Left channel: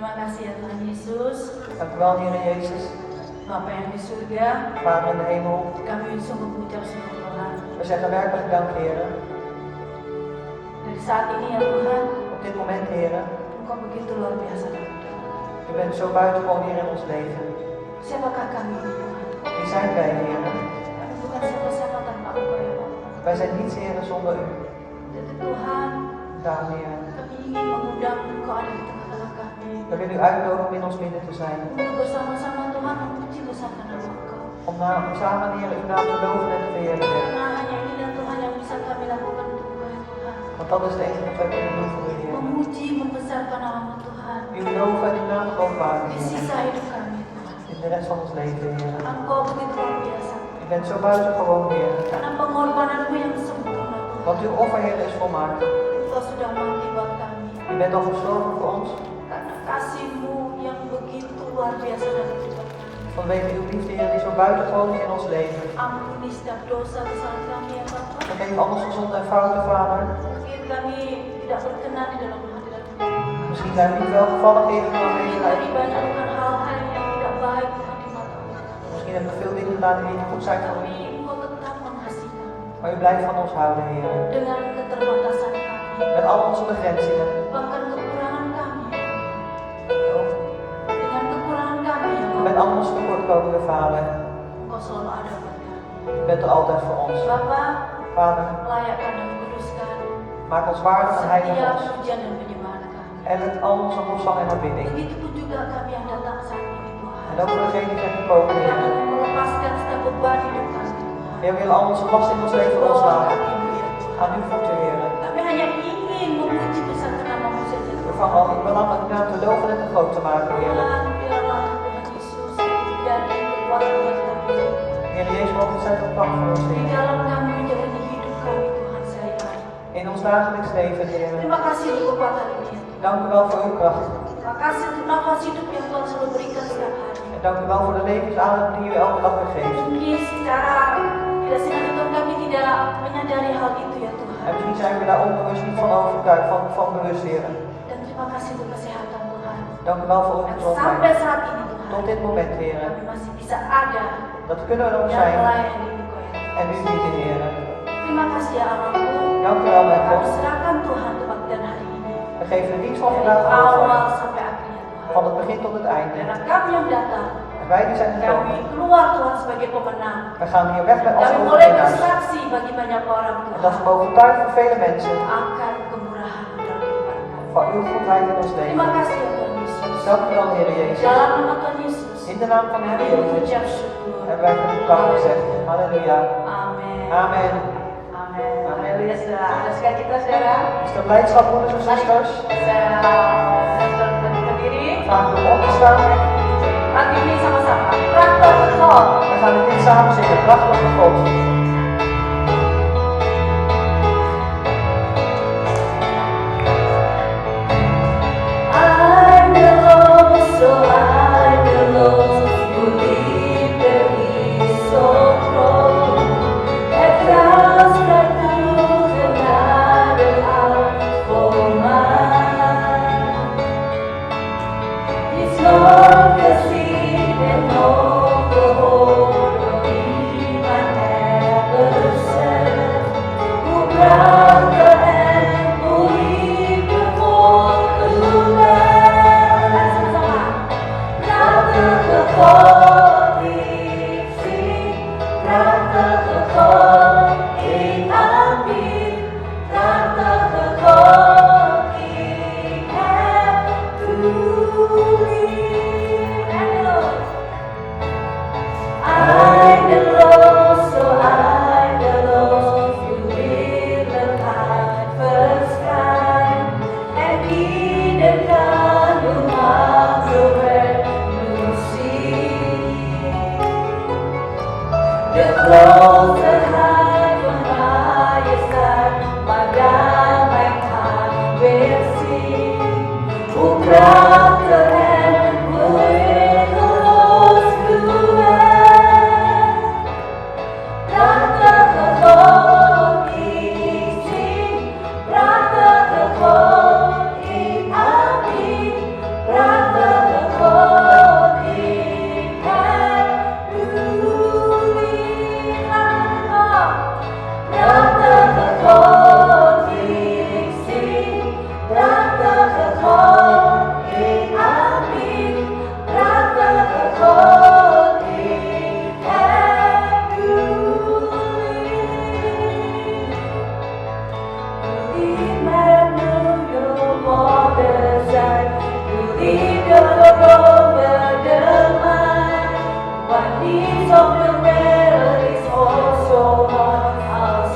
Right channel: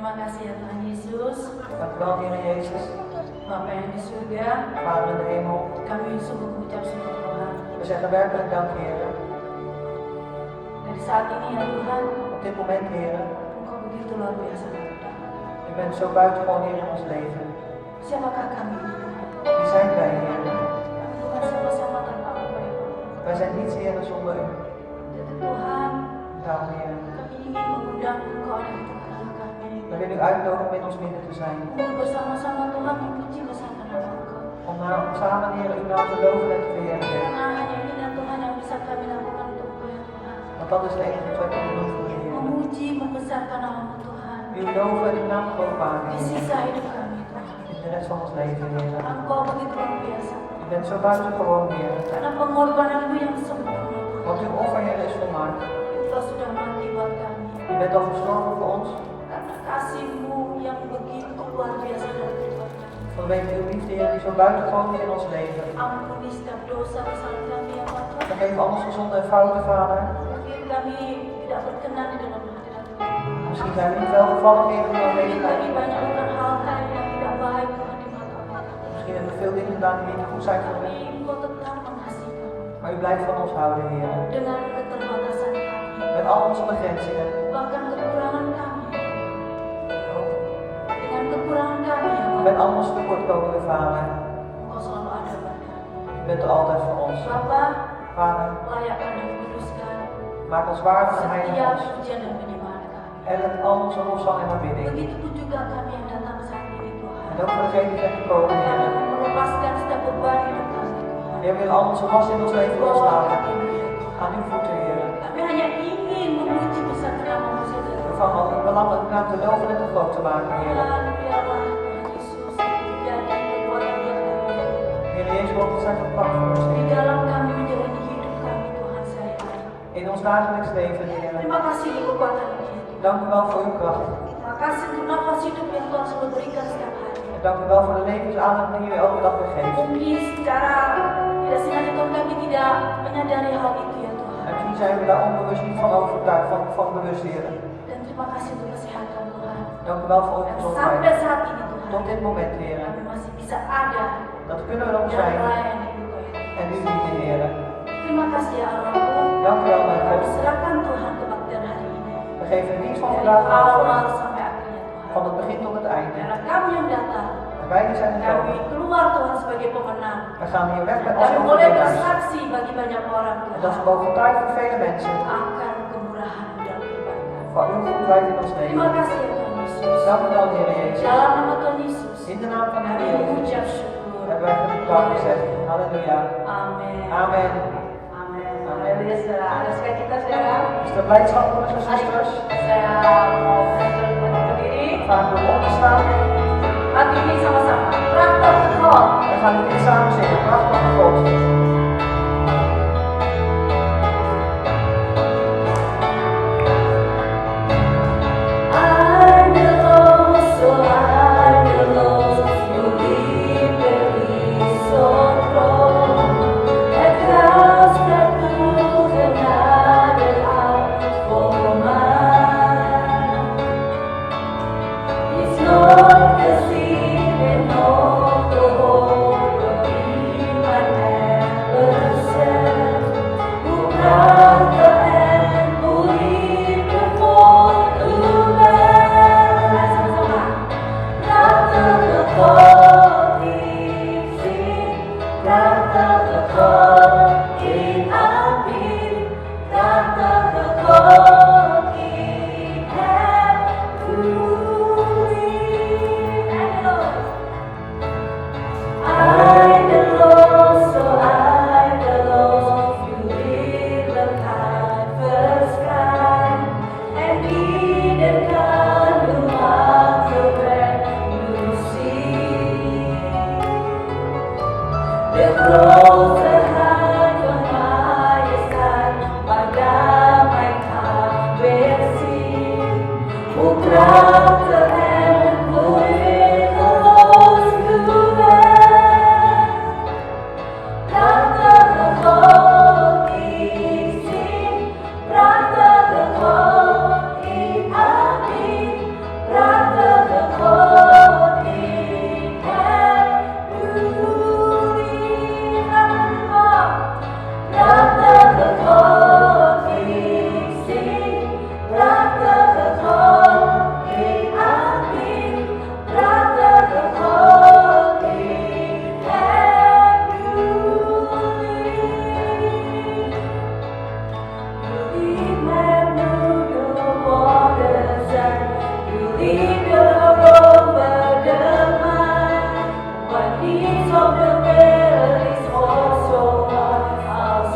Terima kasih ya Tuhan Yesus. Dank u wel, Heer Jezus. Bapa yang di surga, Vader in de hemel. kami sungguh mengucap syukur Tuhan. We zeggen werkelijk dank, Heer. Dari saat ini ya Tuhan, Op dit moment, Heer. Engkau begitu luar biasa Tuhan. U bent zo buitengewoon, Heer, in ons leven. Siapakah kami ini Tuhan? Wie zijn wij, Heer? Kami bukan sama-sama tanpa Engkau ya Bapa. Wij zijn niets, Heer, zonder u. Jadi Tuhan, Daarom, Heer. kami ingin mengundang Engkau ada di tengah-tengah kami. We willen u uitnodigen om in ons midden te zijn. Untuk bersama-sama Tuhan memuji besarkan nama Engkau. Om samen, Heer, uw naam te loven en te verheerlijken. Karena hanya ini dan Tuhan yang bisa kami lakukan untuk Engkau ya Tuhan. Want dat is de enige wat wij kunnen doen voor u, Heer. Memuji, membesarkan nama Tuhan. U loven en uw naam groot maken, Di Heer. sisa hidup kami Tuhan. In de rest van ons leven, Heer. Engkau begitu luar biasa. U bent zo buitengewoon, Heer. Karena pengorbananmu yang sempurna Tuhan. Want uw offer, Heer, is volmaakt. Engkau sudah mati buat kami. U bent al gestorven voor ons. Karena kasih-Mu yang begitu luar biasa dan Tuhan. Vanwege uw liefde, Heer, die zo buitengewoon is in ons leven. Ampuni setiap dosa kesalahan kami ya Bapa. Vergeef al onze zonden en fouten, Vader. Mungkin kami tidak berkenan di dalam hadirat-Mu. Misschien zijn we niet wel gevallen, Heer, in uw Mungkin aanwezigheid. kami banyak melakukan hal-hal yang tidak baik Tuhan di mata-Mu. Misschien hebben we veel dingen gedaan die niet goed zijn voor Tapi u. Engkau tetap mengasihi kami. Maar u blijft van ons houden, Heer. Dengan keterbatasan kami. Met al onze begrenzingen. Bahkan kekurangan kami. Dengan kekurangan kami Met al onze tekortkomingen, Vader. Engkau selalu ada buat kami. U bent er altijd voor ons. Bapa, Vader, layakkan dan kuduskan maak ons waardig en heilig setiap ons. pujian dan penyembahan kami. En met al onze lofzang en aanbidding. Begitupun juga kami yang datang saat ini En Tuhan. ook voor degenen die zijn gekomen, Yang Heer. akan melepaskan setiap beban hidup kami Tuhan. Heer, we willen al onze last in ons leven Bawa loslaten. kami ya Tuhan. Aan uw voeten, Heer. Kami hanya ingin memuji besar namamu saja We Tuhan. vangen al uw belang uw naam te loven en te groot te maken, Heer. Tuhan, biarlah Tuhan Yesus menjadi kekuatan buat kami. Heer Jezus, mogen we zetten op kracht voor ons, Di Heer. dalam kami menjalani hidup kami Tuhan sehari-hari. In ons dagelijks leven, Heer. Terima kasih untuk kekuatan ini ya Tuhan. Dank u wel voor uw kracht. Terima kasih untuk nafas hidup yang Tuhan selalu berikan setiap hari. En dank u wel voor de levensadem die u elke dag weer geeft. Mungkin secara tidak sengaja Tuhan kami tidak menyadari hal itu ya Tuhan. En misschien zijn we daar onbewust niet van overtuigd, van bewust, Heer. Dan terima kasih untuk kesehatan Tuhan. Dank u wel voor uw Dan sampai gezondheid. saat ini Tuhan, Tot dit moment, Heer. kami masih bisa ada Dat we kunnen erop dan zijn melayani Engkau ya Tuhan. en u dienen, Heer. Terima kasih ya Allahku. Dank u wel, mijn Kami God. serahkan Tuhan kebaktian hari ini. We geven de dienst van Dari vandaag awal over. sampai akhirnya Tuhan. Van het begin tot het einde. Karena kami yang datang, En wij die zijn kami gekomen. keluar Tuhan sebagai pemenang. We gaan hier weg met als Kami boleh overwinnaars. bersaksi bagi banyak orang En dat we Tuhan mogen getuigen voor vele mensen akan kemurahan dalam kehidupan kami. van uw goedheid in ons Terima leven. kasih ya Tuhan Yesus. Dank u wel, Heer Jezus. Dalam nama Tuhan Yesus, In de naam van de kami Heer Jezus mengucap syukur. hebben wij gedankt gezegd. Halleluja. Amin. Amen. Amin. Haleluya saudara. Ada sukacita saudara. Is er blijdschap, broeders en zusters? Saya mau berdiri diri. Graag om op te staan. Lagu ini sama-sama. Traktor God. We gaan het niet samen zingen. Krachtig God. I know, so I know you lead me so close. At last I lose another hour for mine. It's not the sea and not the whole of me I never said. Who brought the hand, who lead before the land. Rata the God we sing, Rata the God in Amin, Rata the God we have to live. I know, so I know you will the kind first time, and be the kind who marks the way you see. The closer high from my side, Madame, I will see. Who brought the hand, who will close to end. Rata the God is sing, Rata the God in Amin, Rata leave your road where the mind. One piece of the melodies also what else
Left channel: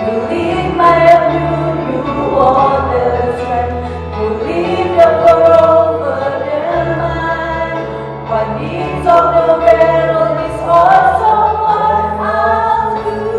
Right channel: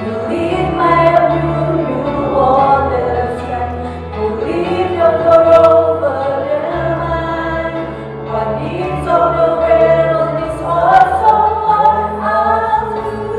you leave my view, you understand. You leave your road where the mind. One piece of the melodies also what else you.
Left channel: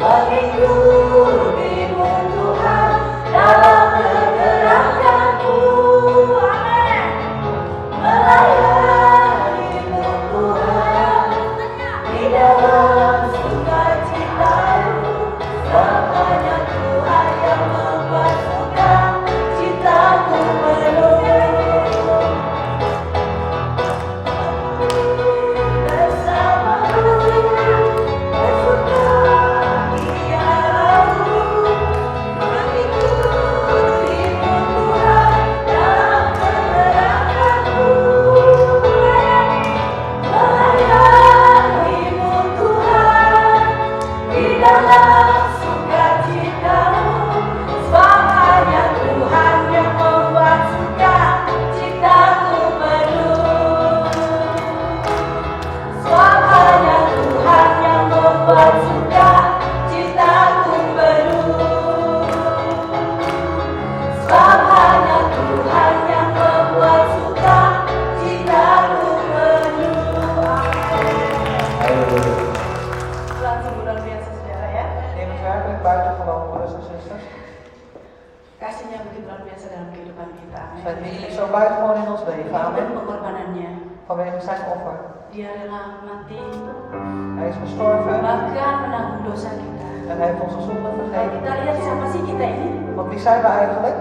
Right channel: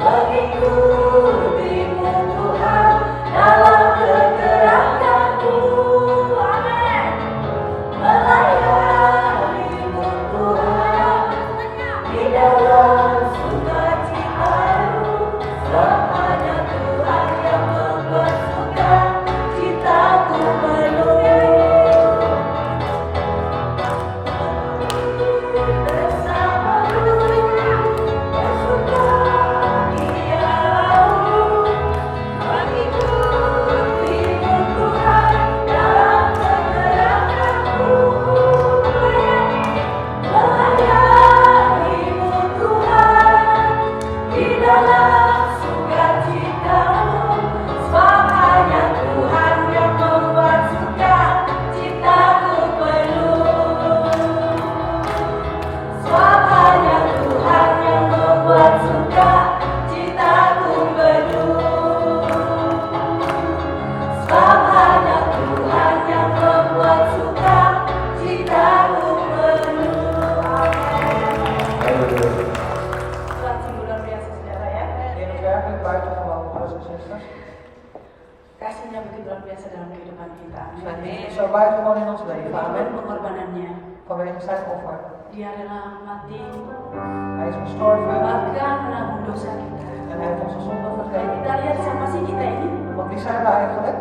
Bagi ku buitengewoon, broeders en zusters. Kasihnya begitu luar biasa dalam kehidupan kita. Zijn liefde is zo buitengewoon in ons leven. Dan Amen. pengorbanannya. Vanwege zijn offer. Dia rela mati, Hij is gestorven bahkan menanggung dosa kita. en hij heeft onze zonde Kalau vergeven. kita lihat siapa sih kita ini? Want wie zijn we eigenlijk?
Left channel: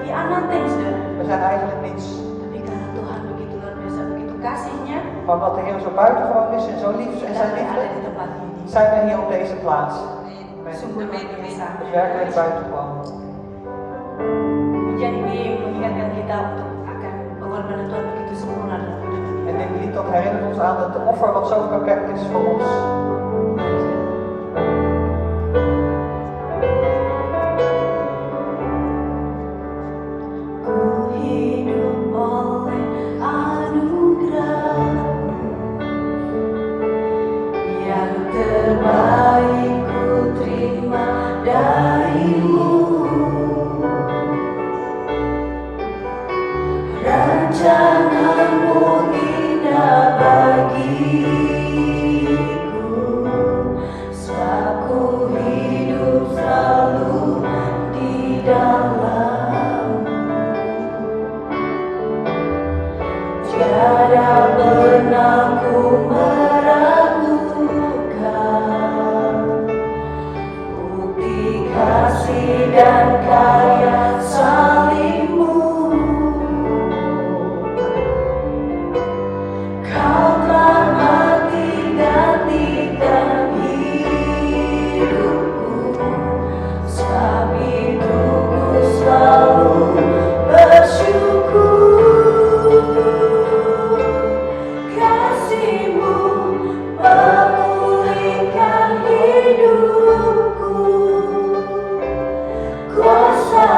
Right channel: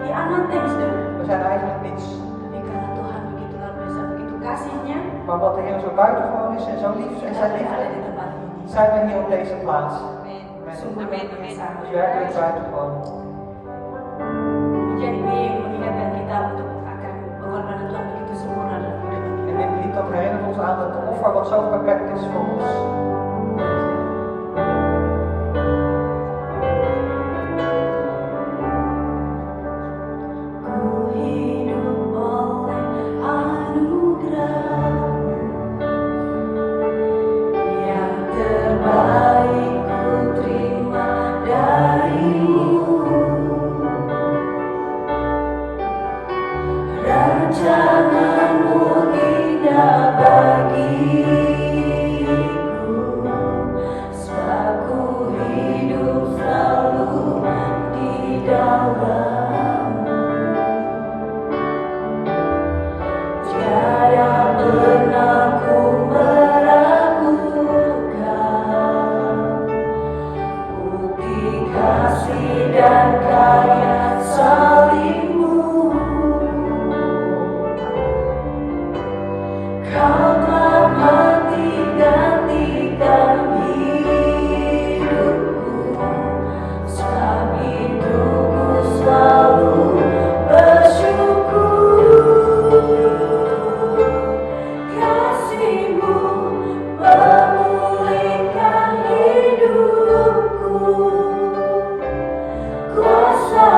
Di anak saudara. We zijn eigenlijk niets. Tapi karena Tuhan begitu luar biasa, begitu kasihnya, Maar omdat de Heer zo buitengewoon is en zo lief in kita zijn boleh ada liefde, di tempat ini. zijn we hier op deze plaats. Sungguh luar biasa. Het is werkelijk buitengewoon. Hujan ini mengingatkan kita untuk akan pengorbanan Tuhan begitu sempurna dalam kehidupan kita. En dit lied dat herinnert ons aan dat de offer wat zo perfect is voor ons. Ku hidup oleh anugerah yang terbaik ku terima darimu. Rancanganmu indah bagiku, sebab ku hidup selalu di dalammu. Tiada pernah ku meragukan bukti kasih dan karya salibmu. Kau telah mati gantikan hidupku, sebab itu ku selalu bersyukur. Kasih-Mu memulihkan hidupku, kuasa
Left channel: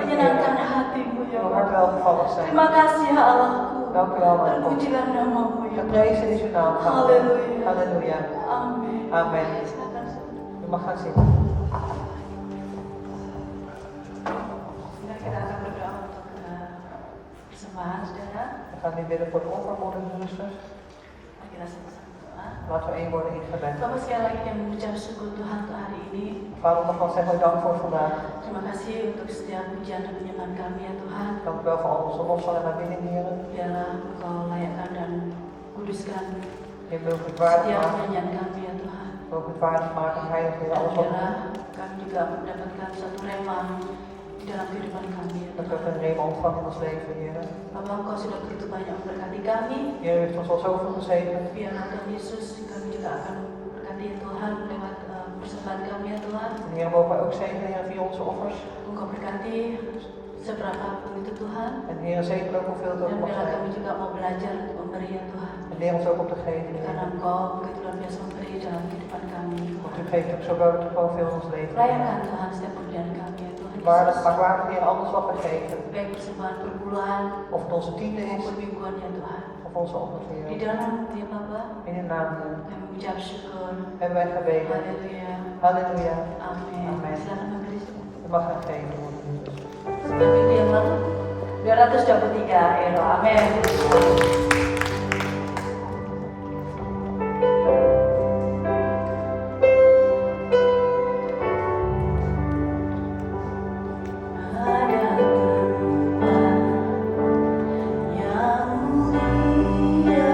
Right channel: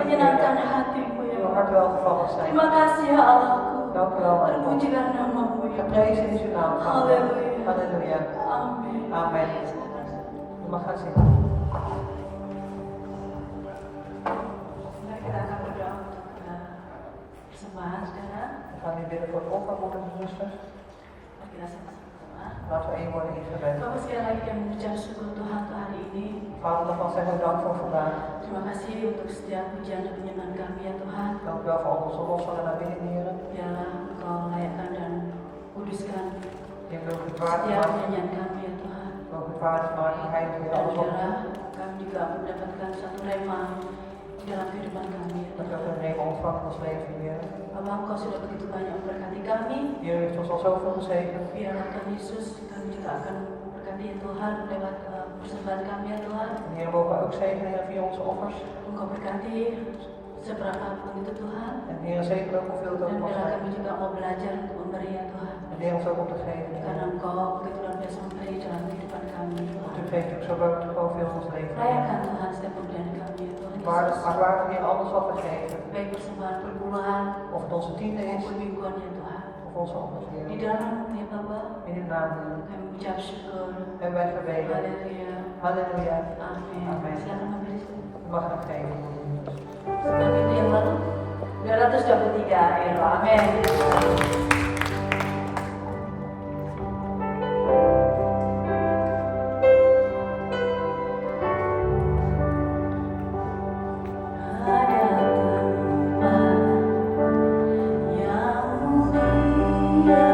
menyenangkan binnengeven. hatimu ya Uw hart Bapa. welgevallig zijn. Terima kasih ya Allahku. Dank u wel, mijn God. Terpujilah namamu ya. Geprezen is uw naam, Vader. Halleluja. Halleluja. Amin. Amen. Silakan. U mag gaan zitten. Saudara, kita akan berdoa untuk persembahan saudara. We gaan nu bidden voor het offer, broeders en zusters. Mari kita sama-sama berdoa. Laten we één worden in gebed. Bapak sekali lagi kami mengucap syukur Tuhan untuk hari ini. Vader, nogmaals zeggen we dank voor vandaag. Terima kasih untuk setiap pujian dan penyembahan kami ya Tuhan. Dank u wel voor al onze lossen en aanbidding, heren. Biarlah Engkau layakkan dan kuduskan Ik wil het waardig setiap maken. nyanyian kami ya Tuhan. Ik wil het waardig maken, heilig Dan voor alles wat we biarlah doen. kami juga mendapatkan satu rema di dalam kehidupan kami ya Dat we Tuhan. een rema ontvangen in ons leven, heren. Bapak Engkau sudah begitu banyak memberkati kami. Heer, u heeft ons al zoveel gezegend. Biarlah Tuhan Yesus kami juga akan memberkati ya Tuhan lewat persembahan kami ya Tuhan. En Heer, mogen we ook zegenen, Heer, via onze offers. Engkau berkati seberapa pun itu Tuhan. En Heer, zegen ook hoeveel het ook Dan mag biarlah zijn. kami juga mau belajar untuk memberi ya Tuhan. En leer ons ook om te geven. Karena Engkau begitu luar biasa memberi dalam kehidupan kami. Want u geeft ook zo buitengewoon veel in ons leven. Rayakan Tuhan setiap pemberian kami ya Tuhan Waardig, Yesus. maar waardig, Heer, alles wat we geven. Baik persembahan per bulan Of het onze tiende is, maupun mingguan ya Tuhan. of onze offers, Di Heer. dalam ya Bapa In uw naam, Heer. kami mengucap syukur. Hebben wij gebeden. Haleluya. Halleluja. Amin. Amin. Silakan memberi. U mag gaan geven. Seperti firman 223 euro. Amin. Ada tempat yang mulia,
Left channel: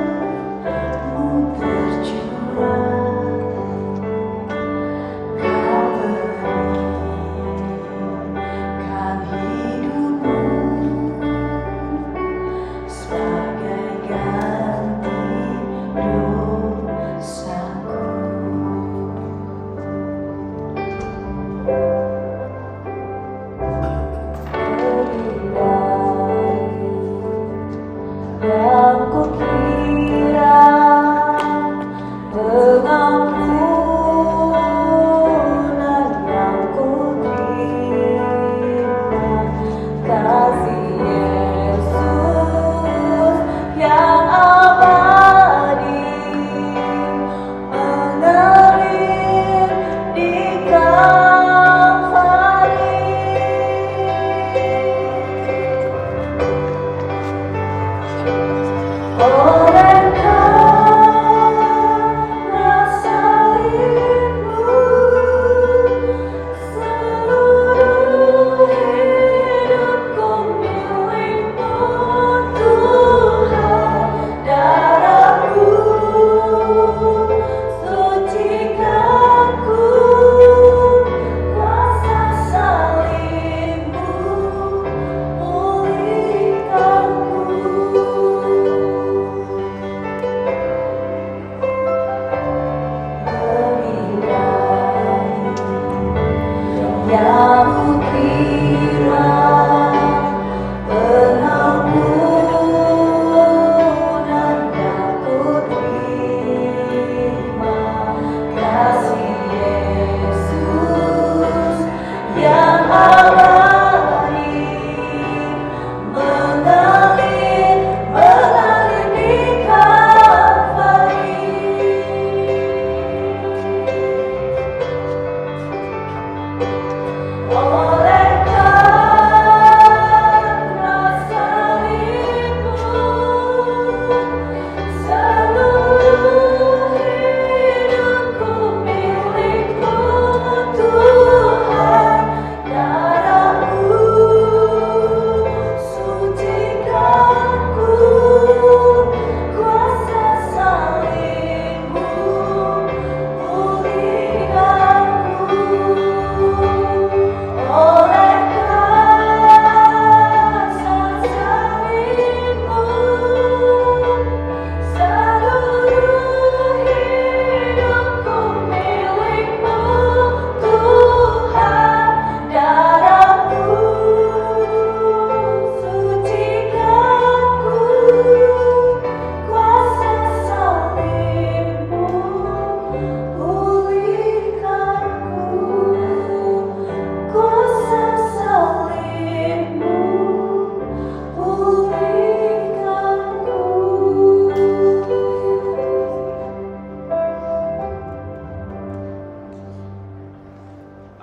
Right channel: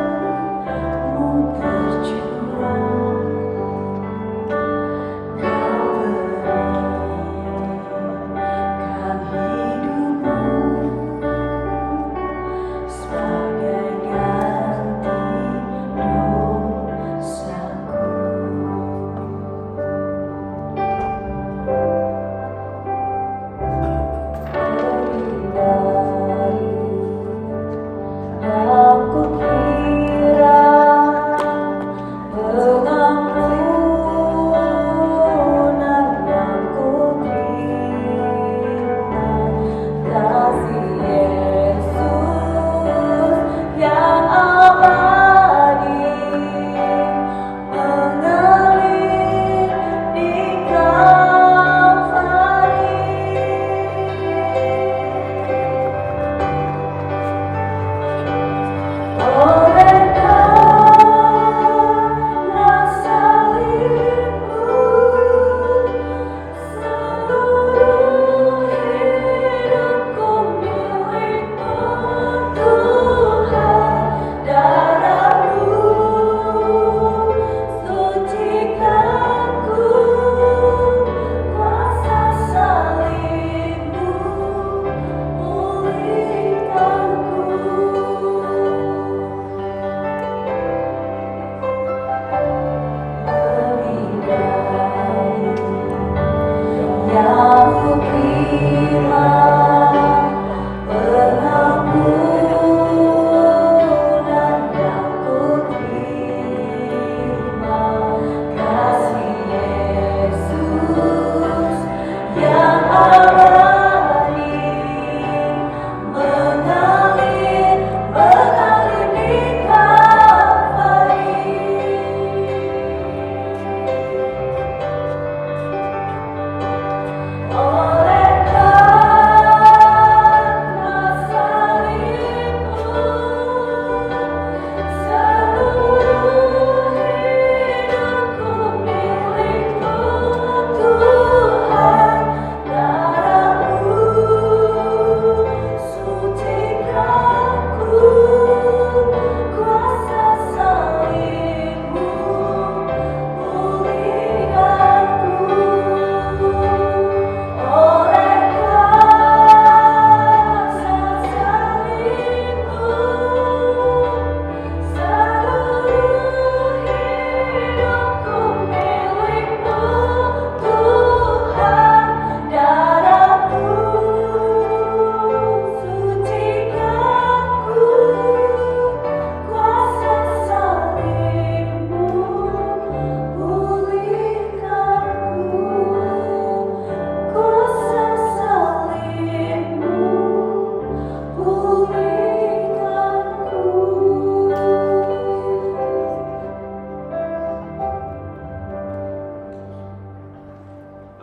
anugerah-Mu tercurah. Kau berikan hidupmu sebagai ganti dosaku. Lebih dari yang kukira, pengampunan yang kuterima, kasih Yesus yang abadi mengalir di Kalvari. Oleh karena salibmu, seluruh hidupku milik-Mu, Tuhan. Darah-Mu sucikanku, kuasa salibmu pulihkanku. Lebih dari yang kukira, pengampunan yang kuterima, kasih Yesus yang abadi mengalir di Kalvari. Oleh karena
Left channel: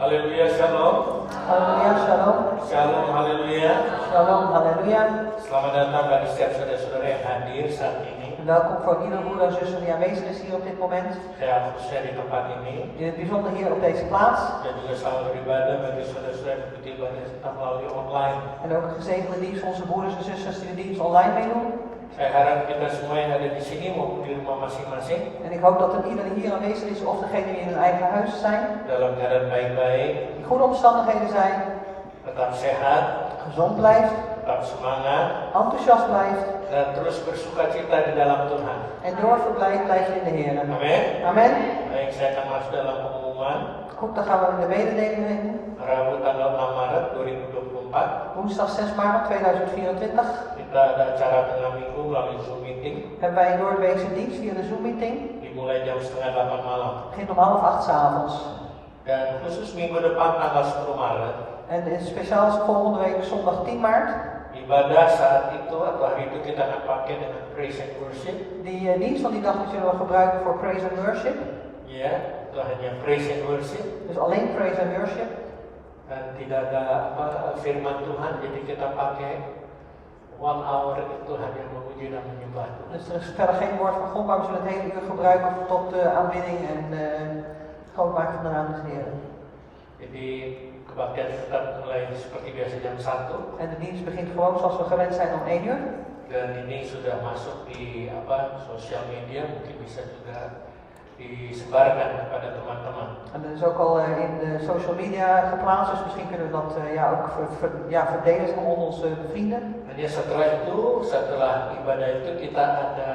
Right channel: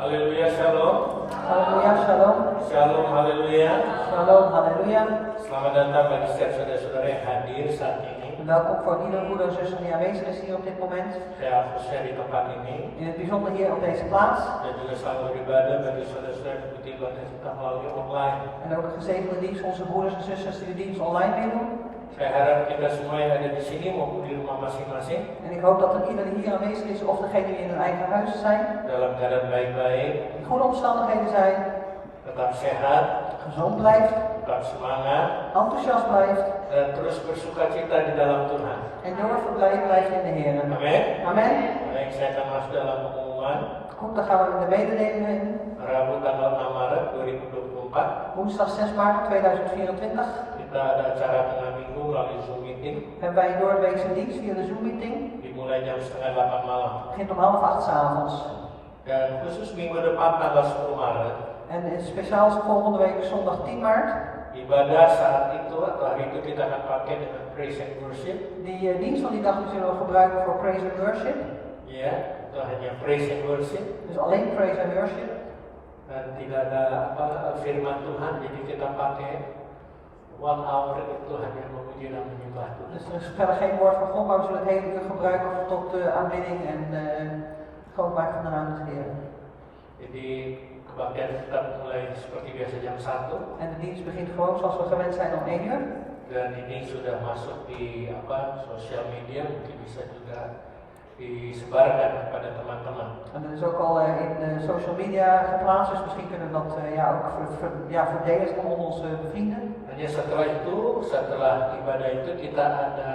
Haleluya, shalom. Halleluja, shalom. Shalom, haleluya. Shalom, halleluja. Selamat datang bagi setiap saudara-saudara yang hadir saat ini. Welkom voor iedere broeder en zuster die aanwezig is hier op dit moment. Saya khususnya di tempat ini. In het bijzonder hier op deze plaats. Dan juga selamat beribadah bagi saudara-saudara yang mengikuti ibadah kita melalui online. En ook een gezegende dienst voor onze broeders en zusters die de dienst online meedoen. Saya harap kita semua yang ada di sini maupun di rumah masing-masing En ik hoop dat er ieder die hier aanwezig is of degene die in hun eigen huis zijn, dalam keadaan baik-baik, in goede omstandigheden zijn, tetap sehat, gezond blijft, tetap semangat, enthousiast blijft dan terus bersukacita di dalam Tuhan. en doorverblijd blijft in de Heer. Amin. Amen. Baik, saya akan masuk dalam pengumuman. Goed, dan gaan we in de mededelingen in. Rabu tanggal 6 Maret 2024. Woensdag 6 maart 2024 Kita ada acara tengah minggu melalui Zoom meeting. hebben wij een doorweekse dienst via de Zoom meeting. Dimulai jam setengah 8 malam. Het begint om 7:30 's avonds. Dan khusus minggu depan tanggal 10 Maret, En in speciaal is volgende week zondag 10 maart. ibadah saat itu atau hari itu kita akan pakai dengan praise and worship. Die dienst van die dag die zullen we gebruiken voor praise and worship. Ya, itu hanya praise and worship. Dus alleen praise and worship. Dan tidak ada firman Tuhan, jadi kita pakai 1 hour itu hanya memuji dan menyembah Tuhan. Dus er is verder geen woord van God, maar we zullen het hele uur gebruiken tot aanbidding en groot maken van de naam des Heeren. Jadi kebaktian tetap mulai seperti biasa jam 1. En de dienst begint gewoon zoals we gewend zijn om 1 uur. Dan ini sudah masuk di sosial media, mungkin bisa juga disebarkan kepada teman-teman. En dat is ook al in de social media geplaatst, dus misschien kunnen we dat ook verdelen onder onze vrienden. Hanya setelah ibadah itu kita ada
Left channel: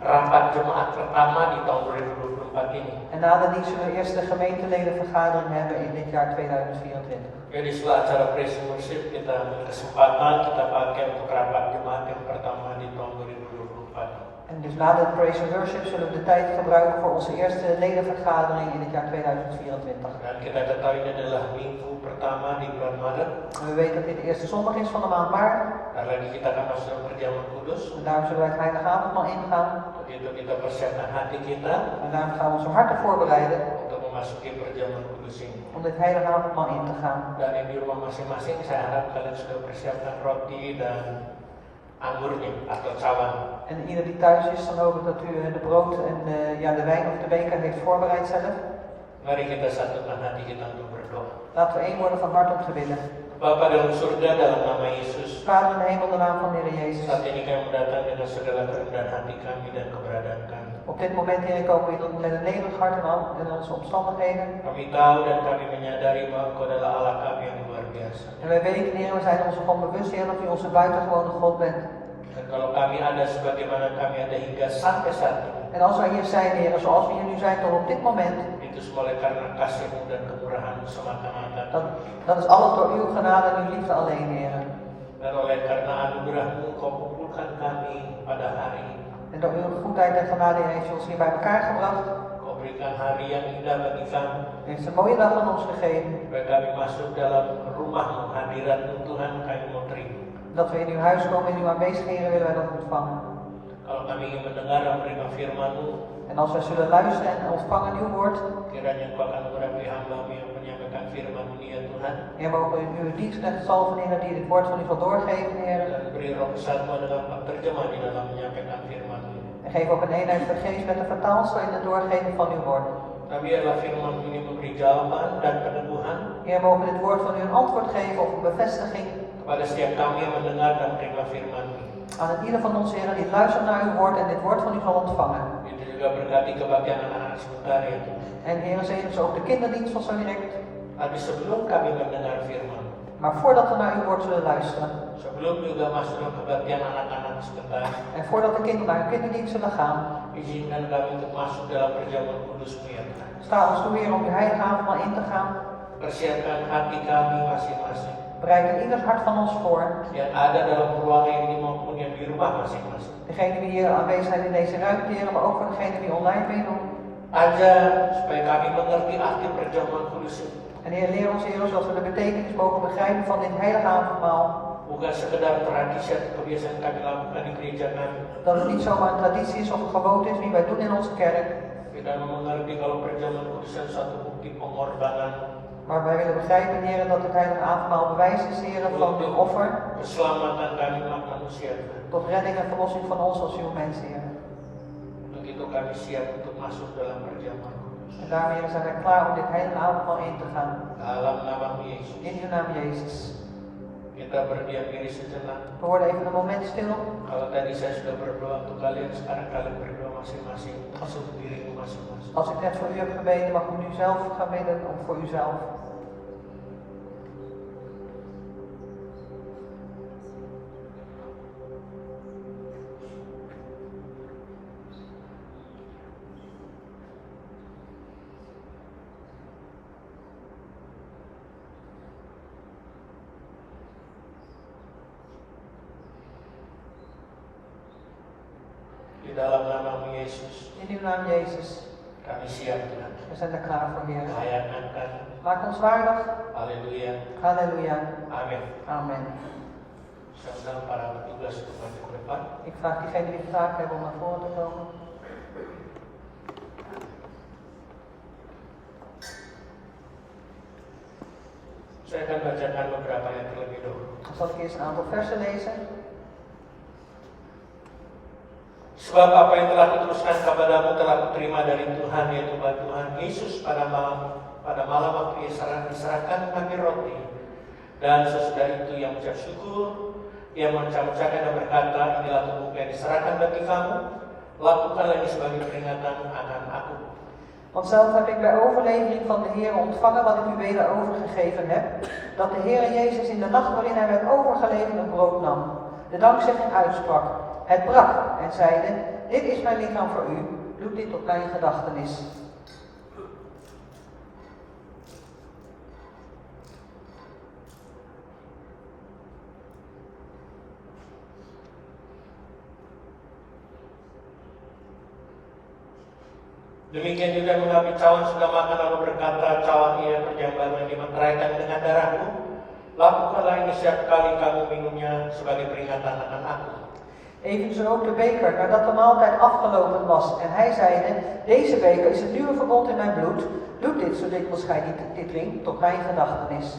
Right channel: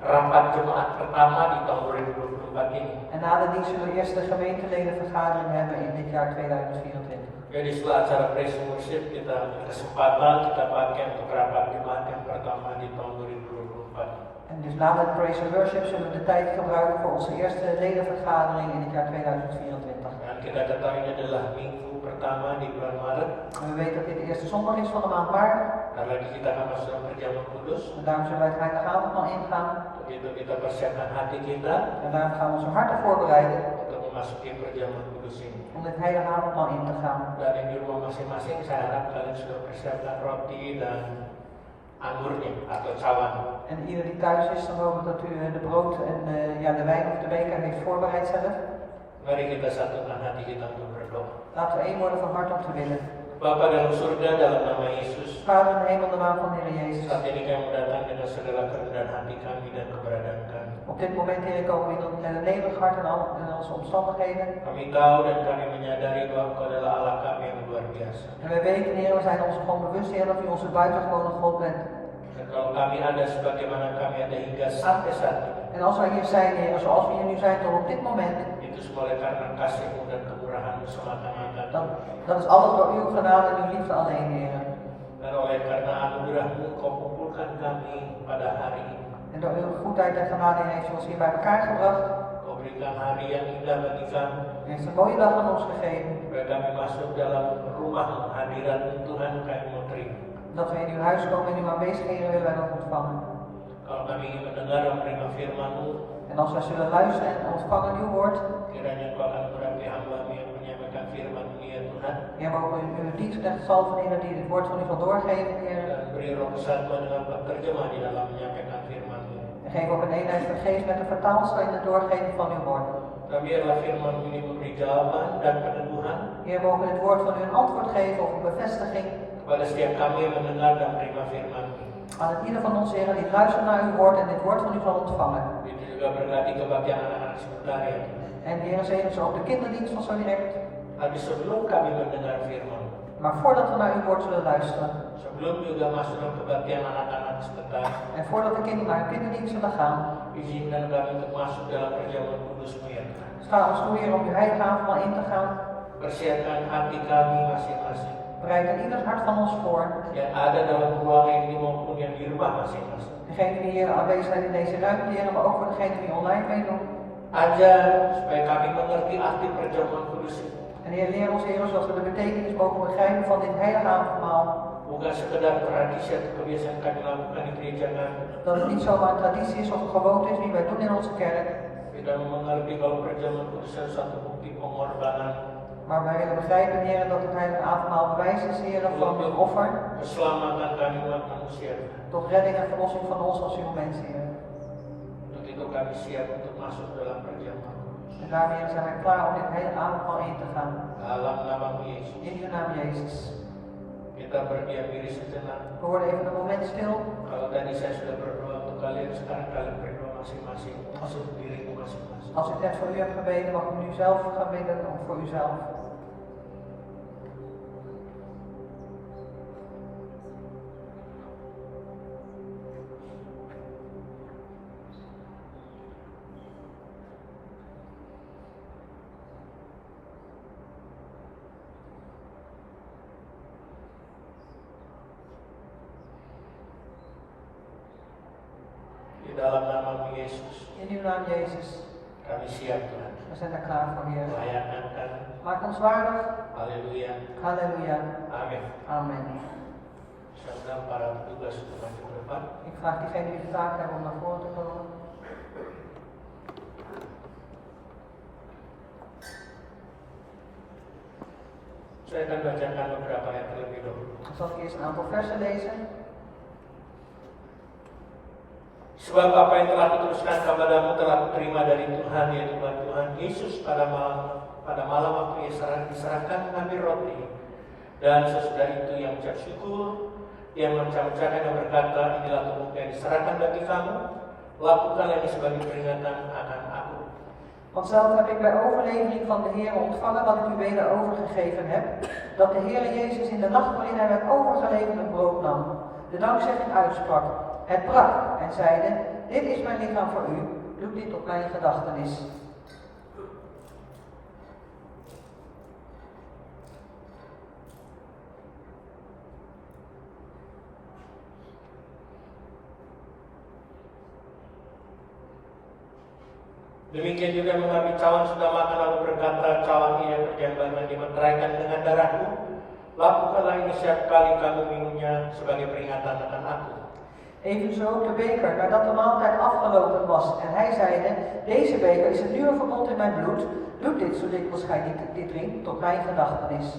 rapat jemaat pertama di tahun 2024 ini. En na de dienst zullen we eerst de gemeenteledenvergadering hebben in dit jaar 2024. Jadi setelah acara praise and worship kita ambil kesempatan kita pakai untuk rapat jemaat yang pertama di tahun 2024. En dus na de praise and worship zullen we de tijd gebruiken voor onze eerste ledenvergadering in het jaar 2024. Dan kita ketahui ini adalah minggu pertama di bulan Maret. En we weten dat dit de eerste zondag is van de maand maart. Karena lagi kita akan masuk dalam perjamuan kudus. En daarom zullen wij het heilige avondmaal ingaan. Untuk itu kita persiapkan hati kita En daarom gaan we onze harten voorbereiden untuk memasuki perjamuan kudus ini. om dit heilige avondmaal in te gaan. Dan yang di rumah masing-masing saya harap kalian sudah persiapkan roti dan anggurnya atau cawan. En ieder die thuis is, dan hoop ik dat u de brood en de wijn of de beker heeft voorbereid zelf. Mari kita satukan hati kita untuk berdoa. Laten we één worden van hart om te bidden. Bapa dalam surga dalam nama Yesus. Vader in de hemel, in de naam van de Heer Jezus. Saat ini kami mendatang dengan segala kerendahan hati kami dan keberadaan kami. Op dit moment, Heer, komen we met een nederig hart en onze omstandigheden. Kami tahu dan kami menyadari bahwa Engkau adalah Allah kami yang luar biasa. En wij weten, Heer, we zijn ons gewoon bewust, Heer, dat u onze buitengewone God bent. Dan kalau kami ada sebagaimana kami ada hingga sampai saat ini, En als wij hier zijn, Heer, zoals we hier nu zijn tot op dit moment, itu semua oleh karena kasih-Mu dan kemurahan-Mu semata-mata. dat is alles door uw genade en uw liefde alleen, Heer. Dan oleh karena anugerah-Mu Engkau kumpulkan kami pada hari ini. En door uw goedheid en genade heeft u ons hier bij elkaar gebracht. Engkau berikan hari yang indah bagi kami. U heeft een mooie dag aan ons gegeven. Supaya kami masuk dalam rumah-Mu, hadirat-Mu Tuhan kami mau terima. Dat we in uw huis komen, in uw aanwezigheden willen wij dat ontvangen. Kalau kami ingin mendengar dan menerima firman-Mu, En als wij zullen luisteren en ontvangen uw woord, kiranya Engkau akan berapi hamba-Mu yang menyampaikan firman-Mu ya Tuhan. Heer, mogen we uw dienstknecht salven, Heer, die het woord van u zal doorgeven, Heer. Dan beri roh kesatuan dengan penerjemah di dalam menyampaikan firman-Mu. En geef ook een eenheid van geest met de vertaalster in het doorgeven van uw woord. Dan biarlah firman-Mu ini memberi jawaban dan peneguhan Heer, mogen dit woord van u een antwoord geven of een bevestiging kepada setiap kami yang mendengar dan menerima firman-Mu. aan het ieder van ons, Heer, die luistert naar uw woord en dit woord van u zal ontvangen. Itu juga berkati kebaktian anak-anak sementara ya Tuhan. En Heer, zegen ze ook de kinderdienst van zo direct. Tapi sebelum kami mendengar firman, Maar voordat we naar uw woord zullen luisteren sebelum juga masuk dalam kebaktian anak-anak sebentar, en voordat de kinderen naar hun kinderdienst zullen gaan, izinkan kami untuk masuk dalam perjamuan kudus-Mu ya Tuhan. sta ons toe, Heer, om uw heilige avondmaal in te gaan. Persiapkan hati kami masing-masing Bereid er ieders hart van ons voor. yang ada dalam ruangan ini maupun yang di rumah masing-masing. Degene die hier aanwezig zijn in deze ruimte, Heer, maar ook voor degene die online meedoen. Ajar supaya kami mengerti arti perjamuan kudus ini. En Heer, leer ons, Heer, zodat we de betekenis mogen begrijpen van dit heilige avondmaal. Bukan sekedar tradisi atau kebiasaan kami lakukan di gereja kami. Dat het niet zomaar een traditie is of een gewoonte is die wij doen in onze kerk. Kita mengerti kalau perjamuan kudus adalah satu bukti pengorbanan, Maar wij willen begrijpen, Heer, dat het heilige avondmaal bewijs is, Heer, van uw offer keselamatan kami umat manusia. tot redding en verlossing van ons als uw mens, Heer. Untuk itu kami siap untuk masuk dalam perjamuan. En daarmee zijn wij klaar om dit heilige avondmaal in te gaan. Dalam nama Yesus. In uw naam, Jezus. Kita berdiam diri sejenak. We worden even een moment stil. Kalau tadi saya sudah berdoa untuk kalian, sekarang kalian berdoa masing-masing untuk diriku masing-masing. Als ik net voor u heb gebeden, mag u nu zelf gaan bidden of voor uzelf. Di dalam nama Yesus, In uw naam, Jezus. kami siap Tuhan. We zijn er klaar voor, Heer. Layankan. Maak ons waardig. Haleluya. Halleluja. Amin. Amen. Saya undang para petugas untuk maju ke depan. Ik vraag diegenen die de taak hebben om naar voren te komen. Saya akan bacakan beberapa ayat terlebih dahulu. Dan zal ik eerst een aantal versen lezen. Sebab apa yang telah kuteruskan kepadamu telah kuterima dari Tuhan, yaitu bahwa Tuhan Yesus pada malam waktu diserahkan mengambil roti, dan sesudah itu ia mengucap syukur, ia mengucapkan dan berkata, inilah tubuhku yang diserahkan bagi kamu, lakukanlah ini sebagai peringatan akan aku. Want zelf heb ik bij overlevering van de Heer ontvangen wat ik u weder overgegeven heb, dat de Heer Jezus in de nacht waarin hij werd overgeleverd een brood nam, de dankzegging uitsprak, het brak en zeide, dit is mijn lichaam voor u, doe dit op mijn gedachtenis. Demikian juga mengambil cawan sudah makan lalu berkata, cawan ini perjamuan yang dimeteraikan dengan darahku, lakukanlah ini setiap kali kamu minumnya sebagai peringatan akan aku. Evenzo ook de beker, nadat de maaltijd afgelopen was. En hij zeide, deze beker is het nieuwe verbond in mijn bloed. Doe dit, zo dikwijls gij dit drinkt, tot mijn gedachtenis.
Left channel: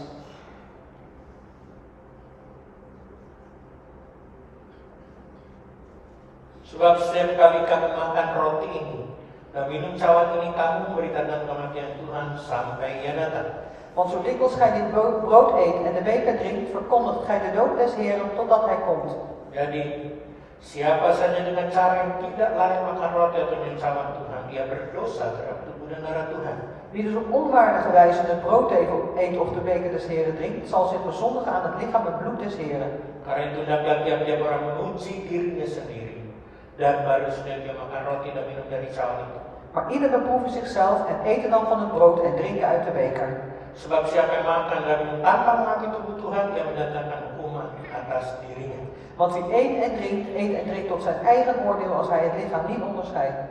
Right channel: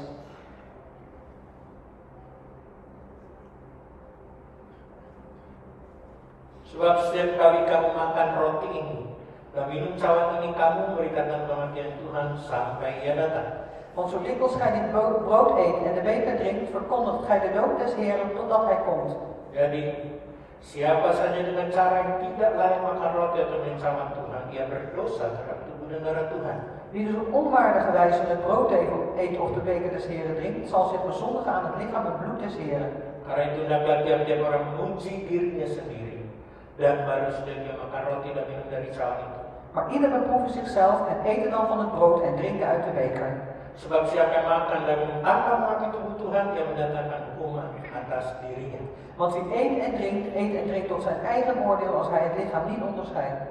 Sebab setiap kali kamu makan roti ini dan minum cawan ini, kamu memberitakan kematian Tuhan sampai ia datang. Want zo dikwijls gij dit brood eet en de beker drinkt, verkondigt gij de dood des Heeren totdat hij komt. Jadi siapa saja dengan cara yang tidak layak makan roti atau minum cawan Tuhan, ia berdosa terhadap tubuh dan darah Tuhan. Wie dus op onwaardige wijze het brood eet of de beker des Heeren drinkt, zal zich bezondigen aan het lichaam en bloed des Heeren. Karena itu hendaklah tiap-tiap orang menguji dirinya sendiri, dan baru sudah dia makan roti dan minum dari cawan itu. Maar ieder beproeve zichzelf en eten dan van het brood en drinken uit de beker. Sebab siapa yang makan dan minum tanpa mengakui tubuh Tuhan, dia mendatangkan hukuman atas dirinya. Want wie eet en drinkt tot zijn eigen oordeel als hij het lichaam niet onderscheidt.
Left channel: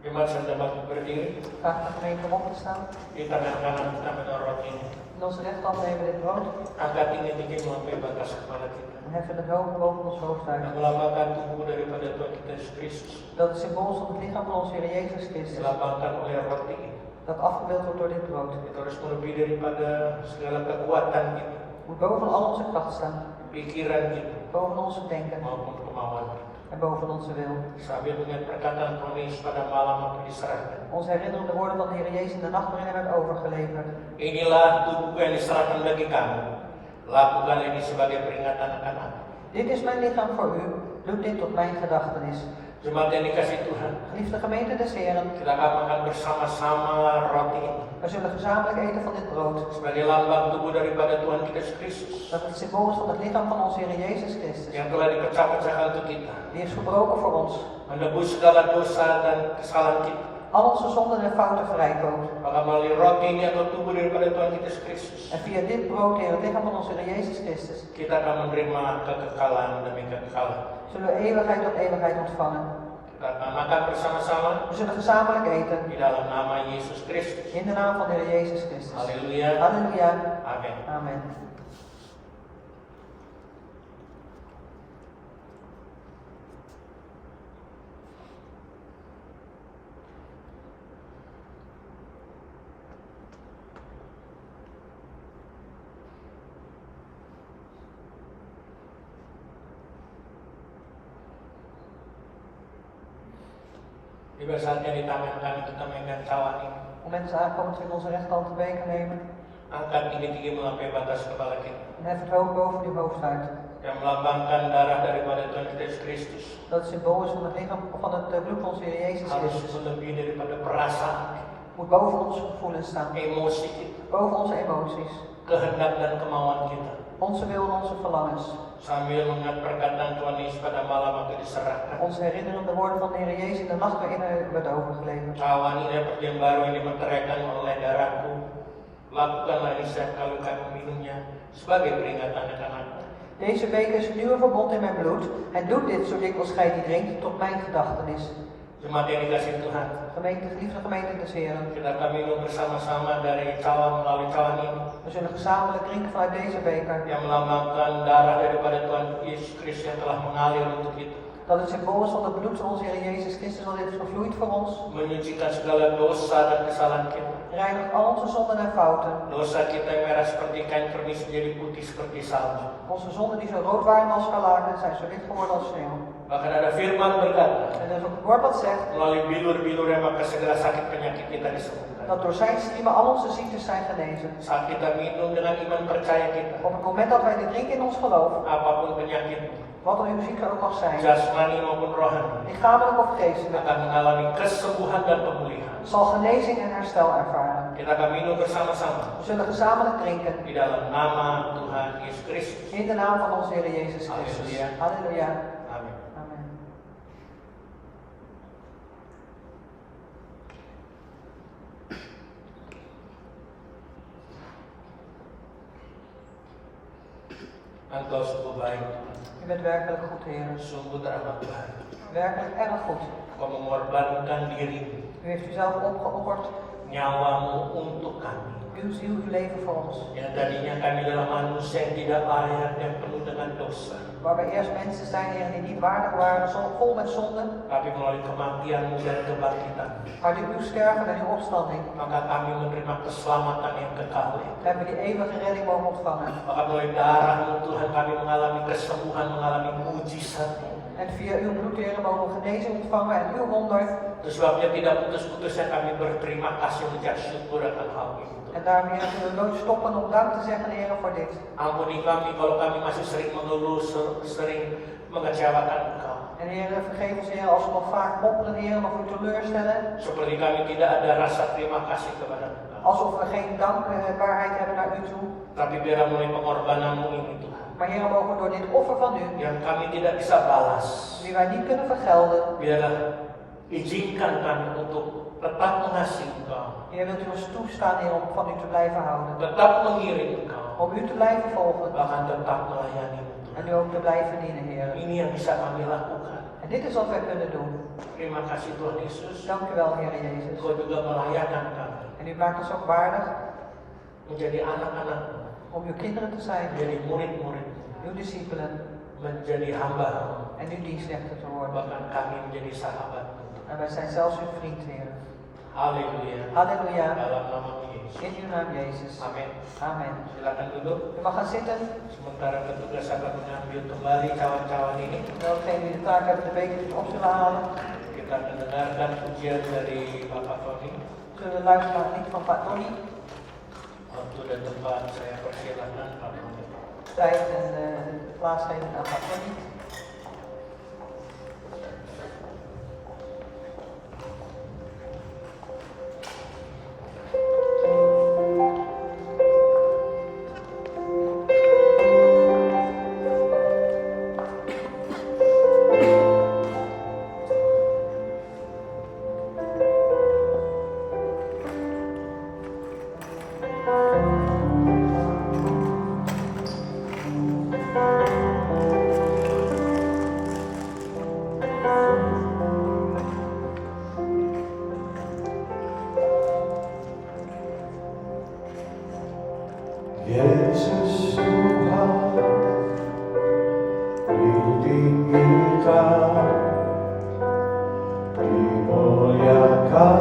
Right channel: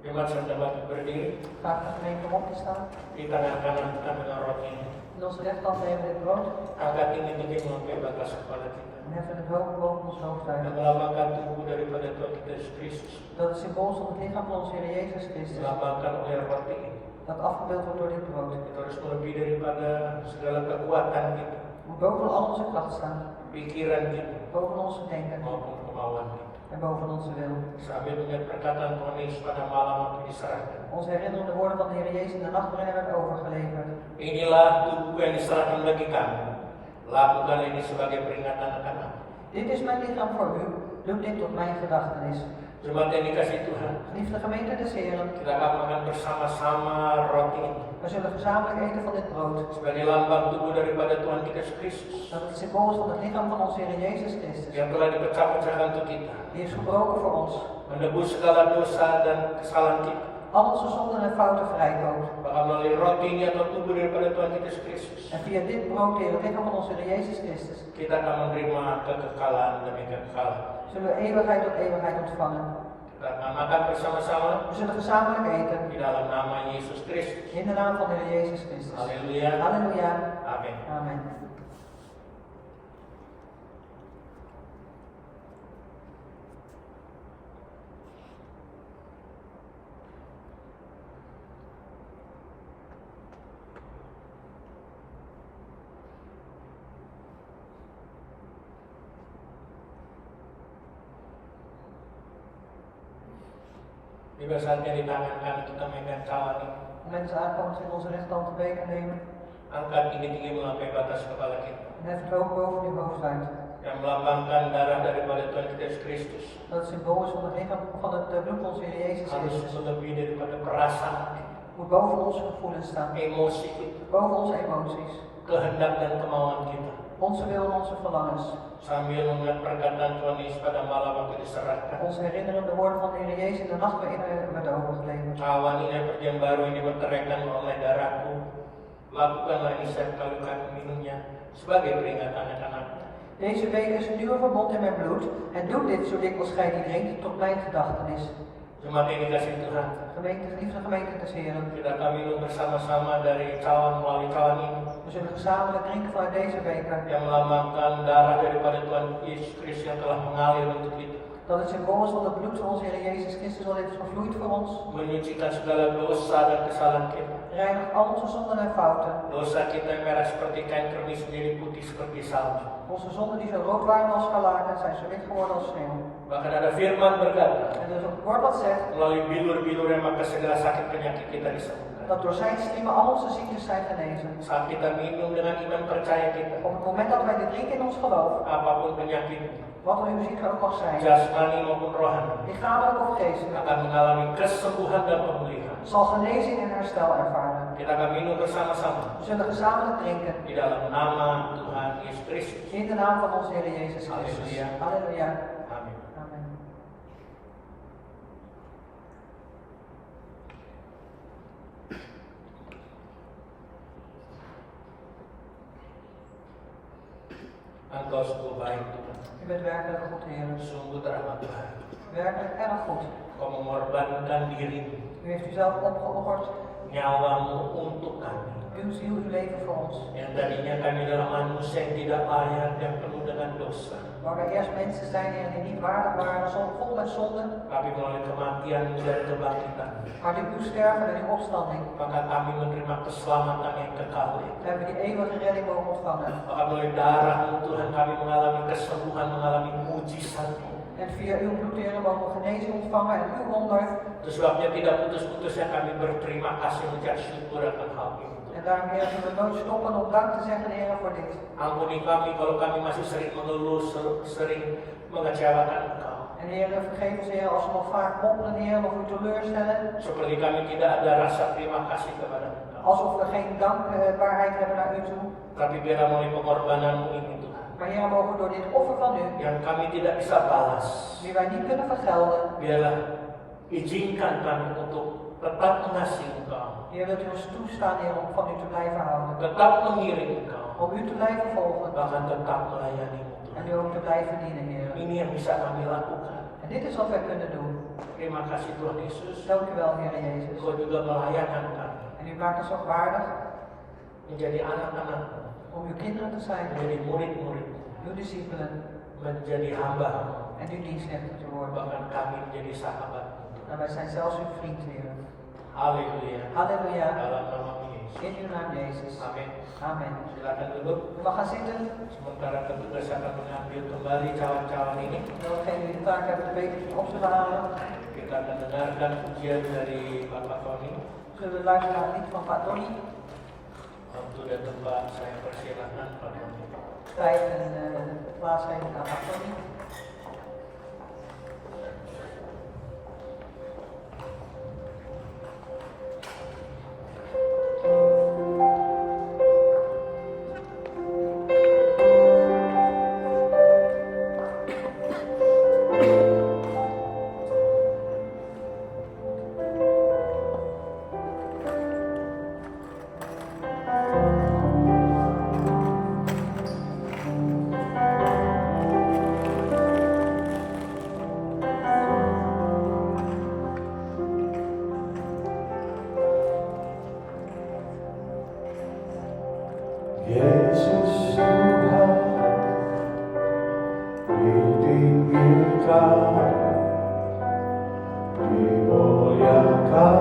Jemaat saya dapat berdiri. Vraag de gemeente om op te staan. Di tangan kanan kita megang roti ini. In onze rechterhand nemen we dit brood Angkat tinggi tinggi melampaui batas kepala kita. en heffen het hoog boven ons hoofd Dan uit. melambangkan tubuh daripada Tuhan kita Yesus Kristus. Dat het symbool is van het lichaam van onze Heer Jezus Christus. Dilambangkan oleh roti ini. Dat afgebeeld wordt door dit brood. Kita harus melebihi daripada segala kekuatan kita, Moet boven al onze kracht staan. pikiran kita, Boven onze denken maupun kemauan kita. en boven onze wil. Sambil dengan perkataan Tuhan Yesus pada malam waktu diserahkan. Ons herinneren de woorden van de Heer Jezus in de nacht waarin hij werd overgeleverd. Inilah tubuh yang diserahkan bagi kamu. Lakukan ini sebagai peringatan akan aku. Dit is mijn lichaam voor u. Doe dit tot mijn gedachtenis. Jemaat yang dikasih Tuhan, Geliefde gemeente des Heren, kita akan makan bersama-sama roti ini we zullen gezamenlijk eten van dit brood. sebagai lambang tubuh daripada Tuhan kita Yesus Kristus Dat het symbool is van het lichaam van onze Heer Jezus Christus. yang telah dipecah-pecahkan untuk kita, Die is gebroken voor ons. menebus segala dosa dan kesalahan kita. Al onze zonden en fouten vrijkoopt. Maka melalui roti ini atau tubuh daripada Tuhan kita Yesus Kristus, En via dit brood, Heer, het lichaam van onze Heer Jezus Christus, kita akan menerima kekekalan demi kekekalan. zullen we eeuwigheid tot eeuwigheid ontvangen. Kita akan makan bersama-sama We zullen gezamenlijk eten. di dalam nama Yesus Kristus. In de naam van de Heer Jezus Christus. Haleluya. Halleluja. Amin. Amen. Tiba saatnya di tangan kanan kita megang cawan ini. Op het moment is aankomt in onze rechterhand de beker nemen. Angkat tinggi-tinggi melampaui batas kepala kita. En hef het hoog boven uw hoofd uit. Yang melambangkan darah daripada Tuhan kita Yesus Kristus. Dat het symbool is van het lichaam van het bloed van onze Heer Jezus Harus Christus. melebihi daripada perasaan kita, Moet boven onze gevoelens staan. emosi kita, Boven onze emoties. kehendak dan kemauan kita. Onze wil en onze verlangens. Sambil mengingat perkataan Tuhan Yesus pada malam waktu diserahkan. Ons herinneren de woorden van de Heer Jezus in de nacht waarin hij werd overgeleverd. Cawan ini perjanjian baru ini dimeteraikan oleh darahku. Lakukanlah ini setiap kali kamu minumnya sebagai peringatan akan aku. Deze beker is een nieuwe verbond in mijn bloed. En doe dit zo dikwijls gij die drinkt tot mijn gedachtenis. Jemaat yang dikasih Tuhan, Gemeente, geliefde gemeente des Heren. kita akan minum bersama-sama dari cawan melalui cawan ini We zullen gezamenlijk drinken vanuit deze beker. yang melambangkan darah daripada Tuhan Yesus Kristus yang telah mengalir untuk kita, Dat het symbool is van het bloed van onze Heer Jezus Christus dat heeft gevloeid voor ons. menyucikan segala dosa dan kesalahan kita. Reinigt al onze zonden en fouten. Dosa kita yang merah seperti kain kermis menjadi putih seperti salju. Onze zonden die zo rood waren als scharlaken zijn zo wit geworden als sneeuw. Bahkan ada firman berkata, En er is ook een woord dat zegt melalui bilur-bilurnya maka segala sakit penyakit kita disembuhkan. dat door zijn striemen al onze ziektes zijn genezen. Saat kita minum dengan iman percaya kita, Op het moment dat wij dit drinken in ons geloof, apapun penyakit, wat er uw ziekte ook mag zijn, jasmani maupun rohani, lichamelijk of geestelijk, akan mengalami kesembuhan dan pemulihan. zal genezing en herstel ervaren. Kita akan minum bersama-sama We zullen gezamenlijk drinken di dalam nama Tuhan Yesus Kristus. in de naam van onze Heer Jezus Christus. Halleluja. Halleluja. Amin. Amen. Engkau sungguh baik Tuhan, U bent werkelijk goed, Heer. sungguh teramat baik. Werkelijk erg goed. Kau mengorbankan dirimu, U heeft uzelf opgeofferd, nyawamu untuk kami. uw ziel, uw leven voor ons. Yang tadinya kami adalah manusia yang tidak layak, yang penuh dengan dosa. Waar we eerst mensen zijn, Heer, die niet waardig waren, soms vol met zonde, Tapi melalui kematianmu dan kebangkitan, maar door uw sterven en uw opstanding maka kami menerima keselamatan yang kekal. hebben we die eeuwige redding mogen ontvangen. Maka melalui darahmu Tuhan kami mengalami kesembuhan, mengalami mujizat. En via uw bloed, Heer, mogen we genezing ontvangen en uw wonder. Itu sebabnya tidak putus-putusnya kami berterima kasih mengucap syukur akan hal itu. En daarom, Heer, zullen we nooit stoppen om dank te zeggen, Heer, voor dit. Ampuni kami kalau kami masih sering mengeluh, sering mengecewakan Engkau. En Heer, vergeef ons, Heer, als we nog vaak mopperen, Heer, of u teleurstellen. Seperti kami tidak ada rasa terima kasih kepada Engkau. Alsof we geen dankbaarheid hebben naar u toe. Tapi biarlah melalui pengorbananmu ini Tuhan, Maar Heer, mogen we door dit offer van u, yang kami tidak bisa balas, die wij niet kunnen vergelden, biarlah izinkan kami untuk tetap mengasihi Engkau, Heer, wilt u ons toestaan, Heer, om van u te blijven houden. tetap mengiring Engkau, Om u te blijven volgen bahkan tetap melayani en Tuhan. u ook te blijven dienen, Heer. Ini yang bisa kami lakukan En dit is wat wij kunnen doen. Terima kasih Tuhan Yesus. Dank u wel, Heer Jezus. Engkau juga melayakkan kami En u maakt ons ook waardig menjadi anak-anak-Mu, om uw kinderen te zijn, menjadi murid-murid, uw discipelen menjadi hamba-Mu, en uw dienstknechten te worden. bahkan kami menjadi sahabat-Mu. En wij zijn zelfs uw vriend, Heer. Haleluya. Halleluja. Dalam nama Yesus. In uw naam, Jezus. Amin. Amen. Silakan duduk. U mag gaan zitten. Sementara petugas akan mengambil kembali cawan-cawan ini. Degene die de taak hebben de bekertjes op zullen halen. Kita akan dengarkan pujian dari Bapak Tony. Zullen luisteren naar het lied van Pak Tony. Waktu dan tempat saya persilakan Pak Tony. Tijd en de plaats geven aan Pak Tony. Yesus Tuhan, ditinggikan, dimuliakan,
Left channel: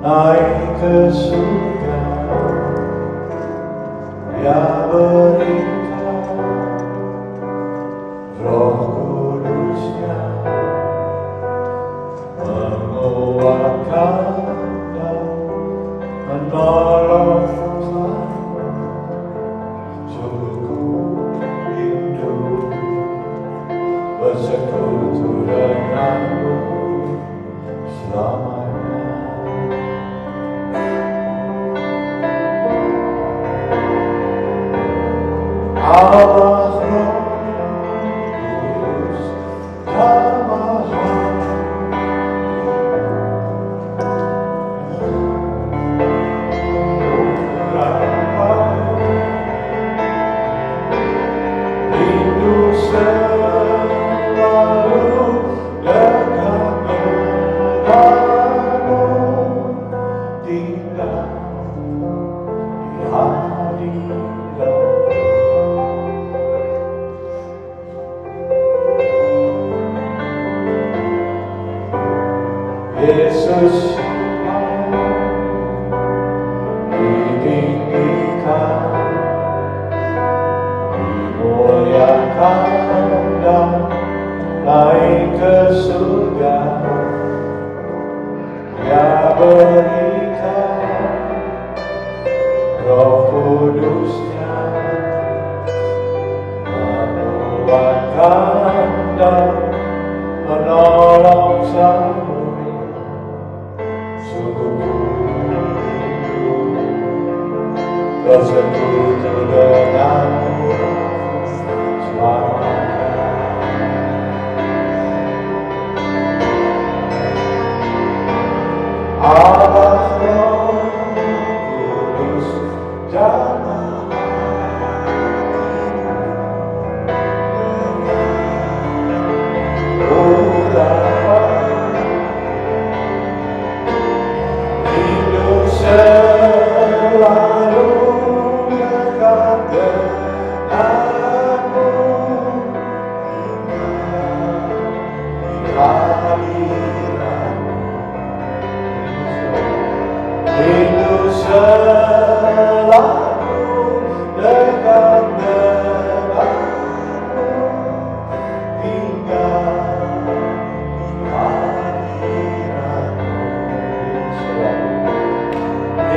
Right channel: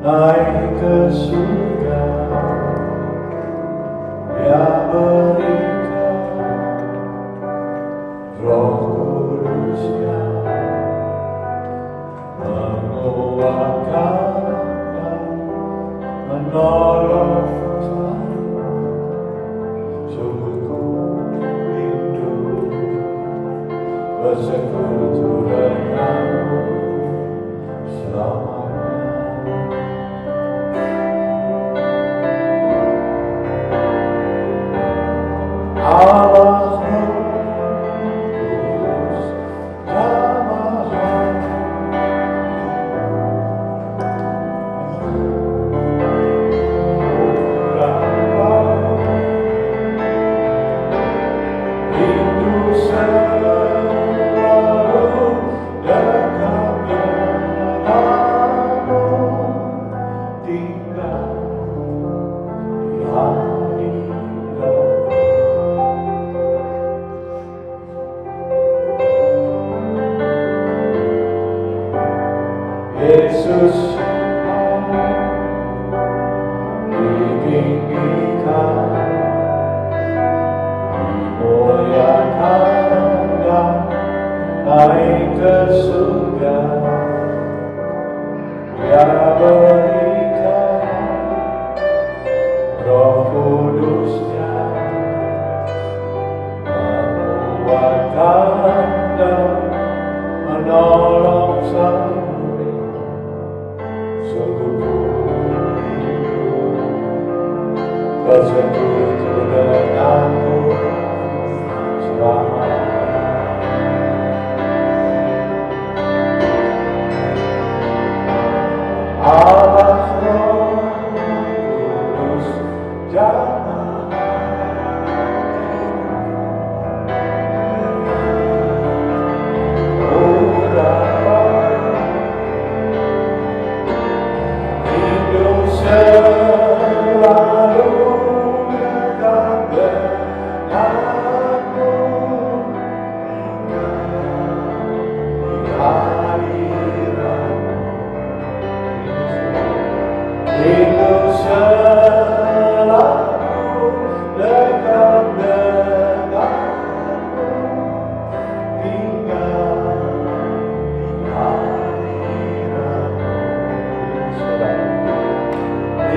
naik ke surga. Dia berikan Roh Kudusnya, menguatkan dan menolong. Bersekutu denganmu selamanya. Allah Roh Kudus jamaah rindu Yesus ditinggikan, dimuliakan dan naik ke surga. Dia berikan Roh Kudusnya, menguatkan dan menolong selalu. Bersekutu denganmu selamanya. Allah Roh Kudus jamaah hidup selalu dekat denganmu, hidup selalu dekat denganmu hingga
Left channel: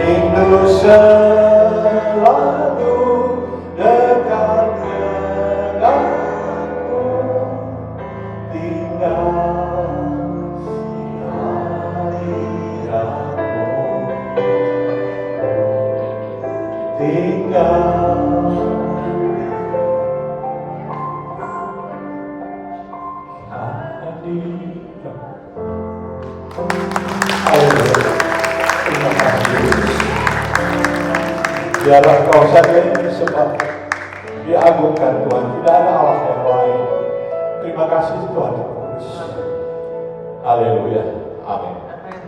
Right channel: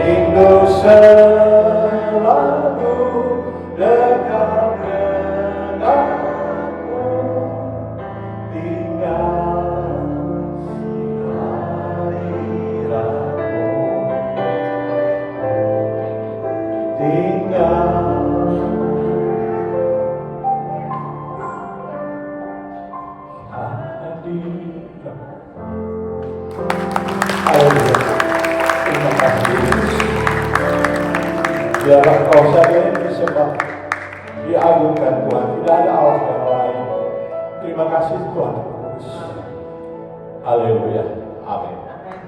hidup selalu dekat denganmu tinggal di hadiratmu, tinggal hadiratmu. Terima kasih Yesus. Biarlah Kau saja yang disembah, diagungkan Tuhan. Tidak ada Allah yang lain. Terima kasih Tuhan Yesus. Haleluya. Amin. Amin.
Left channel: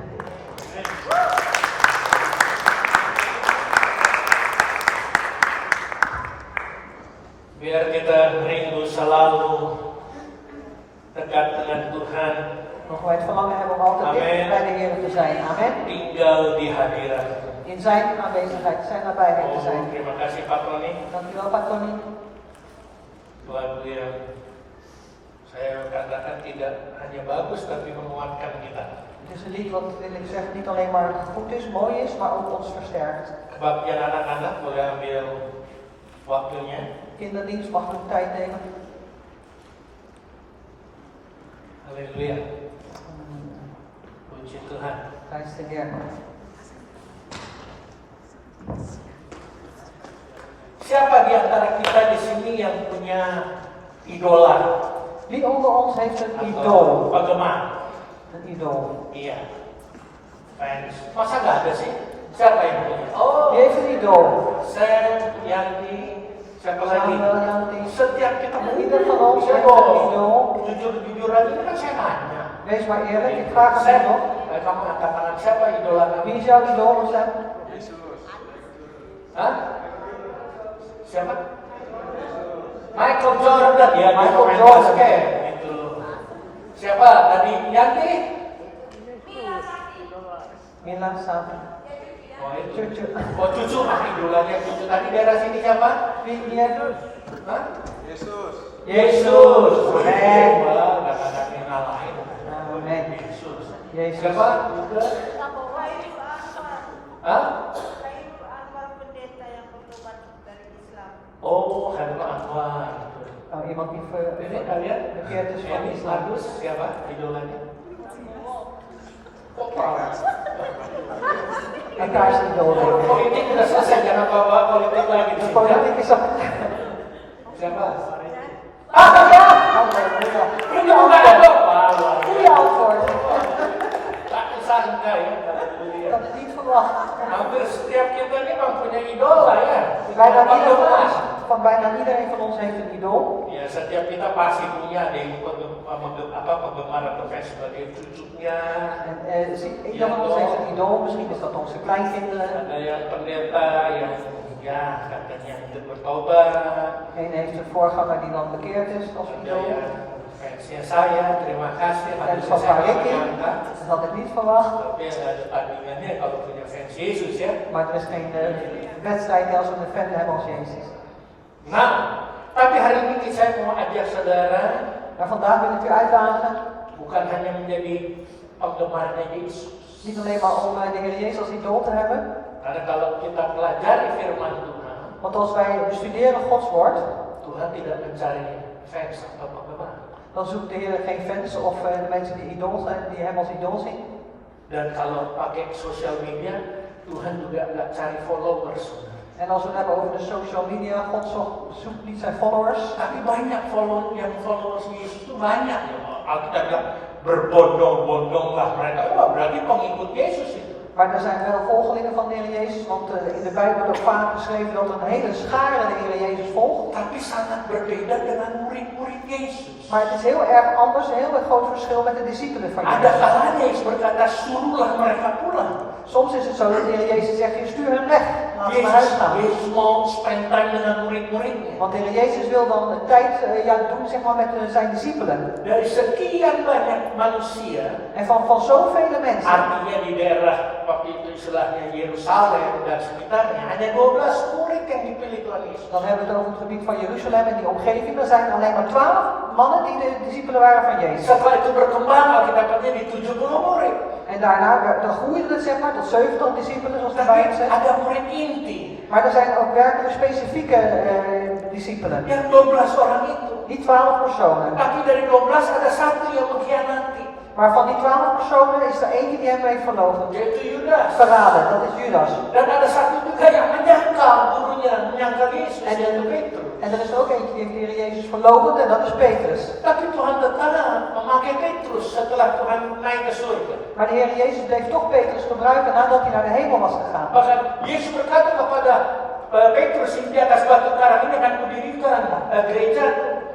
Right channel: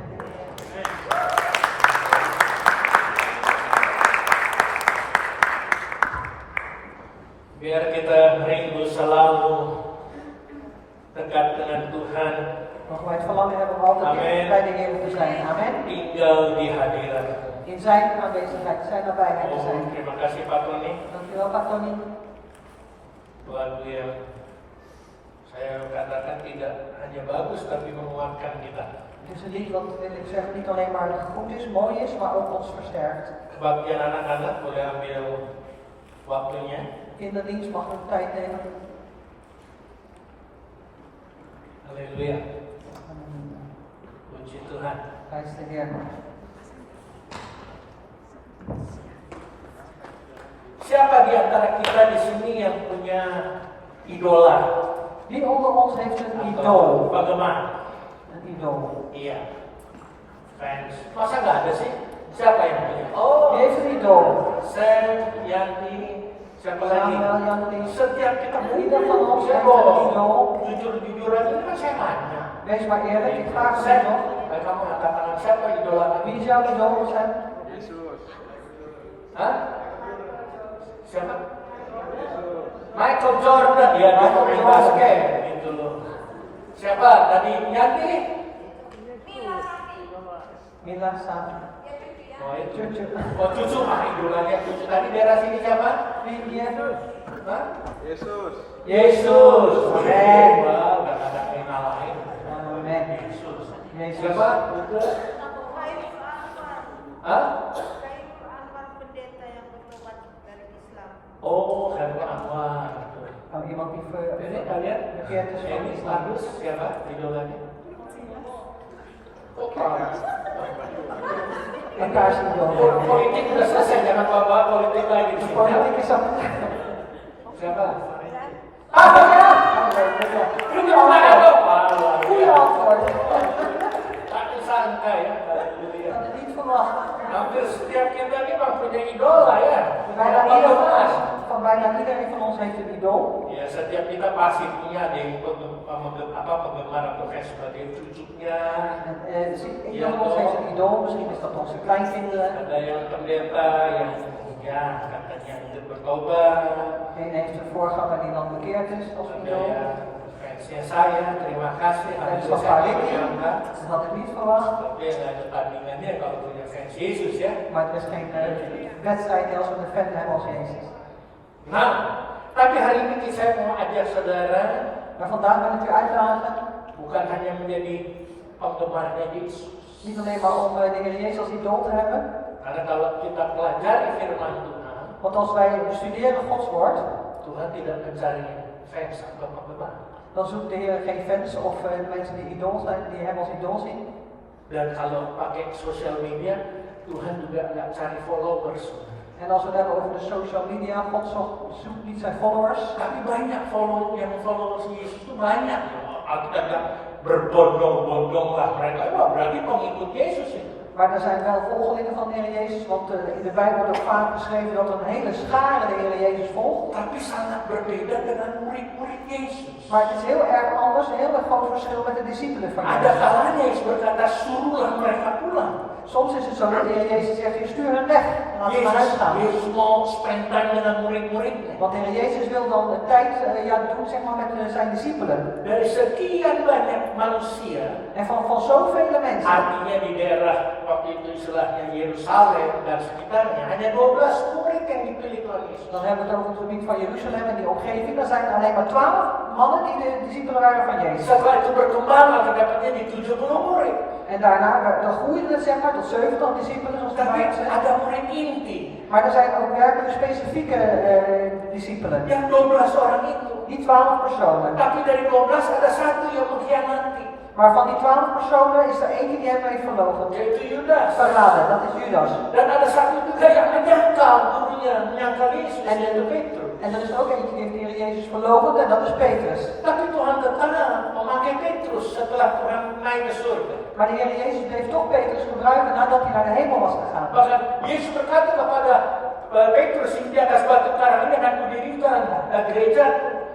Biar kita rindu selalu dekat dengan Tuhan, Mogen wij het verlangen hebben om altijd Amen. dicht bij de Heer te zijn. Amen. tinggal di hadirat. In zijn aanwezigheid, zijn nabijheid te Oh, zijn. terima kasih Pak Tony. Dank u wel, Pak Tony. Lagu yang saya katakan tidak hanya bagus tapi menguatkan kita. Het is een lied wat, wil ik zeggen, niet alleen maar goed is, mooi is, maar ook ons versterkt. Kebaktian anak-anak boleh ambil waktunya. Kinderdienst mag ook tijd nemen. Haleluya. Puji Tuhan. Prijs de Heer. Siapa di antara kita di sini yang punya idola? Wie onder ons heeft een Atau idool? penggemar? Een idool. Iya. Fans. Masa nggak ada sih? Siapa yang punya? Oh, Wie heeft een idool? Sam, Yanti, siapa lagi? Samuel, Yanti. Setiap kita Ieder van ons Saya heeft kok een idool. jujur-jujuran ini kan saya tanya. Wees maar eerlijk, ik vraag het Sam, nog. kamu angkat tangan siapa idola kamu? Wie is jouw idool, Sam? Hah? Siapa? Michael Jordan, ya dia Michael pemain Jordan. basket. Itu loh. Siapa tadi? Yanti? Mila, Sam. Oh itu. Cucu. Oh cucu, idolanya cucu tadi daerah sini siapa? Wie Yesus? Hah? Yesus. Yesus. Amen. Wah, nggak ada yang ngalahin. Amen. Yesus. Yesus. Siapa? Udah. Hah? Oh, Khairul Anwar. Oh, iemand die Ini kalian? bekeerd is van Ini islam. bagus siapa idolanya? Oh, Paulus. Elkaars idool. Politik udah selesai, jangan bawa politik lagi di sini. Politiek is dat. Siapa? Ah, ya. Halleluja. Ini bukan ada apa. Goeie antwoord. Tak disangka ya. Haleluya. Dat is niet verwacht. Hampir setiap kita ini mempunyai idola ya. Bijna iedereen van ons heeft een idool. Ya, setiap kita pasti punya ada yang penggemar atau fans sebagai cucunya. En ieder van ons heeft een idool. Misschien is dat onze kleinkinderen. Ada yang pendeta yang ya katanya untuk bertobat. Eén heeft een voorganger die dan bekeerd is als Ada idool. yang fansnya saya, terima kasih. En van Saya Pak Ricky, menyangka, dat had ik niet verwacht. tapi ada tandingannya kalau punya fans Yesus ya. Maar er is geen wedstrijd als we een fan hebben als Jezus. Nah, tapi hari ini saya mau ajak saudara Maar vandaag wil ik u uitdagen. bukan hanya menjadi penggemarnya Yesus. Niet alleen maar om de Heer Jezus als idool te hebben. Karena kalau kita pelajari firman Tuhan, Want als wij bestuderen Gods woord, Tuhan tidak mencari fans atau penggemar. dan zoekt de Heer geen fans of mensen die idool zijn, die hem als idool zien. Dan kalau pakai sosial media, Tuhan juga nggak cari followers. En als we het hebben over de social media, God zoekt niet zijn followers. Tapi banyak followers Yesus itu banyak. Alkitab bilang berbondong-bondong lah mereka. Wah, berarti pengikut Yesus itu. Maar er zijn wel volgelingen van de Heer Jezus, want in de Bijbel wordt ook vaak geschreven dat een hele schare de Heer Jezus volgt. Tapi sangat berbeda dengan murid-murid Yesus. Maar het is heel erg anders, een heel erg groot verschil met de discipelen van Ada Jezus. kalanya Yesus berkata, suruhlah mereka pulang. Soms is het zo dat de Heer Jezus zegt, je stuur hen weg, laat ze naar huis gaan. Yesus mau spend time dengan murid-muridnya. Want de Heer Jezus wil dan de tijd doen zeg maar, met zijn discipelen. Dari sekian banyak manusia, En van zoveel mensen. artinya di daerah waktu itu istilahnya Yerusalem dan sekitarnya, hanya 12 murid yang dipilih Tuhan Yesus. Dan hebben we het over het gebied van Jeruzalem en die omgeving. Er zijn alleen maar 12 mannen die de discipelen waren van Jezus. Setelah itu berkembang, Alkitabnya di 70 murid. En daarna dan groeide het zeg maar tot 70 discipelen zoals de Tapi Bijbel zegt. ada murid inti. Maar er zijn ook werkelijk specifieke discipelen. Yang 12 orang itu. Die 12 personen. Tapi dari 12 ada satu yang mengkhianati. Maar van die 12 personen is er eentje die hem heeft verloochend. Yaitu Yudas. Verraden, dat is Judas. Dan ada satu juga yang menyangkal gurunya, menyangkal Yesus, yaitu Petrus. En er is ook eentje die heeft de Heer Jezus verloochend en dat is Petrus. Tapi Tuhan tetap memakai Petrus setelah Tuhan naik ke surga. Maar de Heer Jezus bleef toch Petrus gebruiken nadat hij naar de hemel was gegaan. Bahkan Yesus berkata kepada Petrus, di atas batu karang ini akan kudirikan gereja.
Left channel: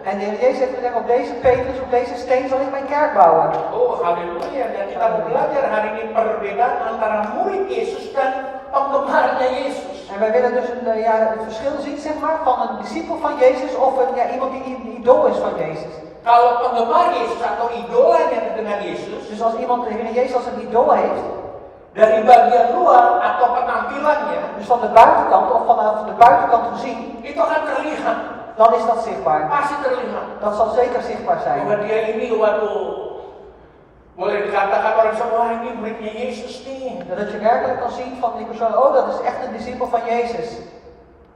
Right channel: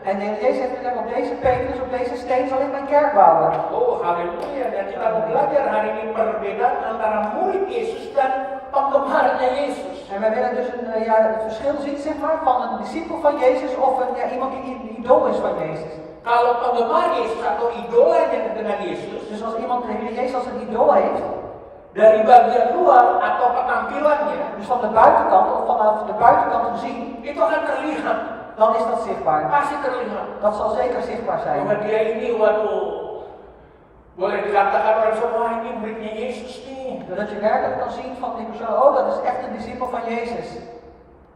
En de Heer Jezus heeft gezegd, op deze Petrus, op deze steen zal ik mijn kerk bouwen. Oh, haleluya. Dan kita belajar hari ini perbedaan antara murid Yesus dan penggemarnya Yesus. En wij willen dus het verschil zien, zeg maar, van een discipel van Jezus of iemand die een idool is van Jezus. Kalau penggemar Yesus atau idolanya dengan Yesus, Dus als iemand de Heer Jezus als een idool heeft, dari bagian luar atau penampilannya, dus van de buitenkant of vanaf de buitenkant gezien, itu akan terlihat. dan is dat zichtbaar. Pasti terlihat. Dat zal zeker zichtbaar zijn. Bahwa dia ini, waduh, boleh dikatakan orang semua ini muridnya Yesus nih. Dat je werkelijk kan zien van die persoon, oh dat is echt een discipel van Jezus.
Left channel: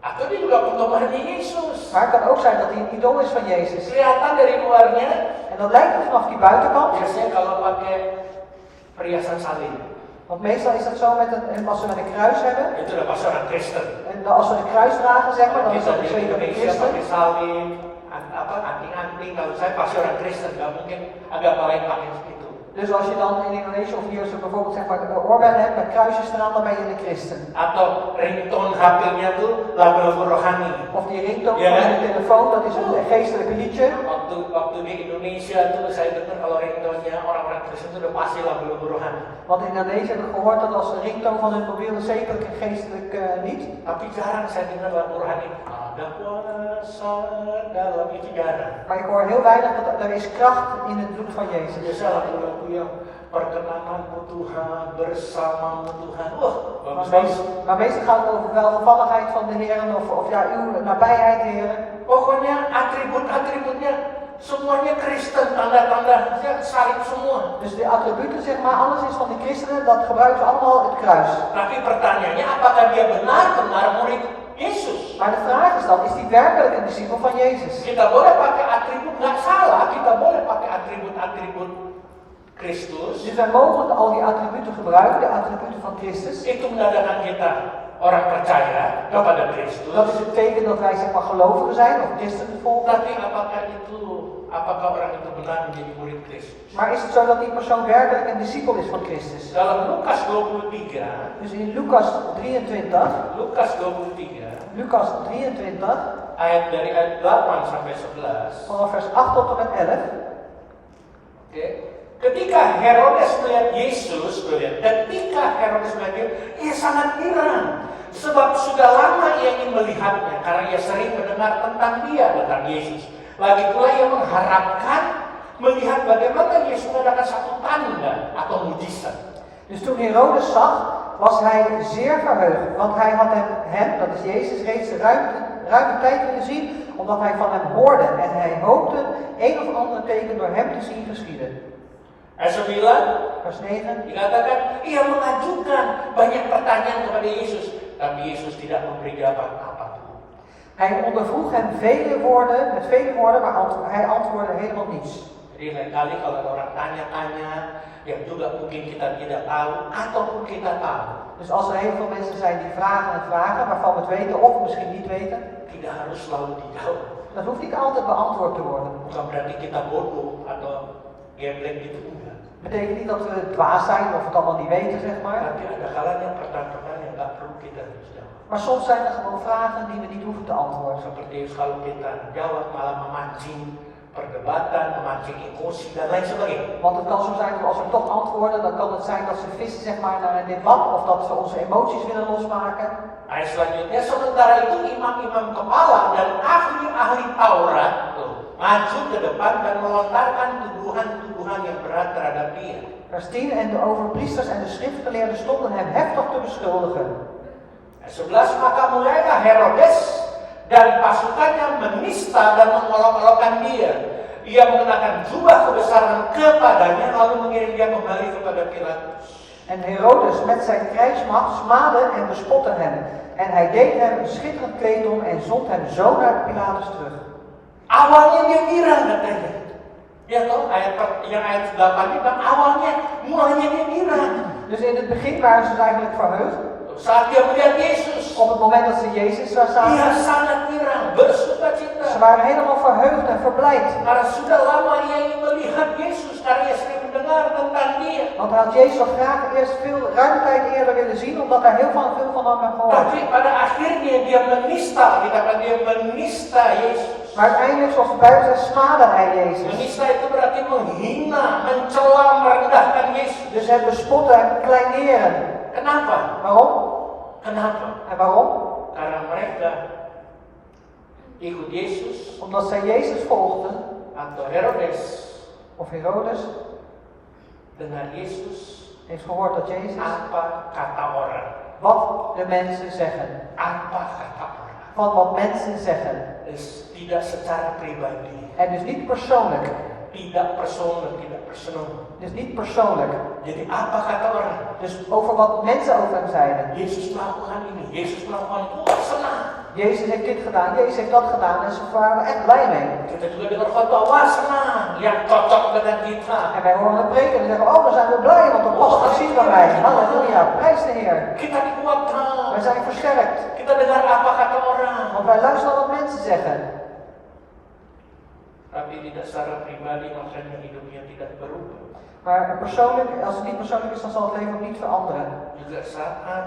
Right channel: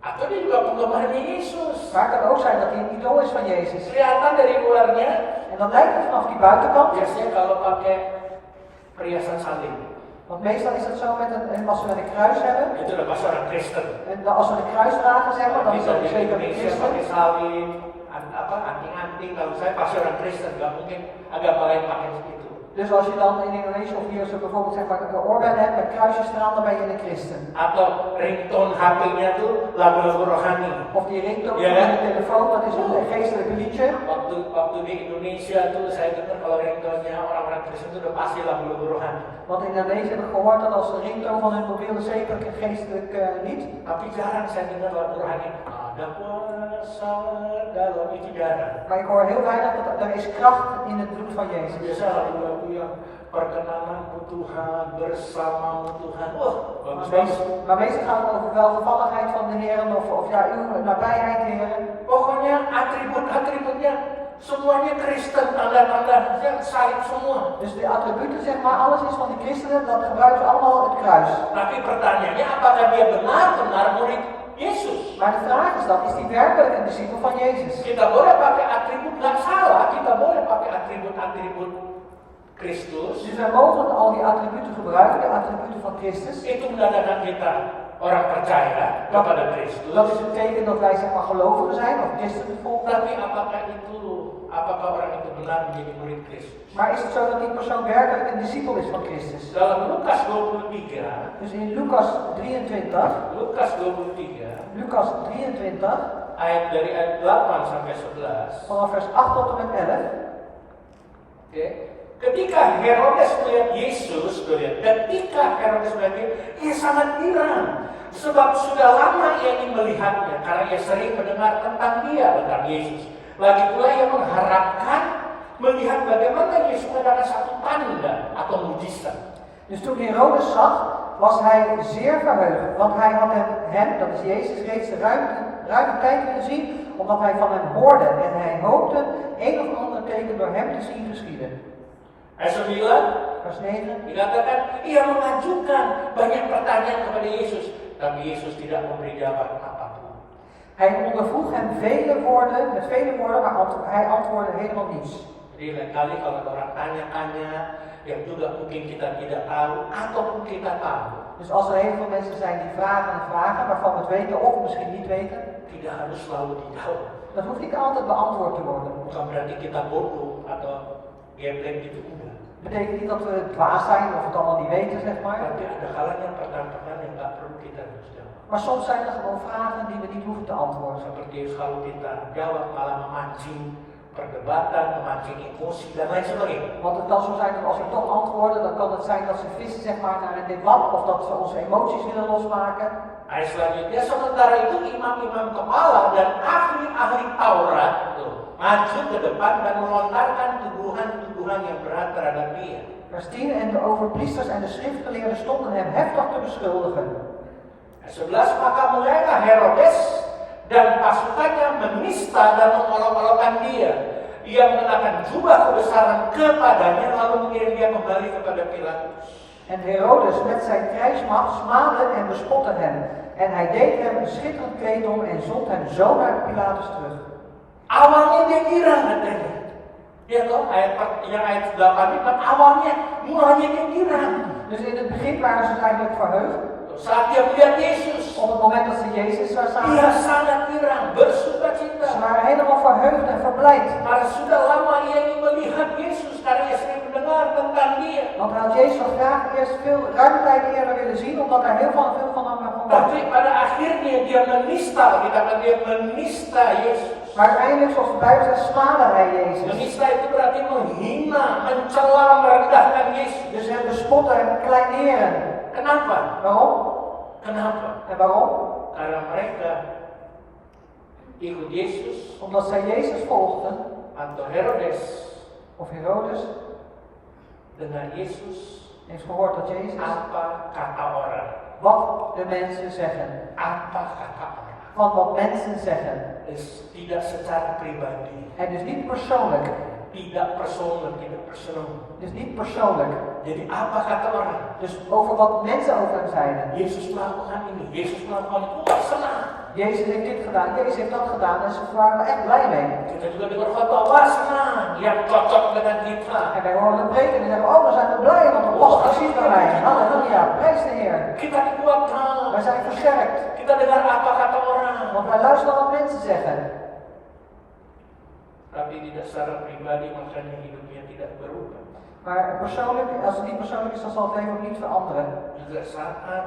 Atau dia juga penggemarnya Yesus. Maar het kan ook zijn dat hij een idool is van Jezus. Kelihatan dari luarnya, En dat lijkt er vanaf die buitenkant. biasanya kalau pakai perhiasan salib, Want meestal is dat zo als we een kruis hebben. itu udah pasti orang Kristen. En als we de kruis dragen, zeg maar, dan is Kita dat di zeker een Indonesia christen. pakai salib, anting-anting, kalau saya pasti orang Kristen, nggak mungkin agama lain pakai itu. Dus als je dan in Indonesië of hier zo bijvoorbeeld zeg maar een oorbellen hebt met kruisjes staan, dan ben je een christen. Atau ringtone HP-nya tuh lagu-lagu rohani. Of die ringtone Ja, van hè? je telefoon, dat is een geestelijk liedje. Waktu di Indonesia tuh saya dengar kalau ringtone-nya orang-orang Kristen tuh udah pasti lagu-lagu rohani. Want in Indonesië heb ik gehoord dat als de ringtone van hun mobiel zeker een geestelijk lied. Tapi jarang saya dengar lagu rohani. Ada kuasa dalam itu jarang. Maar ik hoor heel weinig dat er is kracht in het bloed van Jezus. Biasa lagu-lagu yang perkenananmu Tuhan, bersamamu Tuhan. Wah, bagus-bagus. Maar meestal gaat het over welgevalligheid van de Heer of ja, uw nabijheid, Heer. Pokoknya atribut-atributnya semuanya Kristen, tanda-tandanya salib semua. Dus de attributen, zeg maar, alles is van de christenen, dat gebruiken ze allemaal het kruis. Tapi pertanyaannya, apakah dia benar-benar murid Yesus? Maar de vraag is dan, is die werkelijk een discipel van Jezus? Kita boleh pakai atribut, nggak salah. Kita boleh pakai atribut-atribut Kristus. Dus wij mogen al die attributen gebruiken, de attributen van Christus. Itu menandakan kita orang percaya kepada Dat Kristus. is het teken dat wij zeg maar gelovigen zijn, of christenen volgen. Tapi apakah orang itu benar menjadi murid Kristus? Maar is het zo dat die persoon werkelijk een discipel is van Christus? Dalam Lukas 23, Dus in Lucas 23, Lucas 23, dari ayat 8 sampai 11. vanaf vers 8 tot en met 11. Oke. Ketika Herodes melihat Yesus, ketika Herodes melihat dia, ia sangat girang. Sebab sudah lama ia ingin melihatnya, karena ia sering mendengar tentang dia, tentang Yesus. Lagi pula ia mengharapkan melihat bagaimana Yesus mengadakan satu tanda atau mujizat. Dus toen Herodes zag, was hij zeer verheugd, want hij had hem, dat is Jezus, reeds ruime tijd willen zien, omdat hij van hem hoorde en hij hoopte een of ander teken door hem te zien geschieden. Ayat 9 Vers 9. dikatakan, ia mengajukan banyak pertanyaan kepada Yesus, tapi Yesus tidak memberi jawaban apapun. Hij ondervroeg hem met vele woorden, maar hij antwoordde helemaal niets. Jadi lain kali kalau ada orang tanya-tanya yang juga mungkin kita tidak tahu ataupun kita tahu, Dus als er heel veel mensen zijn die vragen en vragen, waarvan we het weten of misschien niet weten, tidak harus selalu dijawab. dan hoeft niet altijd beantwoord te worden. Bukan berarti kita bodoh atau geblek gitu, enggak. Betekent niet dat we dwaas zijn of het allemaal niet weten, zeg maar. Tapi ada kalanya pertanyaan yang nggak perlu kita harus jawab. Maar soms zijn er gewoon vragen die we niet hoeven te antwoorden. Seperti kalau kita jawab malah memancing perdebatan, memancing emosi dan lain sebagainya. Want het kan zo zijn dat als we toch antwoorden, dan kan het zijn dat ze vissen zeg maar, naar een debat of dat ze onze emoties willen losmaken. Ayat selanjutnya, sementara itu imam-imam kepala dan ahli-ahli Taurat maju ke depan dan melontarkan tuduhan-tuduhan yang berat terhadap dia. Vers 10, en de overpriesters en de schriftgeleerden stonden hem heftig te beschuldigen. Ayat 11, maka mulailah Herodes dan pasukannya menista dan mengolok-olokkan dia. Ia mengenakan jubah kebesaran kepadanya lalu mengirim dia kembali kepada Pilatus. En Herodes met zijn krijgsmacht smaadde en bespotte hem. En hij deed hem een schitterend kleed om en zond hem zo naar Pilatus terug. Awalnya dia girang katanya. Ya toh ayat 8 itu awalnya mulanya dia girang. Dus in het begin waren ze eigenlijk verheugd. Saat dia melihat Yesus, Op het moment dat ze Jezus daar dia zagen, sangat girang, bersukacita. ze waren helemaal verheugd en verblijd. Karena sudah lama ia ingin melihat Yesus, karena ia sering mendengar tentang dia. Want hij had Jezus al graag eerst ruime tijd eerder willen zien, omdat hij heel veel van hem had gehoord. Tapi pada akhirnya dia menista, kita dia menista Yesus. Maar uiteindelijk, zoals de Bijbel zegt, smaadde hij Jezus. Menista itu berarti menghina, mencela, merendahkan Yesus. Dus hem bespotten en kleineren. Kenapa? Waarom? Kenapa? En waarom? Karena mereka ikut Yesus Omdat zij Jezus volgden, atau Herodes of Herodes, dengar Yesus heeft gehoord dat Jezus apa kata orang. wat de mensen zeggen. Apa kata orang. Van wat mensen zeggen. Dus tidak secara pribadi, En dus niet persoonlijk. tidak personal, tidak personal. Dus niet persoonlijk. Jadi apa kata orang? Dus over wat mensen over hem zeiden. Yesus melakukan ini, Yesus melakukan itu, wah senang. Jezus heeft dit gedaan, Jezus heeft dat gedaan en ze waren er echt blij mee. Kita juga dengar khotbah, wah senang, yang cocok dengan kita. En wij horen een preek en zeggen, oh dan zijn we blij, want dat past precies bij mij. Halleluja, prijs de Heer. Kita dikuatkan, Wij zijn versterkt, kita dengar apa kata orang. want wij luisteren wat mensen zeggen. Tapi tidak secara pribadi, makanya hidupnya tidak berubah. Maar persoonlijk, als het niet persoonlijk is, dan zal het leven ook niet veranderen. Juga saat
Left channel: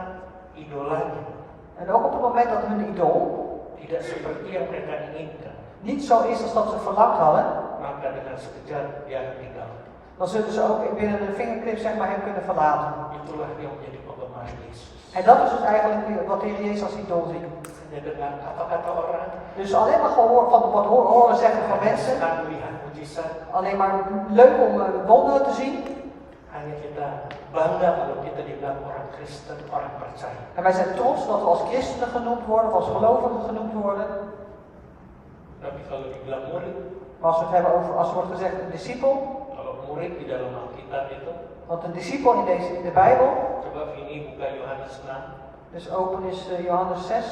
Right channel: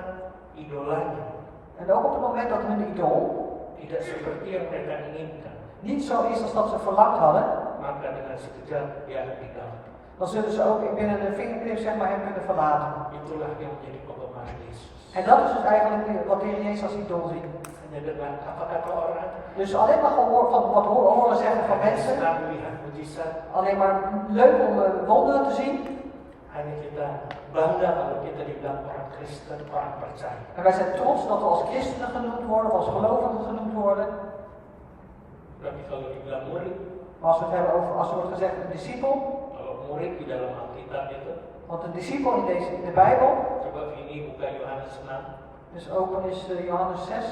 idolanya En ook op het moment dat hun idool tidak seperti yang mereka inginkan, niet zo is als dat ze verlangd hadden, maka dengan sekejap dia tinggalkan. dan zullen ze ook binnen een vingerknip zeg maar hem kunnen verlaten. Itulah yang menjadi penggemar Yesus. En dat is dus eigenlijk wat de Heer Jezus als idool ziet. Hanya dengan apa kata orang, Dus alleen maar gehoor van wat horen zeggen van mensen, senang melihat mujizat, alleen maar leuk om wonderen te zien. hanya kita bangga kalau kita dibilang orang Kristen, orang percaya. En wij zijn trots dat we als christenen genoemd worden, of als gelovigen genoemd worden. Tapi kalau dibilang murid, Maar als we het hebben over, als er wordt gezegd een discipel, kalau murid di dalam Alkitab itu, want een discipel in de Bijbel, coba Vini buka Yohanes 6. dus open is Johannes 6,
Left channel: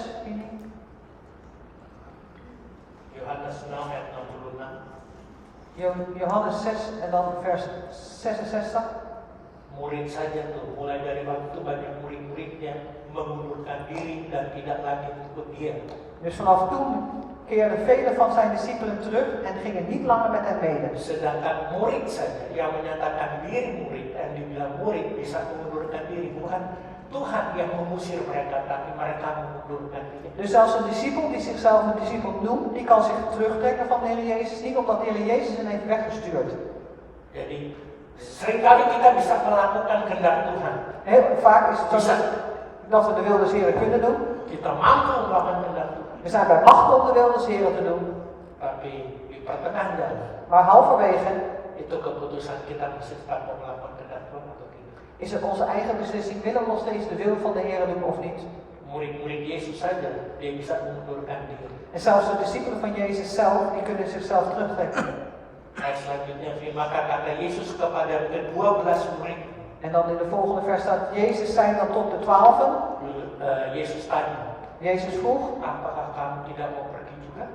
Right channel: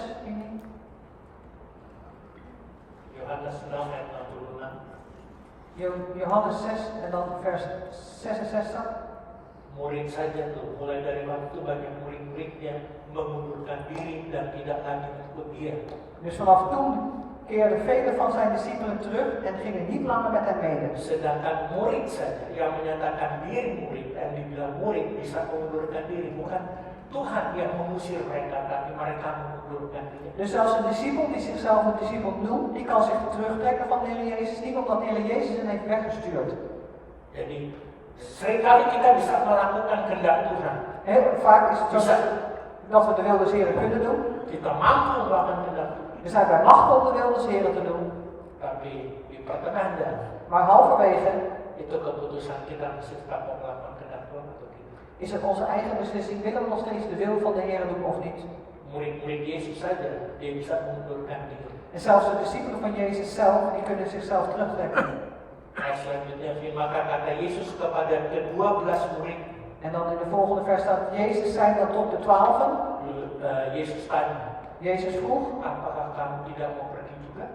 Yohanes 6 ayat 66. Johannes 6 en dan vers 66. Murid saja tuh, mulai dari waktu banyak murid-murid yang mengundurkan diri dan tidak lagi ikut dia. Dus vanaf toen keerden vele van zijn discipelen terug en gingen niet langer met hem mede. Sedangkan murid saja yang menyatakan diri murid dan dibilang murid bisa mengundurkan diri, bukan Tuhan yang mengusir mereka, tapi mereka mengundurkan diri. Dus zelfs een discipel die zichzelf een discipel noemt, die kan zich terugtrekken van de Heer Jezus, niet omdat de Heer Jezus hem heeft weggestuurd. Jadi seringkali kita bisa melakukan kehendak Tuhan. Heel vaak is het Bisa. zo dat we de wil des Heren kunnen doen. Kita mampu melakukan kehendak Tuhan. We zijn bij macht om de wil des Heren te doen. Tapi di pertengahan jalan Maar halverwege itu keputusan kita masih tetap mau melakukan kehendak Tuhan atau tidak. is het onze eigen beslissing, willen we nog steeds de wil van de Heer doen of niet. Murid-murid Yesus saja dia bisa mengundurkan diri. En zelfs de discipelen van Jezus zelf, die kunnen zichzelf terugtrekken. Ayat selanjutnya, maka kata Yesus kepada ke-12 murid. En dan in de volgende vers staat, Jezus zei dan tot de 12. Yesus tanya, Jezus vroeg, apakah kamu tidak mau pergi juga?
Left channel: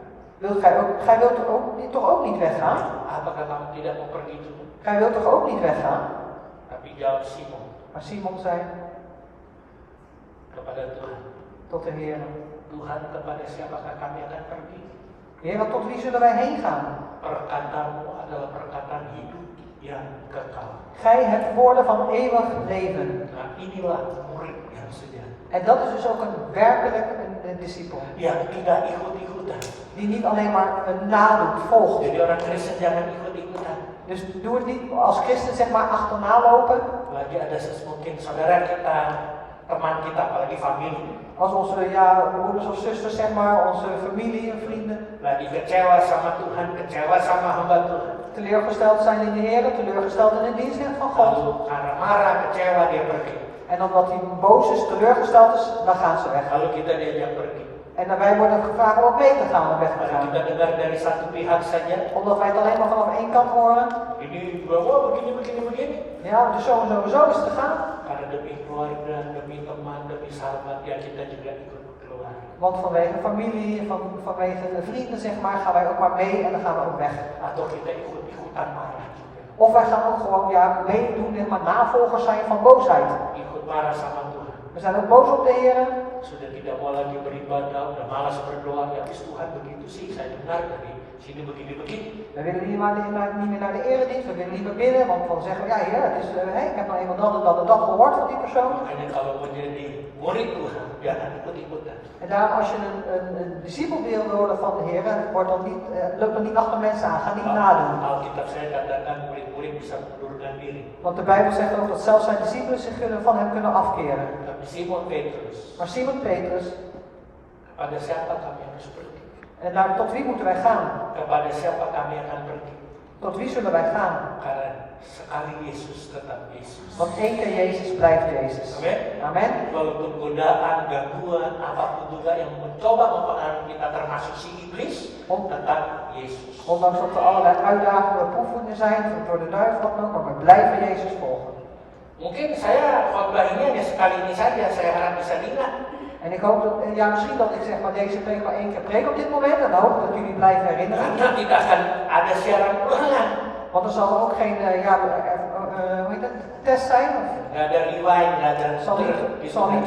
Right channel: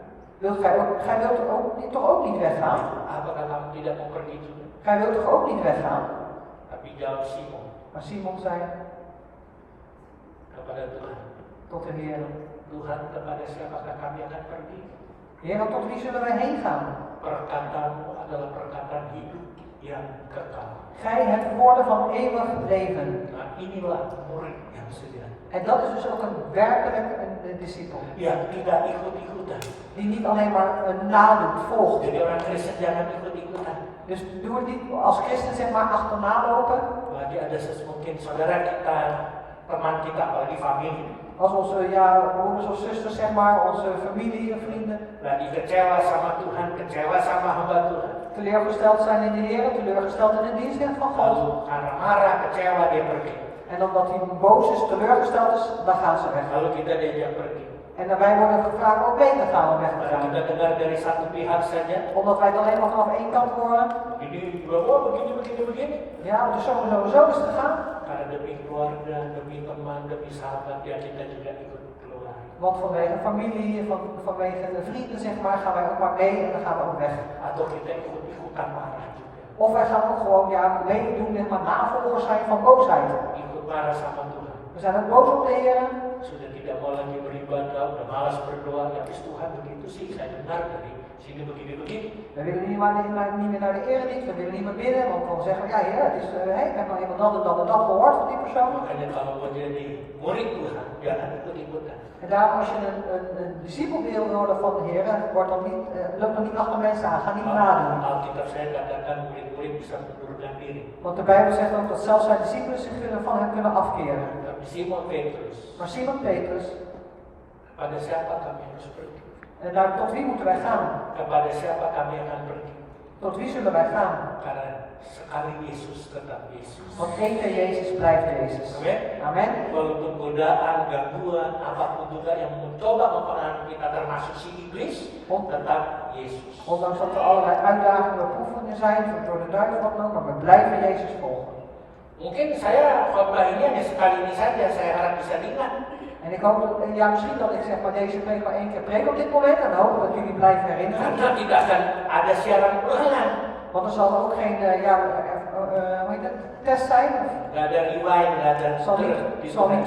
gij wilt toch ook niet weggaan? Apakah kamu tidak mau pergi juga? Gij wilt toch ook niet weggaan? Tapi jawab Simon Maar Simon zei kepada Tuhan, tot de Heer, Tuhan kepada siapakah kami akan pergi? Heer, tot wie zullen wij heen gaan? Perkataanmu adalah perkataan hidup yang kekal. Gij hebt woorden van eeuwig leven. Nah inilah murid yang sejati. En dat is dus ook werkelijk een discipel. Yang tidak ikut-ikutan. Die niet alleen maar een nadoet, volgt. Jadi orang Kristen jangan ikut-ikutan. Dus doe het niet als christen zeg maar achterna lopen. Lagi ada mungkin saudara kita, teman kita, apalagi familie. Als onze broeders of zusters zeg maar, onze familie en vrienden. Lagi kecewa sama Tuhan, kecewa sama hamba Tuhan. Teleurgesteld zijn in de Heer, teleurgesteld in de dienst van God. Lalu karena marah, kecewa dia pergi. En omdat hij boos is, teleurgesteld is, dan gaan ze weg. Lalu kita diajak pergi. En dan wij worden gevraagd om mee te gaan, weg te Karena gaan. kita dengar dari satu pihak saja. Omdat wij het alleen maar vanaf één kant horen. Ini wah begini. Ja, het is zo is het gegaan. Karena demi keluarga, demi teman, demi sahabat, ya kita juga ikut keluar. Want vanwege familie, vanwege de vrienden zeg maar, gaan wij ook maar mee en dan gaan we ook weg. Atau kita ikut-ikutan marah juga. Of wij gaan ook gewoon meedoen, maar navolgers zijn van boosheid. Ikut marah sama Tuhan. We zijn ook boos op de Heer. Sudah tidak mau lagi beribadah, udah malas berdoa, ya Tuhan begitu sih saya dengar dari sini begini-begini. We willen niet meer naar de eredienst, we willen niet meer bidden, want dan zeggen we, ja Heer, het is, ik heb nou eenmaal dat gehoord van die persoon. Makanya kalau menjadi murid Tuhan, jangan ikut-ikutan. En daar, als je een discipel wil worden van de Heer, loop dan niet achter mensen aan, ga niet nadoen. Alkitab saya katakan murid-murid bisa mundurkan diri. Want de Bijbel zegt ook dat zelfs zijn discipelen zich van hem kunnen afkeren. Tapi Simon Petrus, Maar Simon Petrus, kepada siapa kami harus pergi? en tot wie moeten wij gaan? Kepada siapa kami akan pergi? Tot wie zullen wij gaan? Karena sekali Yesus tetap Yesus. Want één keer Jezus blijft Jezus. Amin. Amen. Walaupun godaan, gangguan, apapun juga yang mencoba mempengaruhi kita termasuk si iblis, tetap Yesus. Ondanks dat er allerlei uitdagingen en beproevingen zijn, door de duivel ook, maar we blijven Jezus volgen. Mungkin saya khotbah ini hanya sekali ini saja, saya harap bisa diingat. En ik hoop dat, ja misschien dat ik zeg maar deze preek maar één keer preek op dit moment en dan hoop ik dat jullie blijven herinneren. Karena tidak akan ada siaran ulangan. Want er zal ook geen hoe heet het, test zijn. Tidak ada rewind, tidak ada Zal niet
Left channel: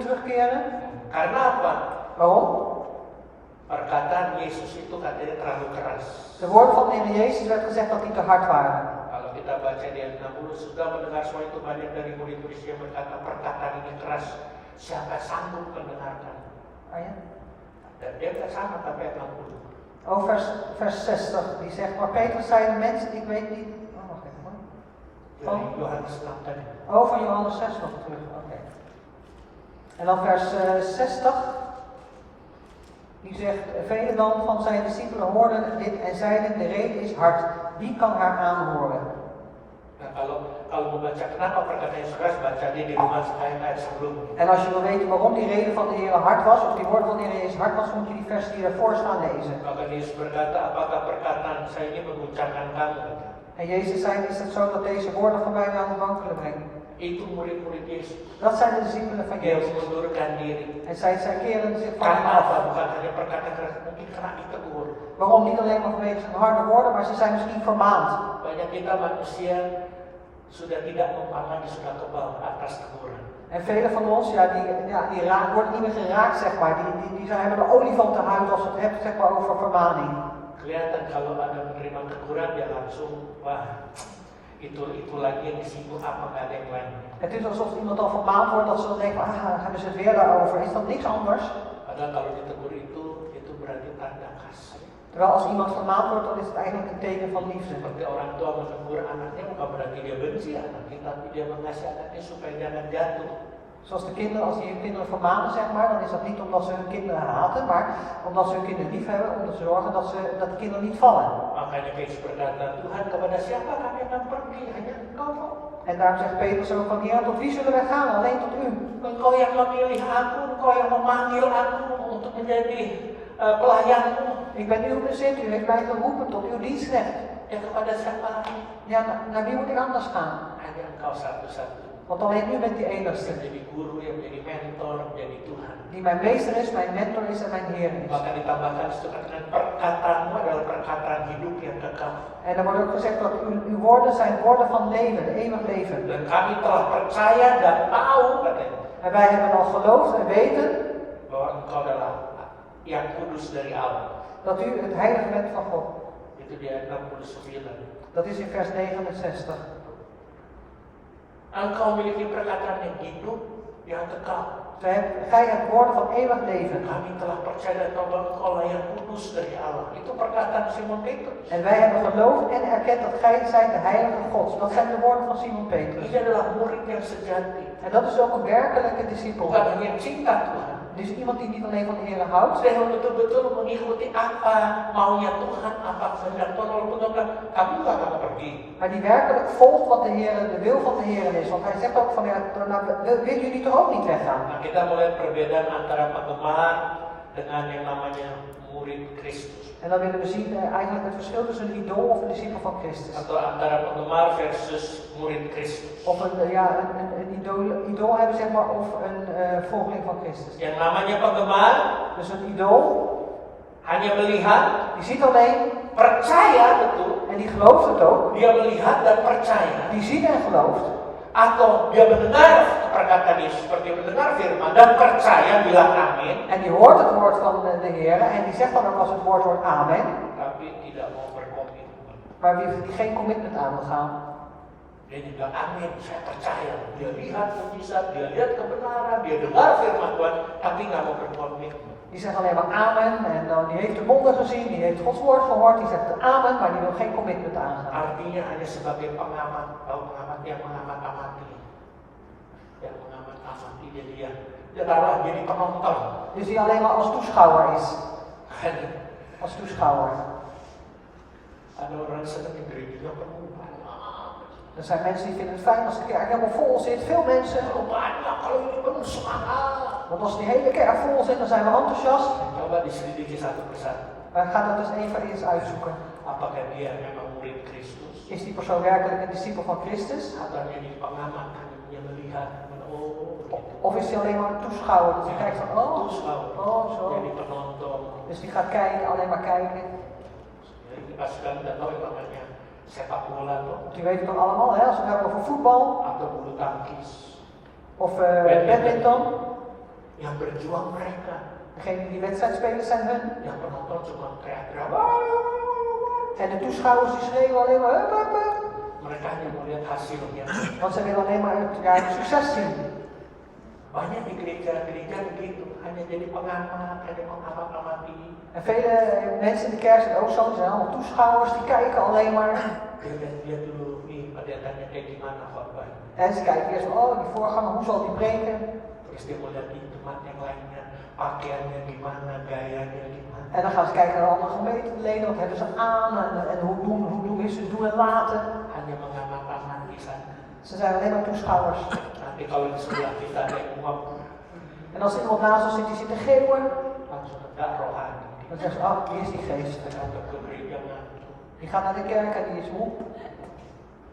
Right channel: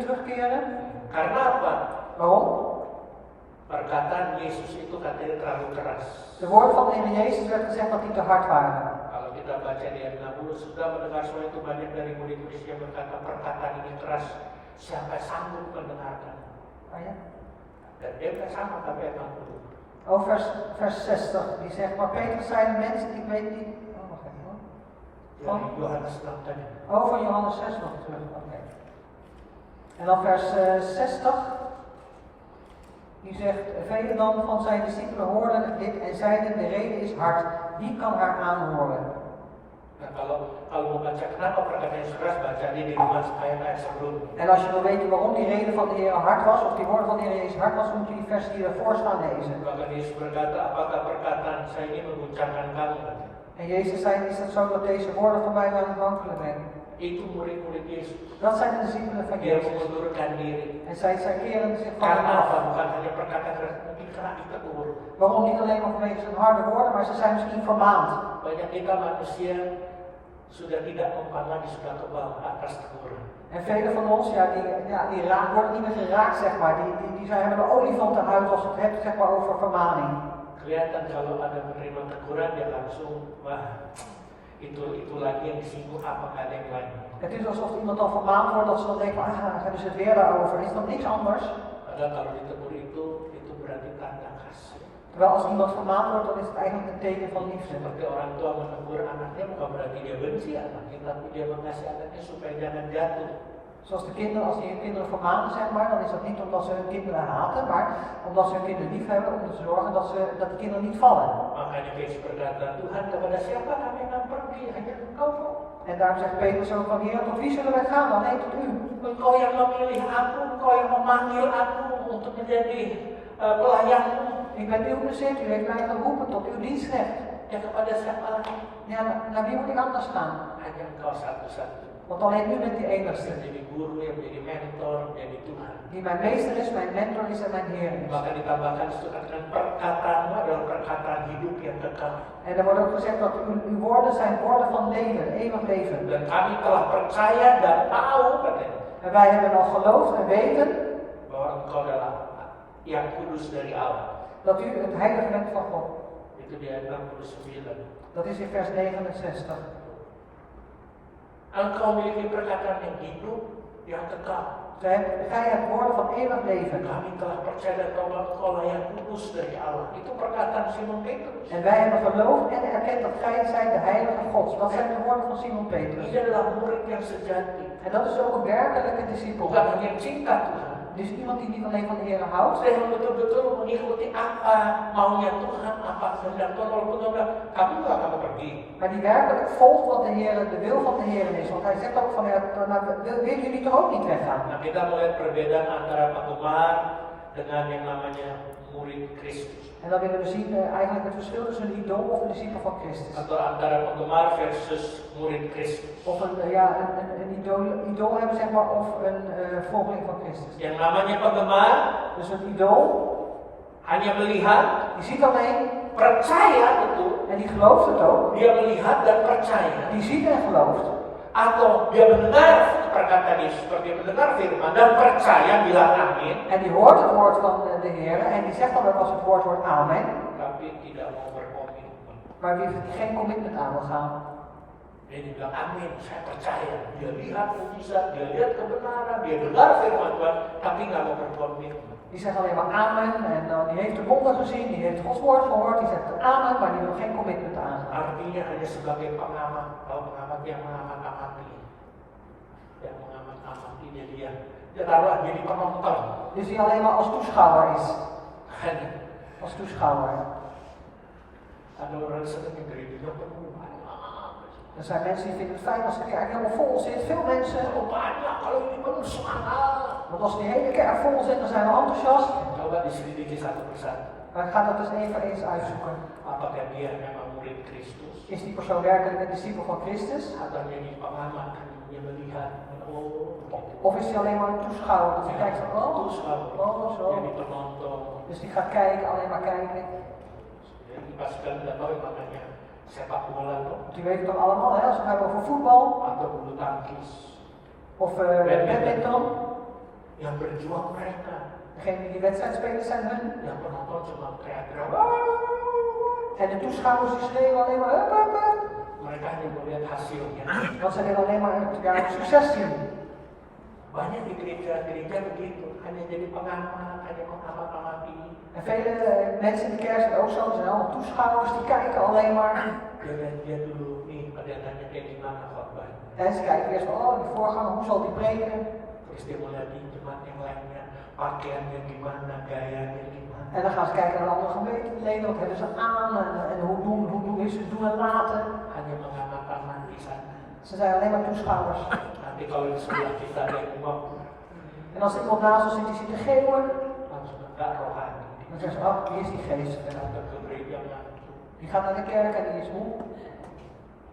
terugkeren. Karena apa? Waarom? Perkataan Yesus itu katanya terlalu keras. De woorden van de Heer Jezus werd gezegd dat die te hard waren. Kalau kita baca di ayat 60, sudah mendengar semua itu banyak dari murid-murid yang berkata perkataan ini keras. Siapa sanggup mendengarkan? Oh ja? Dan dia tidak sama sampai ayat 60. Oh, vers 60, die zegt, maar Petrus zei de mensen, ik weet niet... Oh, wacht even. Dari Yohanes 6 tadi. Oh, van Johannes 6 nog terug, oké. En dan vers 60, die zegt, velen dan van zijn discipelen hoorden dit en zeiden, de reden is hard, wie kan haar aanhoren? Nah, kalau mau baca kenapa perkataan Yesus keras, baca dia di rumah ayat sebelumnya. En als je wil weten waarom die reden van de Heer hard was, of die woorden van de Heer Jezus hard was, moet je die vers die daarvoor staan lezen. Maka Yesus berkata, apakah perkataan saya ini mengguncangkan kamu? En Jezus zei, is het zo dat deze woorden van mij aan het wankelen brengen? Itu murid-murid Yesus. Dat zijn de discipelen van Dia Jezus. mengundurkan diri. En zij keren zich van Karena hem apa? af. Bukan hanya perkataan keras, mungkin karena ditegur. Waarom? Niet alleen maar vanwege zijn harde woorden, maar ze zijn misschien vermaand. Banyak kita manusia sudah tidak memahami, sudah kebal atas teguran. En velen van ons, worden niet meer geraakt, zeg maar. Die hebben de olifantenhuid als het hebt, zeg maar, over vermaning. Kelihatan kalau ada menerima teguran, dia langsung, wah, itu lagi yang disinggung, apa nggak ada yang lain. Het is alsof iemand dan vermaand wordt, dat ze dan denken, hebben ze het weer daarover. Is dat niks anders? Padahal kalau ditegur itu berarti tanda kasih. Terwijl als iemand vermaand wordt, dan is het eigenlijk een teken van liefde. Seperti orang tua menegur anaknya bukan berarti dia benci anaknya, tapi dia mengasihi anaknya supaya jangan jatuh. Zoals de kinderen, als die hun kinderen vermanen, zeg maar, dan is dat niet omdat ze hun kinderen haten, maar omdat ze hun kinderen lief hebben, om te zorgen dat de kinderen niet vallen. Makanya Petrus berkata, Tuhan kepada siapa kami akan pergi? Hanya Engkau. En daarom zegt Petrus ook van, Heer, tot wie zullen wij gaan? Alleen tot u. Engkau yang memilih aku, Engkau yang memanggil aku untuk menjadi pelayanmu. Ik ben uw bezit, u heeft mij geroepen tot uw dienstknecht. Ya kepada siapa lagi? Ja, naar wie moet ik anders gaan? Hanya Engkau satu-satu. Want alleen u bent die enigste. Menjadi guru, yang menjadi mentor, menjadi Tuhan. Die mijn meester is, mijn mentor is en mijn Heer is. Maka ditambahkan dengan perkataanmu adalah perkataan hidup yang kekal. En er wordt ook gezegd dat uw woorden zijn woorden van leven, eeuwig leven. Dan kami telah percaya dan tahu katanya. En wij hebben al geloofd en weten bahwa Engkau adalah yang kudus dari Allah. dat u het heilige bent van God. Itu di ayat 69. Dat is in vers 69. Engkau memiliki perkataan yang hidup, yang kekal. Gij hebt woorden van eeuwig leven. Kami telah percaya dan tahu bahwa Engkau lah yang kudus dari Allah. Itu perkataan Simon Petrus. En wij hebben geloofd en erkend dat gij zijt de heilige God. Dat zijn de woorden van Simon Petrus. Ini adalah murid yang sejati. En dat is ook een werkelijke discipel. Bukan hanya yang cinta Tuhan. Dus iemand die niet alleen van de Heer houdt. Saya betul-betul mengikuti apa maunya Tuhan, apa kehendak Tuhan. Walaupun Tuhan bilang, kamu nggak akan pergi. Maar die werkelijk volgt wat de wil van de Heer is. Want hij zegt ook van, ja, willen jullie toch ook niet weggaan? Nah, kita melihat perbedaan antara penggemar dengan yang namanya murid Kristus. En dan willen we zien eigenlijk het verschil tussen een idool of een discipel van Christus. Atau antara penggemar versus murid Kristus. Of een idool hebben, zeg maar, of een volgeling van Christus. Yang namanya penggemar, Dus een idool, hanya melihat, die ziet alleen percaya betul. en die gelooft het ook. Dia melihat dan percaya. Die ziet en gelooft. atau dia mendengar perkataan Yesus, seperti mendengar firman dan percaya, bilang amin, En die hoort het woord van de Heer en die zegt dan ook als het woord wordt amen. tapi tidak mau berkomitmen. Maar wie geen commitment aan wil gaan. Dia bilang amin, saya percaya. Dia lihat mujizat, dia lihat kebenaran, dia dengar firman Tuhan, tapi nggak mau berkomitmen. Die zegt alleen maar amen en die heeft de wonder gezien, die heeft Gods woord gehoord, die zegt amen, maar die wil geen commitment aangaan. Artinya hanya sebagai pengamat, kalau pengamat yang mengamat-amati. Yang mengamat-amati dia taruh jadi penonton. Dus die alleen maar als toeschouwer is. Hanya Als toeschouwer. ada orang senang yang gerejanya penuh. Er zijn mensen die vinden het fijn als de kerk helemaal vol zit, veel mensen. Kalau banyak, kalau ini penuh semangat. Want als die hele kerk vol zit, dan zijn we enthousiast. Coba diselidiki satu persatu. Maar ga dat dus één voor eens uitzoeken. Apakah dia memang murid Kristus? Is die persoon werkelijk een discipel van Christus? Atau dia jadi pengamat, hanya melihat, oh begitu. Of is hij alleen maar een toeschouwer? Dus die kijkt van, Terus kalau oh zo. jadi penonton. Dus die gaat kijken, alleen maar kijken. Jadi pas kalian udah tahu yang namanya sepak bola tuh, Want u weet het toch allemaal, hè? Als we het hebben over voetbal atau bulu tangkis, of badminton. yang berjuang mereka, Degene die wedstrijdspelers zijn hun. yang penonton cuma teriak-teriak. En de toeschouwers die schreeuwen alleen maar hup, hup, hup. Mereka hanya melihat hasilnya. Want ze willen alleen maar het succes zien. Banyak di gereja-gereja begitu, hanya jadi pengamat, hanya mengamat-amati. En vele mensen in de kerk zijn ook zo, ze zijn allemaal toeschouwers, die kijken alleen maar. Dia lihat dulu nih padatannya kayak gimana khotbah. En ze kijken eerst van, oh die voorganger, hoe zal die preken? Terus dia melihat di tempat yang lainnya, pakaiannya gimana, gayanya gimana. En dan gaan ze kijken naar andere gemeenteleden, wat hebben ze aan en hoe is het doen en laten. Hanya mengamat-amati saja. Ze zijn alleen maar toeschouwers. Nanti kalau di sebelah kita ada yang uang, En als iemand naast ons zit die zit te geeuwen, langsung enggak rohani. dan zeggen ze, oh die is die geest. Datang ke gereja Die gaat naar de kerk en die is moe.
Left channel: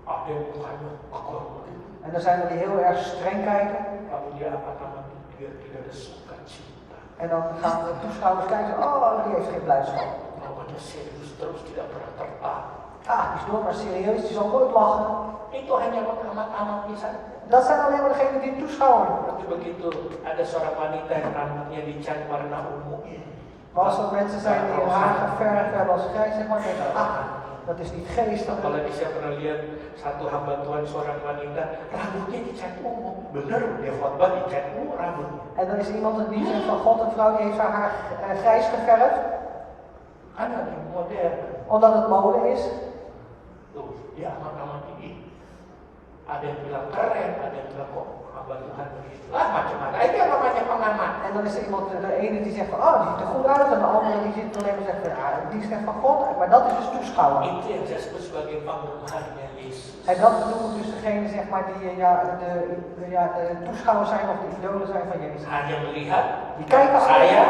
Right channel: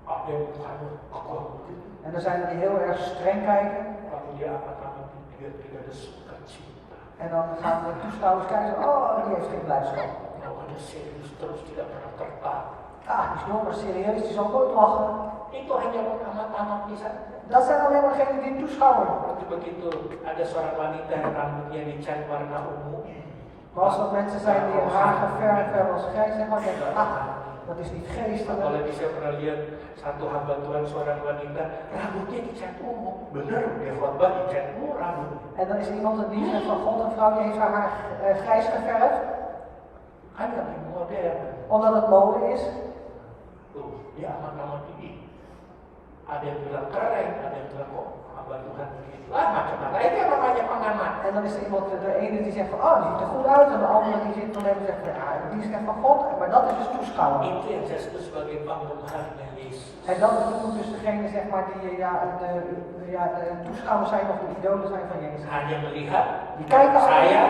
ada yang mukanya kekor begitu. En dan zijn er die heel erg streng kijken. Kalau dia amat-amati, dia tidak ada sukacita. En dan gaan de toeschouwers kijken, oh die heeft geen blijdschap. Kalau ada serius terus tidak pernah tertawa. Ah, die is dom maar serieus, die zal nooit lachen. Itu hanya mengamat-amati saja. Dat zijn alleen maar degenen die toeschouwen. Tapi begitu ada seorang wanita yang rambutnya dicat warna ungu, Maar als er mensen zijn die hun haar geverfd hebben als grijs, zeg maar, denken, ah, dat is niet geestelijk. apalagi saya pernah lihat satu hamba Tuhan seorang wanita rambutnya dicat ungu, bener dia khotbah dicat ungu rambutnya. En dan is er iemand, een dienst van God, een vrouw die heeft haar haar grijs geverfd, Ada di modern. omdat het mode is. Tuh, dia amat-amati ini. Ada yang bilang keren, ada yang bilang kok hamba Tuhan begitu. Macam-macam. Itu yang namanya pengamat. En dan is er iemand, de ene die zegt van, oh, die ziet er goed uit, en de andere die zit alleen maar zegt van, ja, die is echt van God. Maar dat is dus toeschouwen. Itu yang saya sebut sebagai penggemarnya Yesus. En dat bedoelt dus degene, zeg maar, die de toeschouwers zijn of de idolen zijn van Jezus. Hanya melihat, Die kijken saya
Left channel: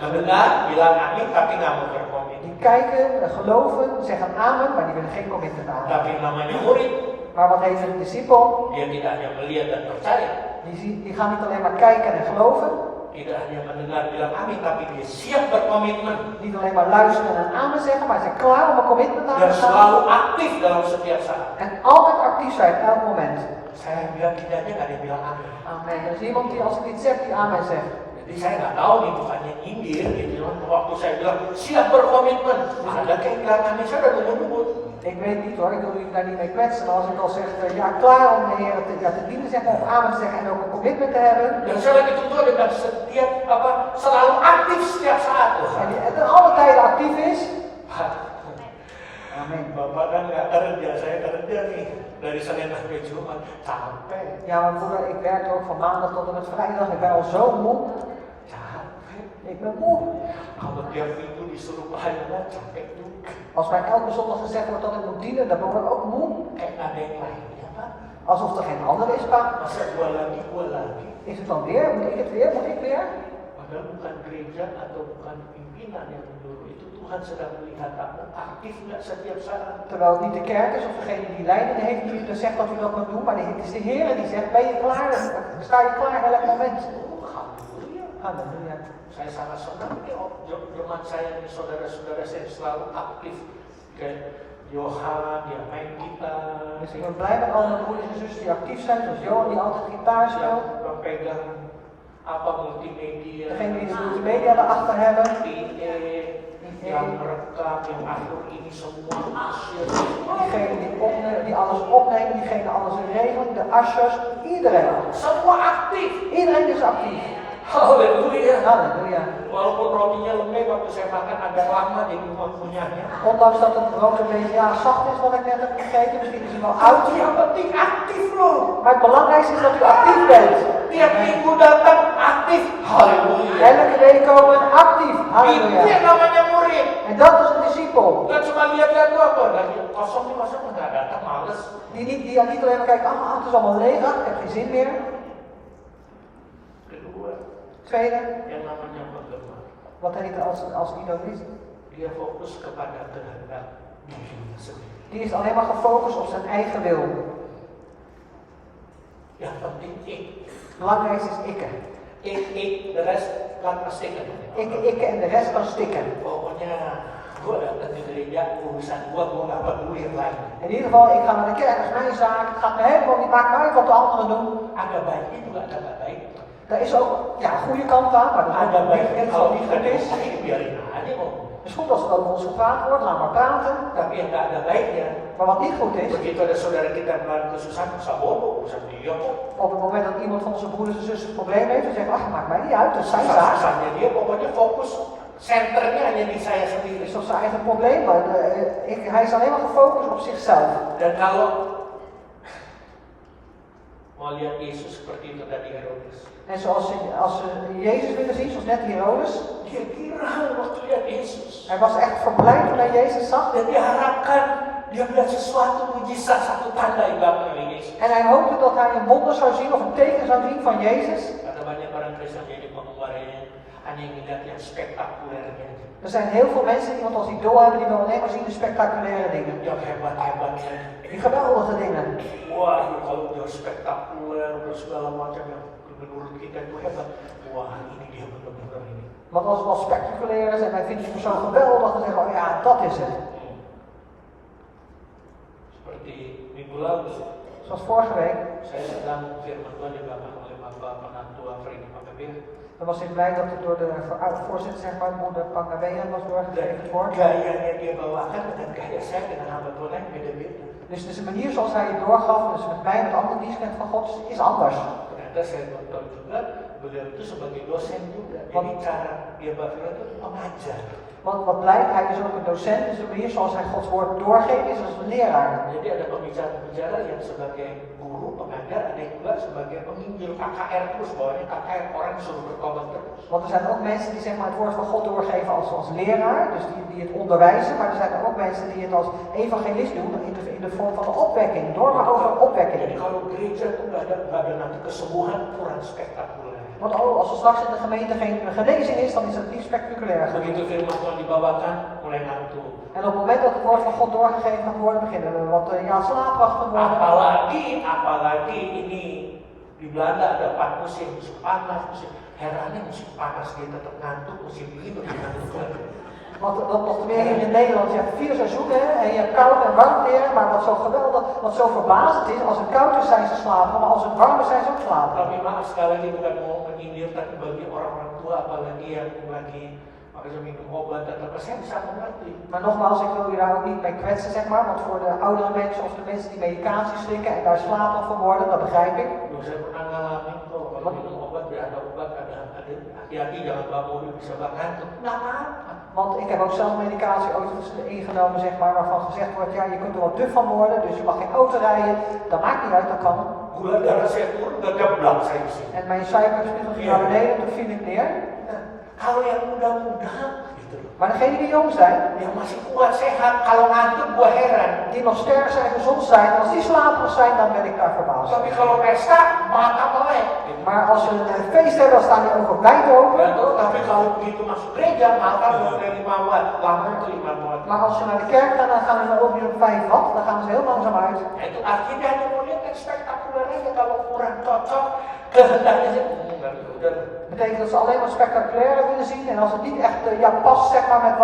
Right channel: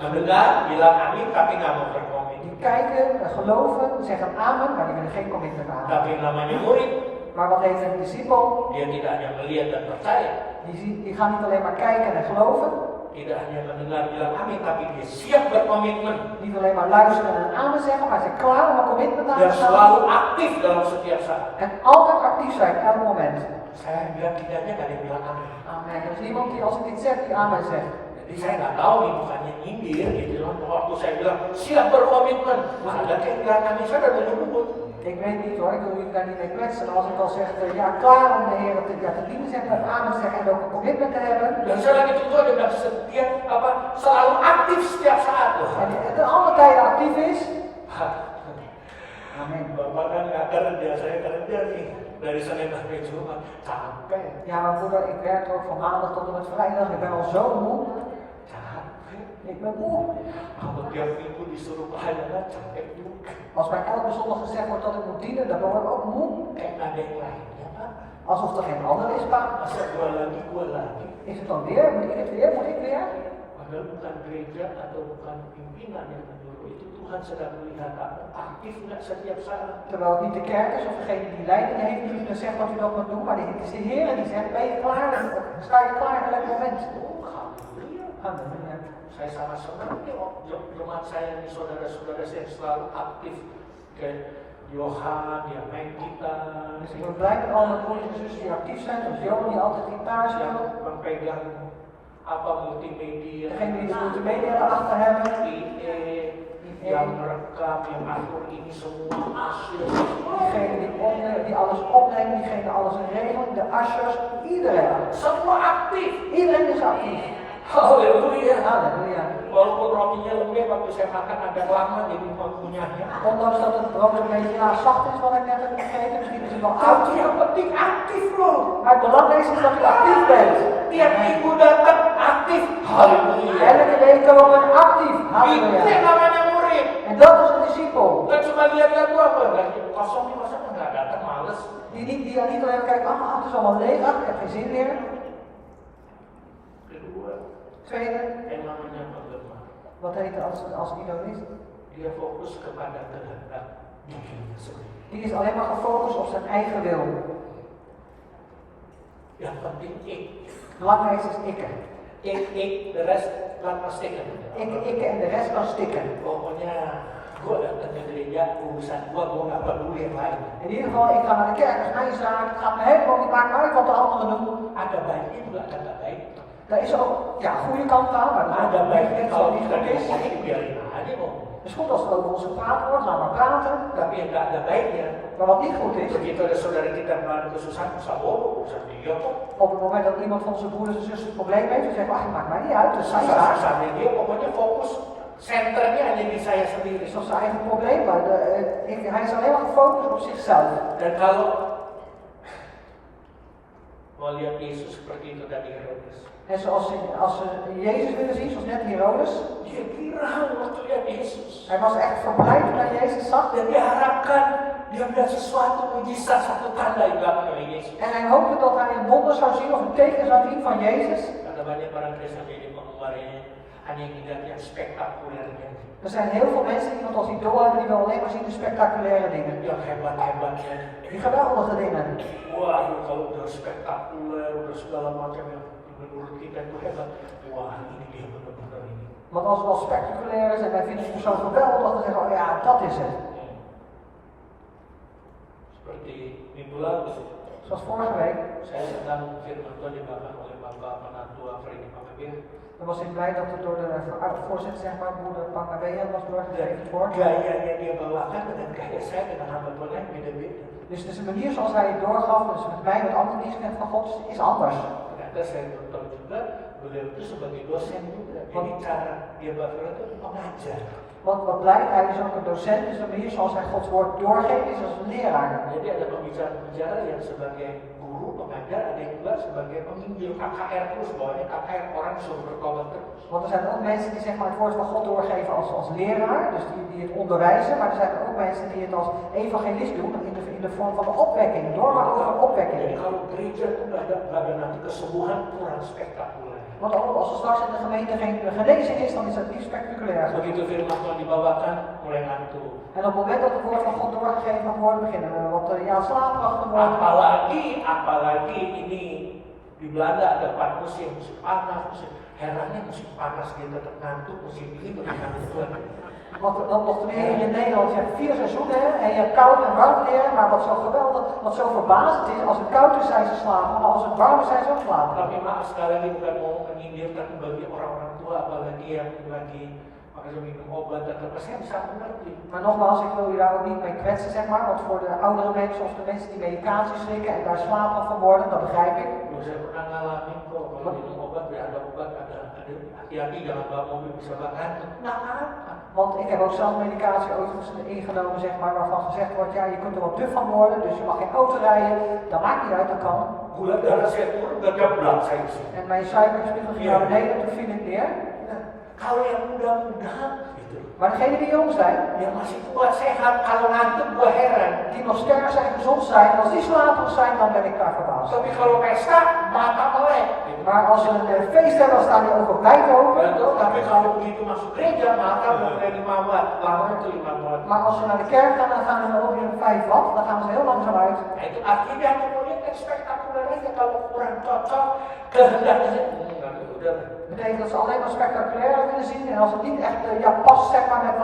mendengar, bilang amin, tapi nggak mau berkomitmen. Die kijken, geloven, zeggen amen, maar die willen geen commitment aan. Tapi namanya murid, Maar wat heet een discipel? dia tidak hanya melihat dan percaya, Die gaan niet alleen maar kijken en geloven, tidak hanya mendengar bilang amin, tapi dia siap berkomitmen niet alleen maar luisteren en amen zeggen, maar ze zijn klaar om een commitment aan dan te gaan. selalu aktif dalam setiap saat. En altijd actief zijn, elk moment. Saya bilang tidaknya nggak ada yang bilang amin. Amen. Er is iemand die als ik iets zeg, die amen zegt. Jadi saya nggak tahu nih bukannya nyindir gitu loh. Waktu saya bilang siap berkomitmen, ada kayak bilang amin, saya udah nunggu. Ik weet niet hoor, ik wil jullie daar niet mee kwetsen, maar als ik al zeg, ja klaar om de Heer te dienen zeggen, of amen te zeggen en ook een commitment te hebben. Dan saya lagi tuntut dengan setiap selalu aktif setiap saat loh. En die alle tijden actief is. Amen. Bapak kan nggak kerja, saya kerja nih dari Senin sampai Jumat, capek. Ja, maar moeder, ik werk ook van maandag tot en met vrijdag. Ik ben al zo moe. Capek. Ik ben moe. Kalau tiap minggu disuruh pelayanan, capek juga. Als mij elke zondag gezegd wordt dat ik moet dienen, dan word ik ook moe. Kayak nggak ada yang lainnya, Pak. Alsof er geen ander is, Pak. Masa gua lagi. Is het dan weer? Moet ik het weer? Moet ik weer? Padahal bukan gereja atau bukan pimpinan yang menyuruh itu, Tuhan sedang melihat kamu aktif nggak setiap saat. Terwijl het niet de kerk is of degene die leiding heeft die gezegd dat u dat moet doen, maar het is de Heer die zegt, ben je klaar? Sta je klaar in elk moment? Alhamdulillah. Halleluja. Saya sangat senang nih, jemaat saya nih, saudara-saudara saya selalu aktif di Johan, dia main gitar, Dus ik ben blij met alle mijn broers en zussen die actief zijn, zoals Johan die altijd gitaar yang speelt. memegang apa multimedia, Degene die de multimedia erachter hebben. yang merekam, yang atur ini semua hasil. Diegene die alles opneemt, diegene alles regelt, de ushers, iedereen. Semua aktif. Iedereen is actief. Haleluya. Halleluja. Walaupun rotinya lembek waktu saya makan agak lama jadi punyanya. Ondanks dat het brood een beetje zacht is wat ik net heb gegeten, misschien is het wel oud. Yang penting aktif loh. Maar het belangrijkste is dat u actief bent. Tiap minggu datang aktif. Haleluya. Elke week komen actief. Itu Halleluja. yang namanya murid. En dat is een discipel. Gak cuma lihat-lihat tuh apa, lagi kosong nih masa nggak datang, males. Die niet alleen kijkt, het is allemaal leeg, ik heb geen zin meer. Kedua, Tweede, yang namanya penggemar. wat heet als idealist? Dia fokus kepada kehendak dirinya sendiri. Die is alleen maar gefocust op zijn eigen wil. Yang penting ik. Het belangrijkste is ikke. Ik, de rest laat maar stikken. Ikke en de rest kan stikken. Pokoknya gua datang ke gereja, urusan gua nggak peduli yang lain. In ieder geval, ik ga naar de kerk, dat is mijn zaak. Het gaat me helemaal niet, maakt me uit wat de anderen doen. Ada baiknya juga ada nggak baik. Daar is ook een goede kant aan, maar dat Ada baiknya is kalau ook niet kita goed is. ngomongin biarin aja om. Het is goed als er over ons gepraat wordt, laat maar praten. Tapi yang nggak ada baiknya. Maar wat niet goed is, Begitu ada saudara kita dalam kesusahan, usah bobo, usah dia kok. op het moment dat iemand van onze broeders en zussen een probleem heeft, dan zeggen we, maakt mij niet uit, dat is zijn zaak. Susah-susahnya dia pokoknya fokus senternya hanya di saya sendiri. Het is toch zijn eigen probleem, maar hij is alleen maar gefocust op zichzelf. Dan kalau mau lihat Yesus seperti itu dari Herodes, En als ze Jezus willen zien, zoals net Herodes, dia girang waktu lihat Yesus. hij was echt verblijd toen hij Jezus zag. Dan dia harapkan dia melihat sesuatu mujizat, satu tanda dilakukan oleh Yesus. En hij hoopte dat hij een wonder zou zien of een teken zou zien van Jezus. Karena banyak orang Kristen jadi penggemarnya hanya ingin lihat yang spektakulernya. Er zijn heel veel mensen die iemand als idool hebben, die willen alleen maar zien de spectaculaire dingen. Yang hebat-hebatnya. Die geweldige dingen. Wah, kalau udah spektakuler, udah segala macam yang menurut kita itu hebat. Wah, ini dia benar-benar ini. Want als het wel spectaculair is en wij vinden die persoon geweldig, dan zeggen we, oh ja, dat is het. Seperti minggu lalu, Zoals vorige week, saya sedang firman Tuhan dibawakan oleh Bapak Penatua Freddy Pangabir. dan was ik blij dat het door de voorzitter, zeg maar, moeder Pangabea was doorgegeven wordt. Gayanya dia bawakan dengan gaya saya dengan hamba Tuhan beda-beda. Dus het is de manier zoals hij het doorgaf, dus met mij, met andere dienstknecht van God, is anders. Ternyata saya nonton juga, beliau itu sebagai dosen juga. Jadi cara dia bawa itu pengajar. Want wat blijkt, hij is ook een docent, dus de manier zoals hij Gods woord doorgeeft is als een leraar. Jadi ada pembicara-pembicara yang sebagai guru, pengajar, ada yang juga sebagai penginjil KKR terus, bawahnya KKR, orang suruh bertobat terus. Want er zijn ook mensen die zeg maar, het woord van God doorgeven als leraar, dus die het onderwijzen, maar er zijn ook mensen die het als evangelist doen in de vorm van de opwekking, door maar over opwekking. Jadi kalau gereja itu nggak ada nanti kesembuhan kurang spektakuler. Want als er straks in de gemeente geen genezing is, dan is het niet spectaculair. Begitu firman Tuhan dibawakan, mulai ngantuk. En op het moment dat het woord van God doorgegeven gaat worden, beginnen we wat slaapachtig worden. Apalagi ini di Belanda ada 4 musim panas, musim herannya musim panas dia tetap ngantuk, musim dingin dia ngantuk. Want dan nog meer hier in Nederland, je hebt 4 seizoenen en je hebt koud en warm weer, maar wat zo geweldig, wat zo verbazend is, als het koud is zijn ze slapen, maar als het warm is zijn ze ook slapen. Tapi maaf sekali lagi bukan mau menyindir, tapi bagi orang-orang tua apalagi yang lagi makanya minum obat atau apa, saya bisa mengerti. Maar nogmaals, ik wil je daar ook niet mee kwetsen, zeg maar, want voor de oudere mensen of de mensen die medicatie slikken en daar slaperig van worden, dat begrijp ik. Saya pernah ngalamin kok kalau minum obat ada obat ada hati-hati jangan bawa mobil bisa ngantuk. Nggak apa. Want ik heb ook zelf medicatie ooit ingenomen, zeg maar, waarvan gezegd wordt, ja, je kunt er wat duf van worden, dus je mag geen auto rijden. Dat maakt niet uit, dat kan. Gula darah saya turun, nggak geblak saya di sini. En mijn suikerspiegel ging naar beneden, toen viel ik neer. Kalau yang muda-muda gitu, Maar degenen die jong zijn, yang masih kuat sehat, kalau ngantuk gua heran. die nog sterk zijn, gezond zijn, als die slaperig zijn, dan ben ik daar verbaasd. Tapi kalau pesta, mata melek. Maar als ze een feest hebben, dan staan die ogen wijd open. Ya tuh, tapi kalau begitu masuk gereja, mata mulai 5 watt, lama itu 5 watt. Maar als ze naar de kerk gaan, dan gaan ze dan ongeveer 5 watt, dan gaan ze heel langzaam uit. Nah, itu akhirnya hanya melihat yang spektakuler aja kalau kurang cocok kehendaknya udah. betekent dat ze alleen maar spectaculair willen zien en als het niet echt past zeg maar, met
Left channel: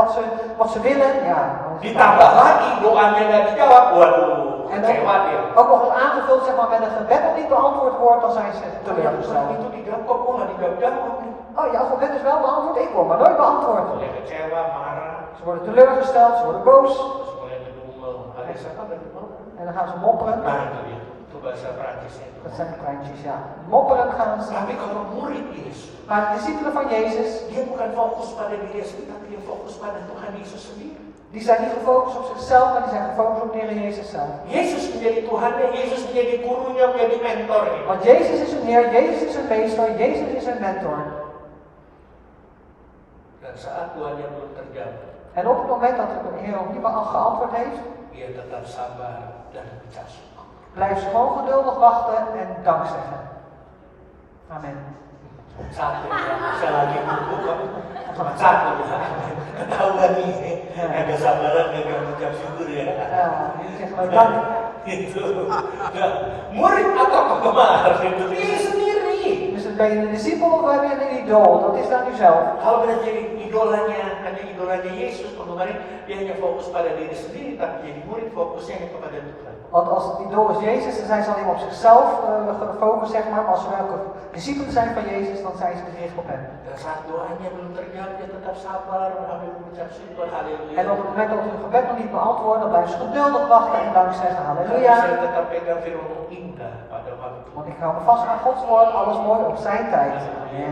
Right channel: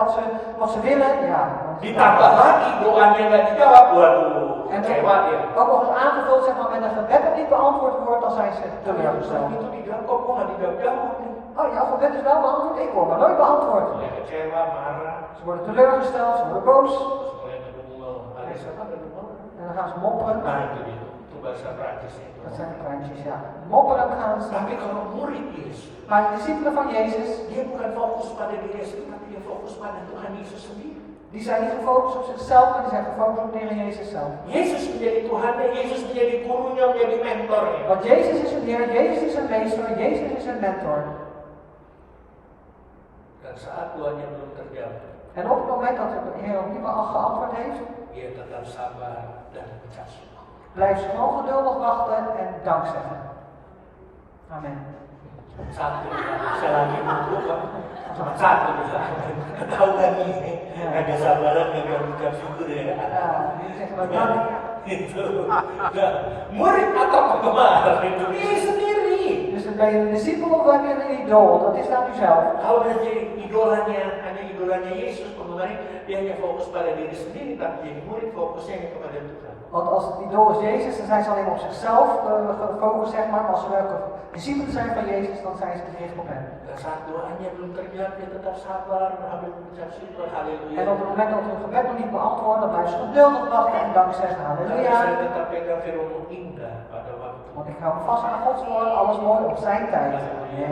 wat ze willen, ja. Ditambah lagi doanya nggak dijawab, waduh, En kecewa dia. ook nog eens aangevuld zeg maar, met een gebed dat niet beantwoord wordt, dan zijn ze teleurgesteld. Itu dijawab kok gua nggak dijawab nih. Oh, jouw gebed is wel beantwoord, ik word maar nooit beantwoord. Dia kecewa, marah, Ze worden teleurgesteld, ze worden boos terus mulai ngedumel. Ada siapa ada dumel? en dan gaan ze mopperen. Nah itu dia, itu bahasa Prancisnya. Dat zijn de kleintjes, ja. Mopperen gaan ze. Tapi kalau murid Yesus, Maar de discipelen van Jezus, dia bukan fokus pada diri sendiri, tapi dia fokus pada Tuhan Yesus sendiri. die zijn niet gefocust op zichzelf, maar die zijn gefocust op de Heer Jezus zelf. Yesus menjadi Tuhannya, Yesus menjadi gurunya, menjadi mentornya. Want Jezus is hun Heer, Jezus is hun meester, Jezus is hun mentor. Dan saat Tuhannya belum terjawab, En op het moment dat de Heer op niemand geantwoord heeft, dia tetap sabar dan bijaksana. blijf ze gewoon geduldig wachten en dank zeggen. Amen. Satu ya, saya lagi nunggu kok. Cuma satu ya. Ketahuan nih, ada sabaran yang mengucap syukur ya. Zeg maar dank. Itu. Nah, murid atau penggemar itu diri sendiri. Dus ben je een discipel of heb je een idool? Dat is aan uzelf. Kalau dia jadi hanya idolanya Yesus, penggemar dia hanya fokus pada diri sendiri, tapi jadi murid fokusnya hanya kepada Tuhan. Want als het idool is Jezus, dan zijn ze alleen maar op zichzelf gefocust, zeg maar. Maar als ze welke discipelen zijn van Jezus, dan zijn ze gericht op hem. Dan saat doanya belum terjawab, dia tetap sabar, mengambil mengucap syukur, haleluya. En op het moment dat hun gebed nog niet beantwoord, dan blijven ze geduldig wachten en dank zeggen. Halleluja. Saya tetap pegang firman indah pada waktu. Want ik hou me vast aan Gods woord, alles mooi op zijn tijd.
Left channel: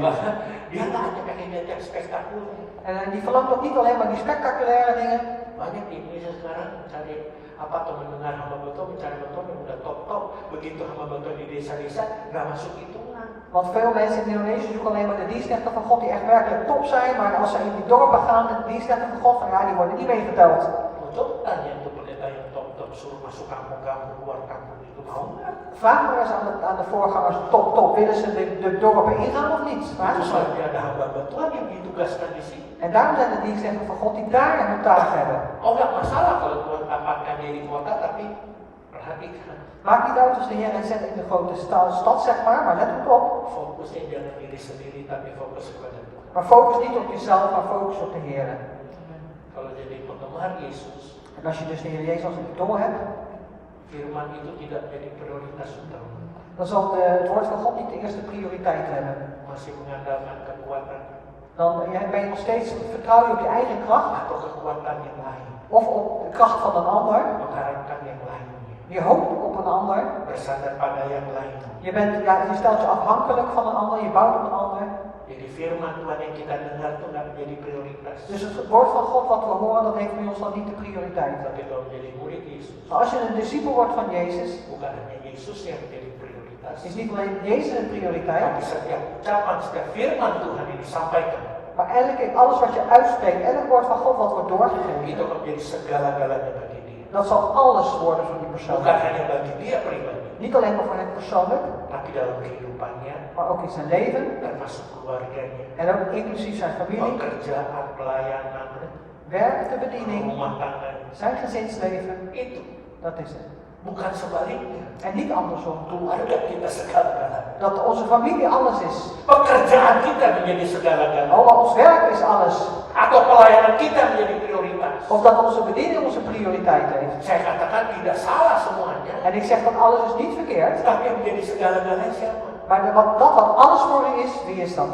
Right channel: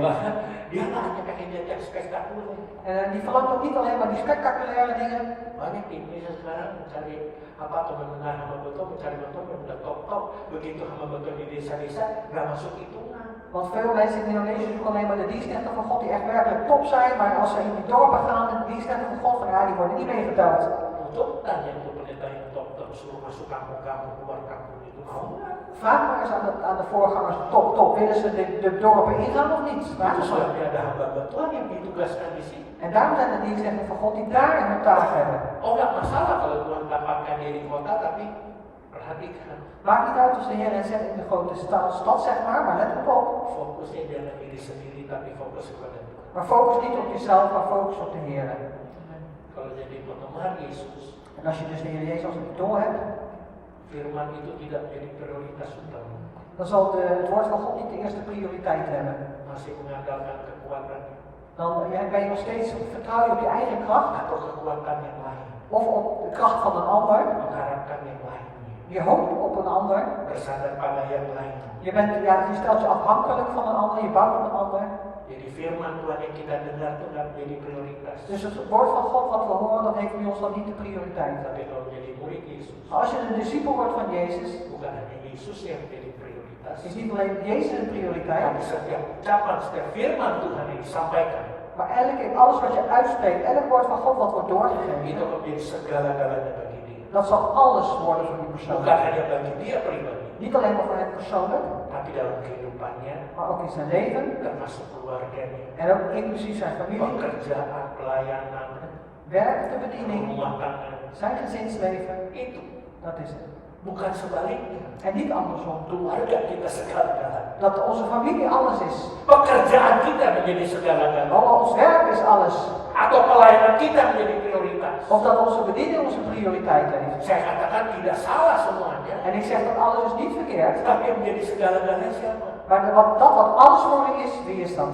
Bahkan dia nggak hanya pengen lihat yang spektakuler. En die verlangt ook niet alleen maar die spectaculaire dingen. Banyak di Indonesia sekarang mencari apa tuh mendengar hamba betul, mencari betul yang udah top. Begitu hamba betul di desa-desa nggak masuk hitungan. Want veel mensen in Indonesië zoeken alleen maar de dienstnechten van God die echt werkelijk top zijn. Maar als ze in die dorpen gaan, de dienstnechten van God, van ja, die worden niet meegeteld. Untuk tanya untuk pendeta yang top suruh masuk kampung-kampung, keluar kampung itu mau nggak? Vraag maar eens aan de voorgangers, top. Willen ze de dorpen ingaan of niet? Vraag Itu eens maar. sebabnya ada hamba Tuhan yang ditugaskan di sini. En daarom zijn de dienstnechten van God die daar hun taak hebben. Oh nggak masalah kalau Tuhan tempatkan dia di kota, tapi perhatikan. Maakt niet uit als de Heer hen zet in de grote stad, zeg maar let goed op. Fokusnya jangan diri sendiri, tapi fokus kepada Tuhan. Maar focus niet op jezelf, maar focus op de Heer. Kalau jadi penggemar Yesus, En als je dus de Heer Jezus als een idool hebt, firman itu tidak menjadi prioritas utama. dan zal het woord van God niet de eerste prioriteit hebben. Masih mengandalkan kekuatan Dan ben je nog steeds vertrouwen op je eigen kracht atau kekuatan yang lain, of op de kracht van een ander. mengharapkan yang lainnya, Je hoopt op een ander. bersandar pada yang lain. Je stelt je afhankelijk van een ander, je bouwt op een ander. Jadi firman Tuhan yang kita dengar itu nggak menjadi prioritas. Dus het woord van God wat we horen, dat heeft bij ons dan niet de prioriteit. Tapi kalau menjadi murid Yesus, Maar als je een discipel wordt van Jezus, bukan hanya Yesus yang menjadi prioritas, is niet alleen Jezus een prioriteit, tapi setiap ucapan, setiap firman Tuhan yang disampaikan maar alles wat je uitspreekt, elk woord van God wat wordt itu doorgegeven, menjadi segala-galanya bagi dia. dat zal alles worden voor die persoon. Bukan hanya bagi dia pribadi, Niet alleen maar voor hem persoonlijk, tapi dalam kehidupannya, maar ook in zijn leven termasuk keluarganya, en ook inclusief zijn familie, pekerjaan, pelayanan, werk, de bediening, rumah tangga. zijn gezinsleven. Itu Dat is het. bukan sebaliknya. En niet andersom. Keluarga kita segala-galanya. Dat onze familie alles is. Pekerjaan kita menjadi segala-galanya. Oh, ons werk is alles. Atau pelayanan kita menjadi prioritas. Of dat onze bediening onze prioriteit heeft. Saya katakan tidak salah semuanya, En ik zeg dat alles is niet verkeerd. tapi yang menjadi segala-galanya siapa? Maar wat alles voor u is, wie is dat?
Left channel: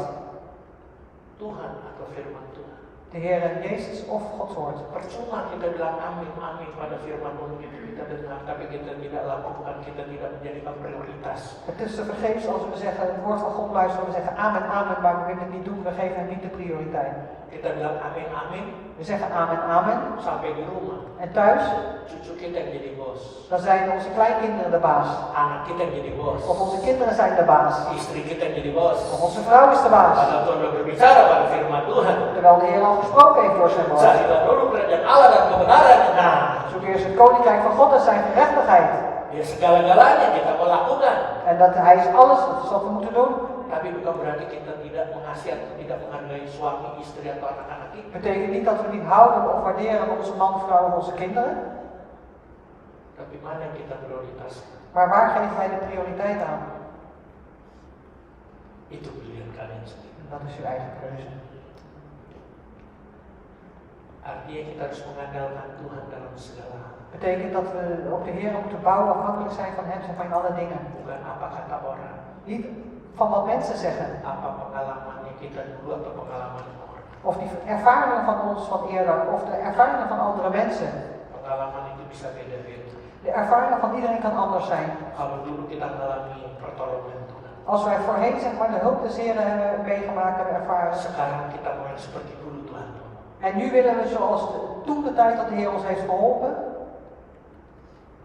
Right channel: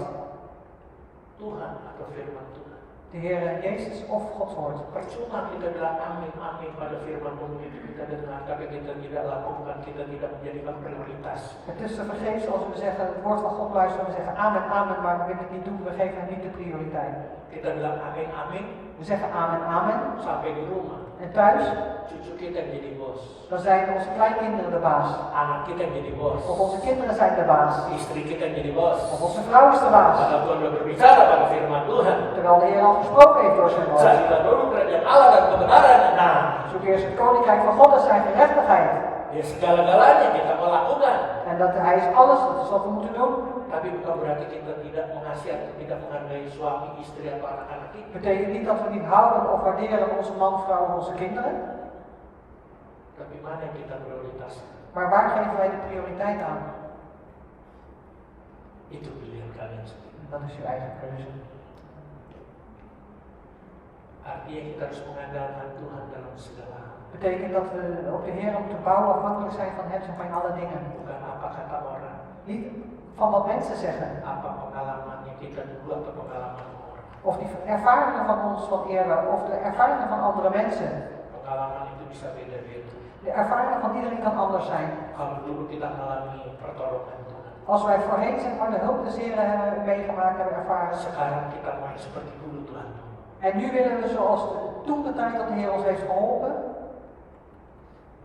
Tuhan atau firman Tuhan. De Heer Jezus of Gods woord. Percuma kita bilang amin pada firman Tuhan itu kita dengar, tapi kita tidak lakukan, kita tidak menjadikan prioritas. Het is te vergeefs als we zeggen, het woord van God luisteren, we zeggen amen, amen, maar we willen het niet doen, we geven hem niet de prioriteit. Kita bilang amin, amin, We zeggen amen, amen. sampai di rumah, En thuis, cucu kita yang jadi bos, dan zijn onze kleinkinderen de baas. anak kita yang jadi bos, Of onze kinderen zijn de baas. istri kita yang jadi bos. Of onze vrouw is de baas. Padahal Tuhan sudah berbicara pada firman Tuhan. Terwijl de Heer al gesproken heeft door zijn woord. Carilah dulu kerajaan Allah dan kebenaran. Nah, Zoek eerst het koninkrijk van God en zijn gerechtigheid. ya segala-galanya kita mau lakukan. En dat hij is alles, dat is wat we moeten doen. Tapi bukan berarti kita tidak mengasihi atau tidak menghargai suami, istri atau anak-anak kita. Betekent niet dat we niet houden of waarderen onze man, vrouw en onze kinderen. Tapi mana yang kita prioritaskan? Maar waar geven wij de prioriteit aan? Itu pilihan kalian sendiri. Dat is uw eigen keuze. Artinya kita harus mengandalkan Tuhan dalam segala hal. Betekent dat we op de Heer moeten bouwen, afhankelijk zijn van Hem en van alle dingen. Bukan apa kata orang, Niet van wat mensen zeggen, apa pengalamannya kita dulu atau pengalaman orang. of die ervaringen van ons van eerder, of de ervaringen van andere mensen. Pengalaman itu bisa beda-beda. De ervaringen van iedereen kan anders zijn. Kalau dulu kita mengalami pertolongan Tuhan, Als wij voorheen zeg maar de hulp des Heeren hebben meegemaakt en ervaren, sekarang kita mau yang seperti dulu Tuhan. en nu willen we zoals toen de tijd dat de Heer ons heeft geholpen,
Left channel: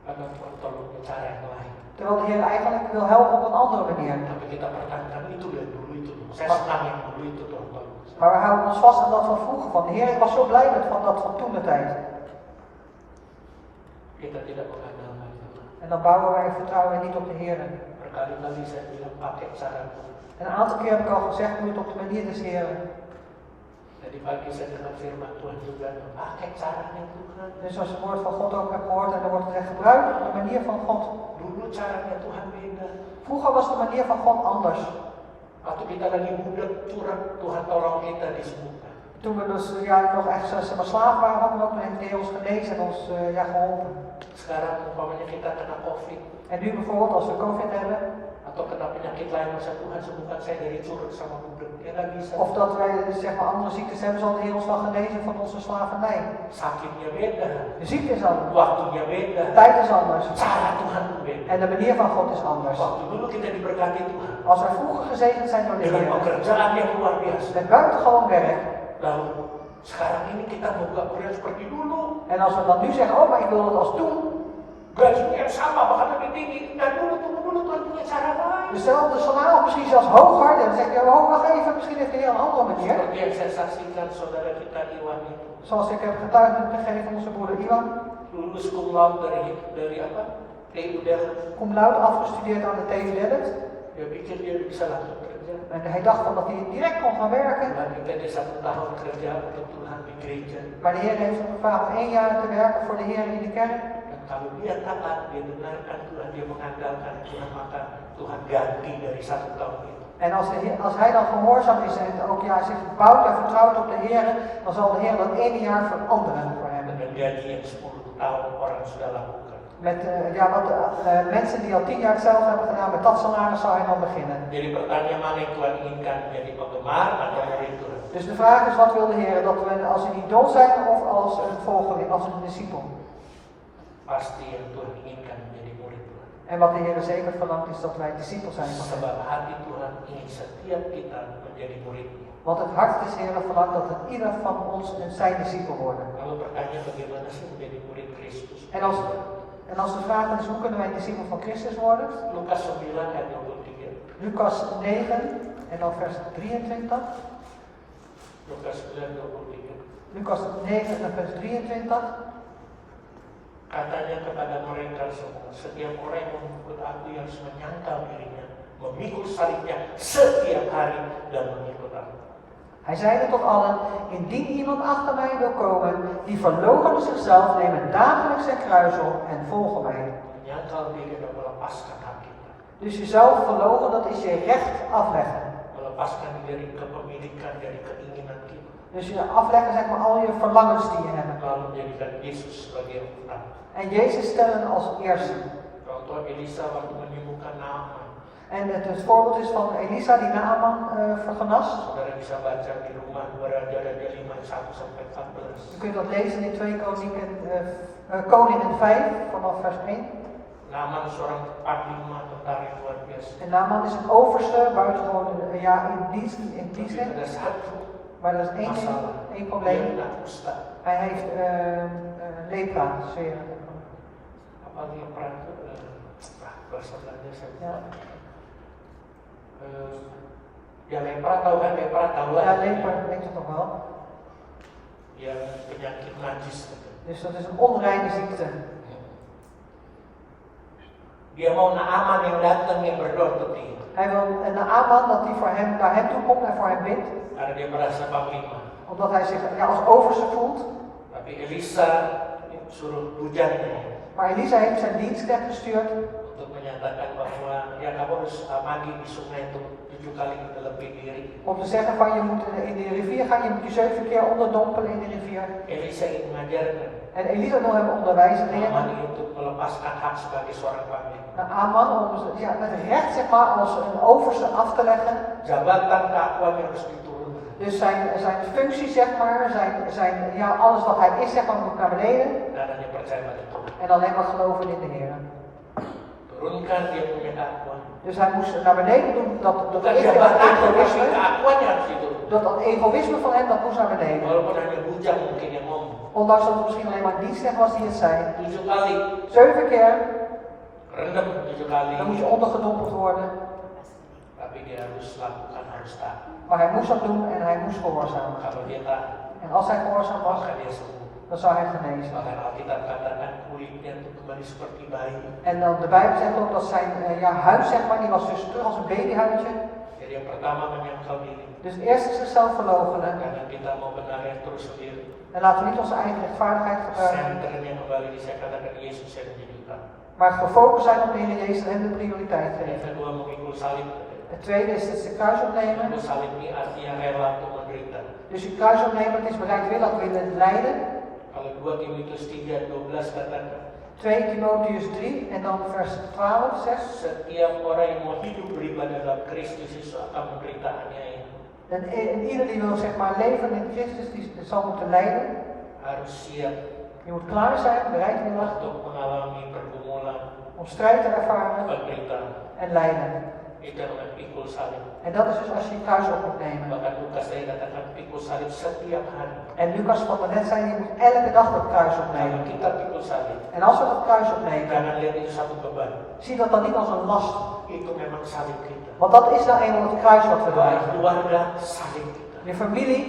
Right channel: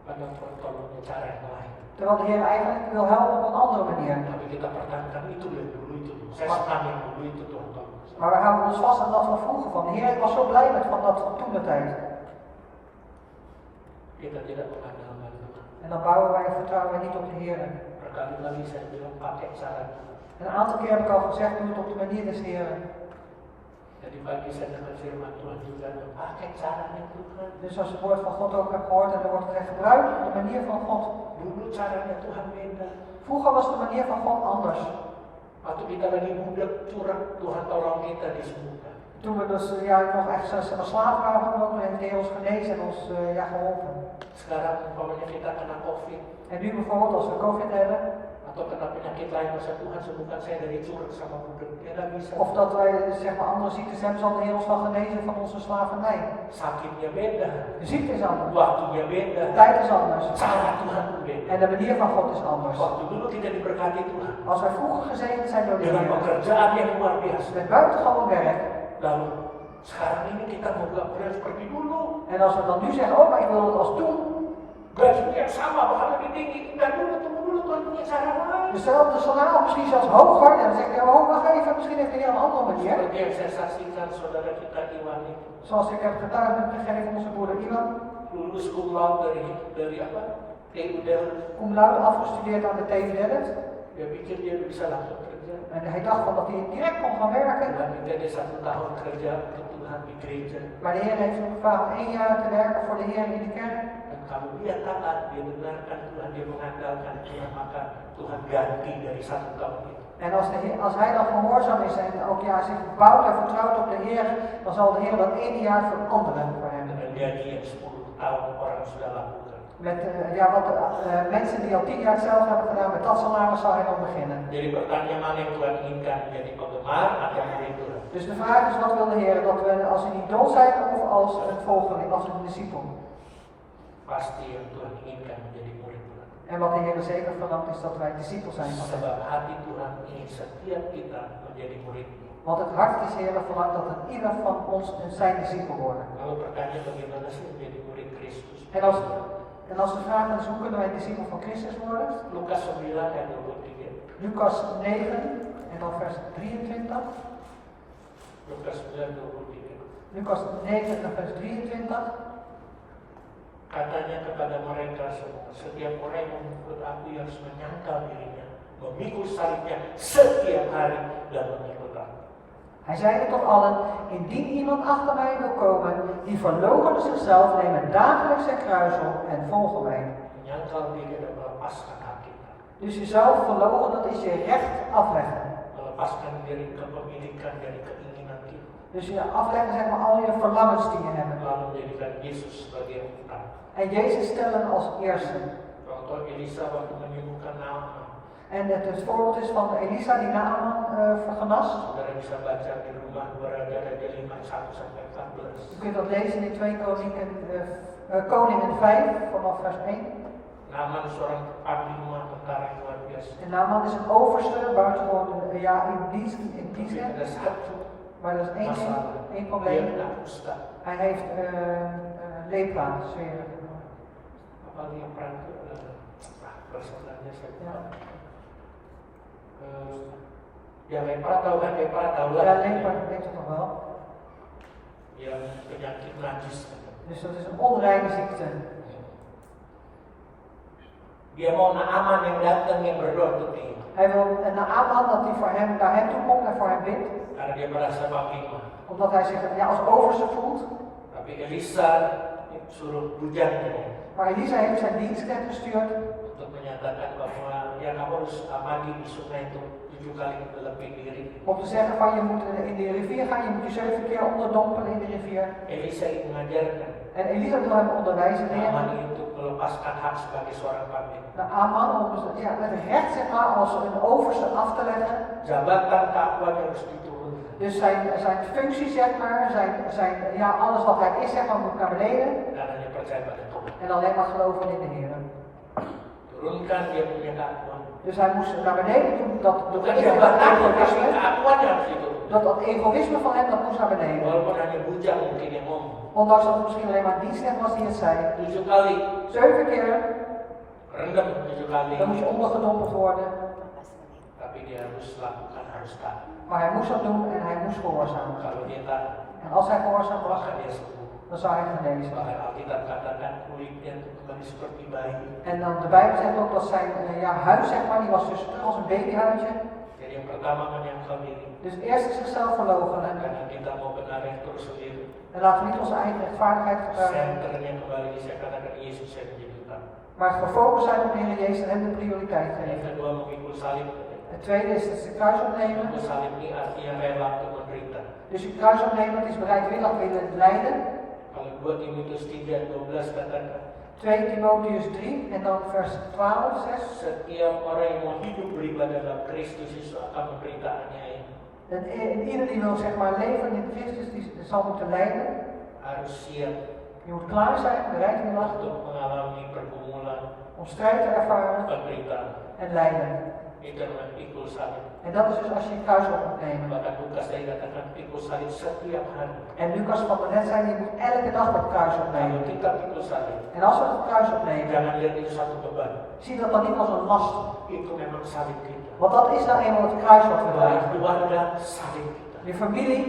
Karena pertolongan cara yang lain. terwijl de Heer eigenlijk wil helpen op een andere manier. Tapi kita pertahankan itu yang dulu itu. Saya senang yang dulu itu Tuhan tolong. Maar we houden ons vast aan dat van vroeger van de Heer. Ik was zo blij met van dat van toen de tijd. Kita tidak mengandalkan Tuhan. En dan bouwen wij en vertrouwen wij niet op de Heer. Berkali-kali saya bilang pakai cara Tuhan. En een aantal keer heb ik al gezegd, doe het op de manier des Heeren. Jadi pagi saya dengar firman Tuhan juga, pakai caranya Tuhan. Dus als je het woord van God ook hebt gehoord en er wordt gezegd, gebruik de manier van God. Dulu caranya Tuhan beda. Vroeger was de manier van God anders. Waktu kita lagi muda curang, Tuhan tolong kita disembuhkan. Toen we dus nog echt slaaf waren, hadden we heeft de Heer ons genezen en ons geholpen. Sekarang umpamanya kita kena COVID En nu bijvoorbeeld als we COVID hebben, atau kena penyakit lain, masa Tuhan sembuhkan saya dari curang sama budak. Ya nggak bisa. of dat wij zeg maar andere ziektes hebben, zal de Heer ons wel genezen van onze slavernij. Sakitnya beda, De ziekte is anders, waktunya beda, de tijd is anders cara Tuhan beda. en de manier van God is anders. Waktu dulu kita diberkati Tuhan Als wij vroeger gezegend zijn door de dengan Heer, pekerjaan yang luar biasa. met buitengewoon werk, Lalu sekarang ini kita mau gak kuliah seperti dulu. en als we dan nu zeggen, oh maar ik wil dat als toen, Gajinya sama, bahkan lebih tinggi. Dan dulu Tuhan punya cara lain. dezelfde salaris of misschien zelfs hoger, dan zeg je, oh wacht even, misschien heeft de Heer een andere manier. Seperti yang saya saksikan saudara kita Iwan itu. Zoals ik heb getuigd gegeven onze broeder Iwan, Lulus cum laude dari apa? TU Delft. cum laude afgestudeerd aan de TU Delft. Dia pikir dia bisa langsung kerja. En hij dacht van dat hij direct kon gaan werken. Dan kita dia 1 tahun kerja untuk Tuhan di gereja. Maar de Heer heeft hem gevraagd om 1 jaar te werken voor de Heer in de kerk. Dan kalau dia taat, dia dengarkan Tuhan, dia mengandalkan Tuhan, maka Tuhan ganti dari 1 tahun itu. En als hij dan gehoorzaam is en ook zich bouwt en vertrouwt op de Heer, dan zal de Heer dat 1 jaar veranderen voor hem. Dengan gaji yang 10 tahun orang sudah lakukan. Met mensen die al 10 jaar hetzelfde hebben gedaan, met dat salaris zal hij dan beginnen. Jadi pertanyaan mana yang Tuhan inginkan, jadi penggemar atau murid Tuhan? Dus de vraag is, wat wil de Heer? Dat we als een idool zijn of als een volgeling, als een discipel? Pasti yang Tuhan inginkan menjadi murid Tuhan. En wat de Heer zeker verlangt is dat wij discipel zijn van hem. Sebab hati Tuhan ingin setiap kita menjadi murid. Want het hart des Heeren verlangt dat het ieder van ons zijn discipel worden. Lalu pertanyaan bagaimana sih menjadi murid Kristus? En als de vraag is, hoe kunnen wij discipel van Christus worden? Lukas 9 ayat 23. Lucas 9 en dan vers 23. Lukas 9 23. Lucas 9 en vers 23. Katanya kepada mereka semua, setiap orang yang mengikut aku harus menyangkal dirinya, memikul salibnya setiap hari dan mengikut aku. Hij zeide tot allen, indien iemand achter mij wil komen, die verloochene zichzelf, nemen dagelijks zijn kruis op en volgen mij. Menyangkal diri dan melepaskan hak kita. Dus jezelf verloochenen, dat is je recht afleggen. Melepaskan dari kepemilikan, dari keinginan kita. Dus je afleggen zeg maar al je verlangens die je hebt. Lalu menjadikan Yesus sebagai yang utama. En Jezus stellen als eerste. Contoh Elisa waktu menyembuhkan Naaman. En het voorbeeld is van Elisa die Naaman vergenast. Saudara bisa baca di rumah 2 Raja-Raja 5 1 sampai 14. Je kunt dat lezen in 2 Koningen 5 vanaf vers 1. Naaman seorang panglima tentara yang luar biasa. En Naaman is een overste, buitengewoon in dienst. Ada satu Maar dat is één probleem. Dia kena kusta. Hij heeft lepra, zweer. Apa dia perang bahasa Belanda saya. Ya lepra tahu kan, lepra tahu lah. Ja, lepra weet je toch wel. Yang penyakit najis. Dus dat is een onreine ziekte. Dia mau Naaman yang datang yang berdoa untuk dia. Hij wil Naaman dat hij naar hem toe komt en voor hem bidt. Karena dia merasa panglima. Omdat hij zich als overste voelt. Tapi Elisa suruh bujangnya Maar Elisa heeft zijn dienstknecht gestuurd. untuk menyatakan bahwa ya kamu harus harus mandi di sungai itu 7 kali lebih diri. Om te zeggen van je moet in de rivier gaan, je moet je 7 keer onderdompelen in de rivier. Elisa ingin mengajarkan En Elisa wil hem onderwijzen leren. Naaman untuk melepaskan hak sebagai seorang pemimpin. Naar Aman om ja, het recht zeg maar, als een overste af te leggen. Jabatan keakuan yang harus diturunkan. Dus zijn functie zeg maar, ja, alles wat hij is zeg maar, moet naar beneden. Dan hanya percaya pada Tuhan. En alleen maar geloven in de Heer. Turunkan dia punya keakuan. Dus hij moest naar beneden doen dat Bukan egoïsme, keakuan yang harus diturunkan. dat egoïsme van hem dat moest naar beneden. Walaupun hanya bujang mungkin yang ngomong. Ondanks dat het misschien alleen maar dienstknecht was die het zei. 7 kali 7 keer, rendam 7 kali. dan moet je ondergedompeld worden. Tapi dia harus lakukan, harus taat. Maar hij moest dat doen en hij moest gehoorzamen. Kalau dia taat, En als hij gehoorzaam was, maka dia sembuh. dan zou hij genezen. Bahkan Alkitab katakan kulitnya itu kembali seperti bayi. En dan de Bijbel zegt ook dat zijn ja, huid, zeg maar, die was dus terug als een babyhuidje. Jadi yang pertama menyangkal diri. Dus eerst zichzelf verloochenen. Karena kita mau benar yang terus sendiri. En laten we niet onze eigen rechtvaardigheid gebruiken. Senternya kembali saya katakan Yesus yang menjadi utama. Maar gefocust zijn op de Heer Jezus en hem de prioriteit Yang geven. kedua memikul salib. Het tweede is het kruis opnemen. Memikul salib ini artinya rela untuk menderita. Dus je kruis opnemen, dat is bereidwillig willen lijden. Kalau 2 Timotius 3:12 katakan 2 Timotheus 3 en dan vers 12 zegt. setiap orang yang mau hidup beribadah dalam Kristus Yesus akan menderita aniaya. En ieder die wil zeg maar leven in Christus, die zal moeten lijden. Harus siap Je moet klaar zijn, bereidwillig, untuk mengalami pergumulan, om strijd te ervaren penderitaan. en lijden. Itu namanya pikul salib. En dat is dus als je je kruis op moet nemen. Bahkan Lukas tadi katakan pikul salib setiap hari. En Lucas wat we net zei, je moet elke dag dat kruis Kalau opnemen. kita pikul salib, En als we dat kruis opnemen, jangan lihat itu satu beban. zie dat dan niet als een last. Itu memang salib kita. Want dat is nou eenmaal het kruis wat we Baik dragen. keluarga, salib kita. Je familie,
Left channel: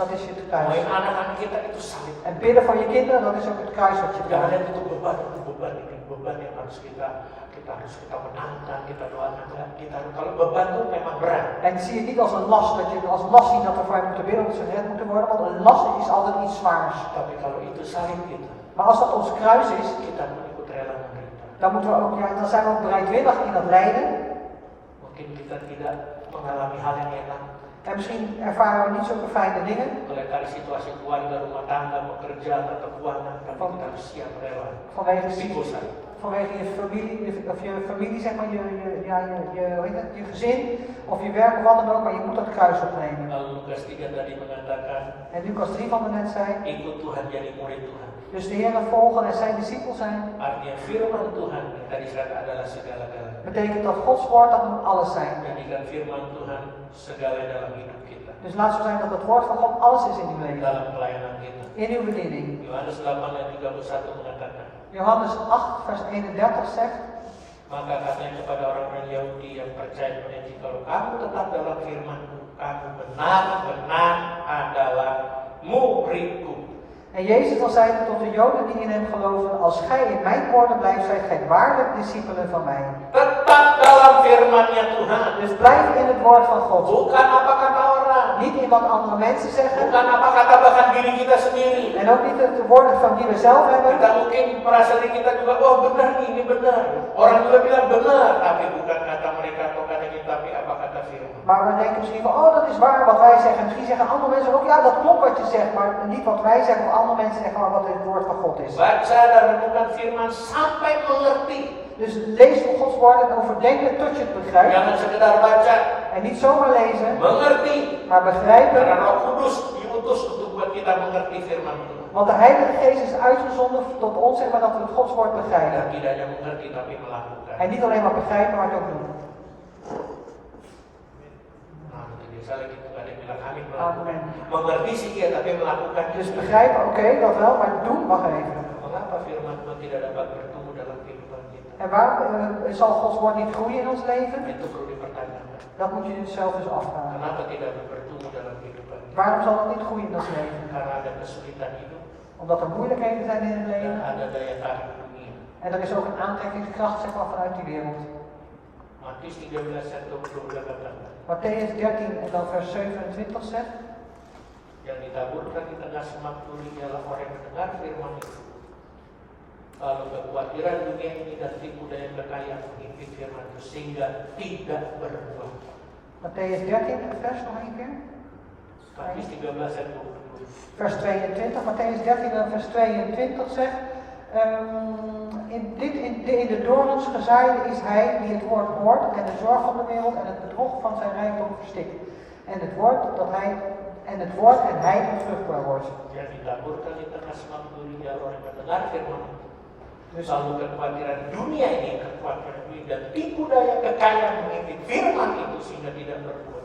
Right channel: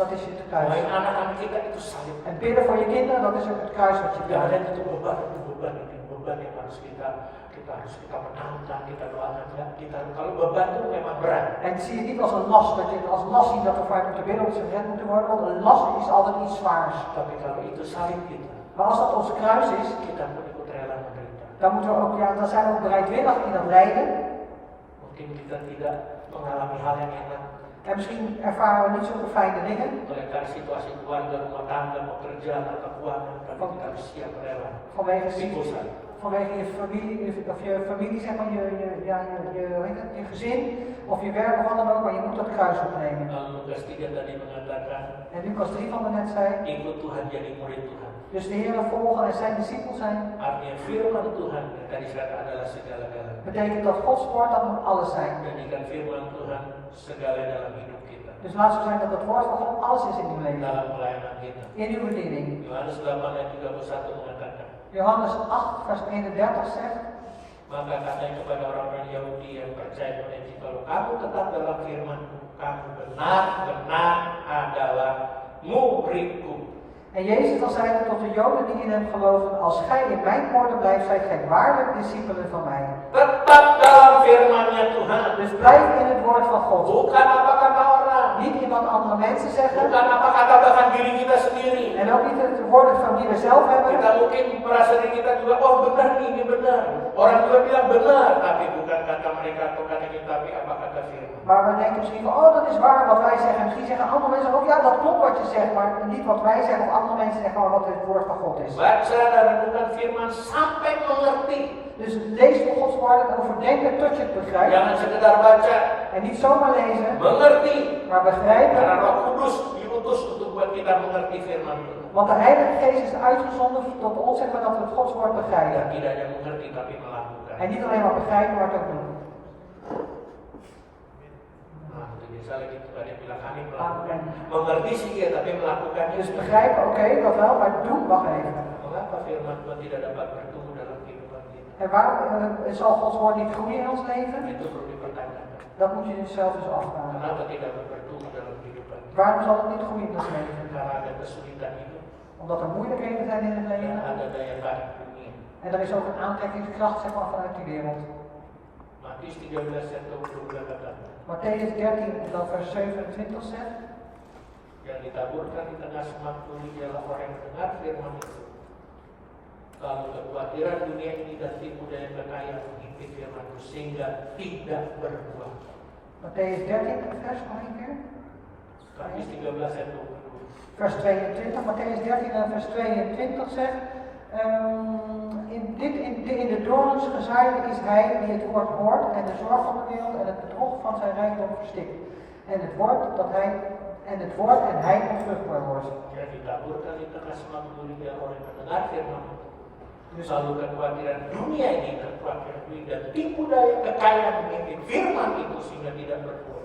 dat is je kruis. Baik anak-anak kita itu salib. En bidden voor je kinderen, dat is ook het kruis wat je Jangan draagt. lihat itu beban ini beban yang harus kita menangkan, kita doakan. Kita kalau beban itu memang berat. En zie je niet als een last, dat je als last ziet dat we voor je moeten bidden, dat ze gered moeten worden. Want een last is altijd iets zwaars. Tapi kalau itu salib kita, Maar als dat ons kruis is, kita pun ikut rela menderita. dan moeten we ook, ja, dan zijn we ook bereidwillig in dat lijden. Mungkin kita tidak mengalami hal yang enak. En misschien ervaren we niet zulke fijne dingen. Mulai dari situasi keluarga, rumah tangga, pekerjaan atau keuangan, tapi kita harus siap rela. Vanwege je familie, zeg maar, hoe heet het, je gezin of je werk of wat dan ook, maar je moet dat kruis opnemen. Lalu Lukas 3 tadi mengatakan, En Lucas 3 van de net zei, ikut Tuhan jadi murid Tuhan. dus de Heer volgen en zijn discipel zijn, Artinya firman Tuhan yang tadi saya adalah segala-galanya. betekent dat Gods woord dat moet alles zijn. Jadikan firman Tuhan segala dalam hidup kita, Dus laat zo zijn dat het woord van God alles is in uw leven, dalam pelayanan kita. in uw bediening. Yohanes 8 ayat 31 mengatakan, Johannes 8 vers 31 zegt, maka katanya kepada orang-orang Yahudi yang percaya kepada Injil, kalau kamu tetap dalam firman-Ku, kamu benar-benar adalah muridku. en Jezus dan zei tot de Joden die in hem geloven, als gij in mijn woorden blijft, zijt gij waarlijk discipelen van mij. Tetap dalam firman-Nya Tuhan. Dus blijf in het woord van God. Bukan apa kata orang, Niet in wat andere mensen zeggen. bukan apa kata bahkan diri kita sendiri. En ook niet het woorden van die we zelf hebben. Kita mungkin merasa diri kita juga, oh benar nih, ini benar. Orang juga bilang benar, tapi bukan kata mereka atau kata kita, tapi apa kata firman. Maar we denken misschien van, oh dat is waar wat wij zeggen. Misschien zeggen andere mensen ook, ja dat klopt wat je zegt. Maar niet wat wij zeggen of andere mensen zeggen, maar wat het woord van God is. Baca dan renungkan firman sampai mengerti. Dus lees van Gods woord en overdenk het tot je het begrijpt. Jangan sekedar baca, En niet zomaar lezen, mengerti. maar begrijpen. Karena Roh Kudus diutus untuk buat kita mengerti firman Tuhan. Want de Heilige Geest is uitgezonden tot ons, zeg maar, dat we het Gods woord Dan begrijpen. tidak hanya mengerti tapi melakukan. En niet alleen maar begrijpen, maar het ook doen. Nah, itu biasa lagi ada yang bilang amin melakukan. Amen. Mengerti sih ya, tapi melakukan. Dus begrijpen, oké, dat wel, maar doen, wacht even. Mengapa firman Tuhan tidak dapat bertumbuh dalam kehidupan kita? En waarom zal Gods woord niet groeien in ons leven? Itu perlu dipertanyakan. Dat moet je jezelf dus afvragen. Kenapa tidak bertumbuh dalam kehidupan kita? Waarom zal het niet groeien in ons leven? Karena ada kesulitan hidup Omdat er moeilijkheden zijn in het dan leven. ada daya tarik dunia. En er is ook een aantrekkingskracht, zeg maar, vanuit die wereld. Matius 13 ayat 22 katakan, Matthäus 13 en dan vers 27 zegt. yang ditaburkan di tengah semak tuli ialah orang yang mendengar firman itu. Kalau kekhawatiran dunia ini dan tipu daya kekayaan menghimpit firman-Mu sehingga tidak berbuah. Matthäus 13, vers nog een keer. Matius 13 ayat 22. Vers 22, Matthäus 13 en vers 22 zegt, in de dorens gezaaide is hij die het woord hoort en de zorg van de wereld en het bedrog van zijn rijkdom verstikt. En het woord en hij onvruchtbaar wordt. Yang ditaburkan di tengah semak dunia orang yang mendengar firman. Dus, Lalu kekhawatiran dunia ini, kekhawatiran dunia dan tipu daya kekayaan menghimpit firman itu sehingga tidak berbuah.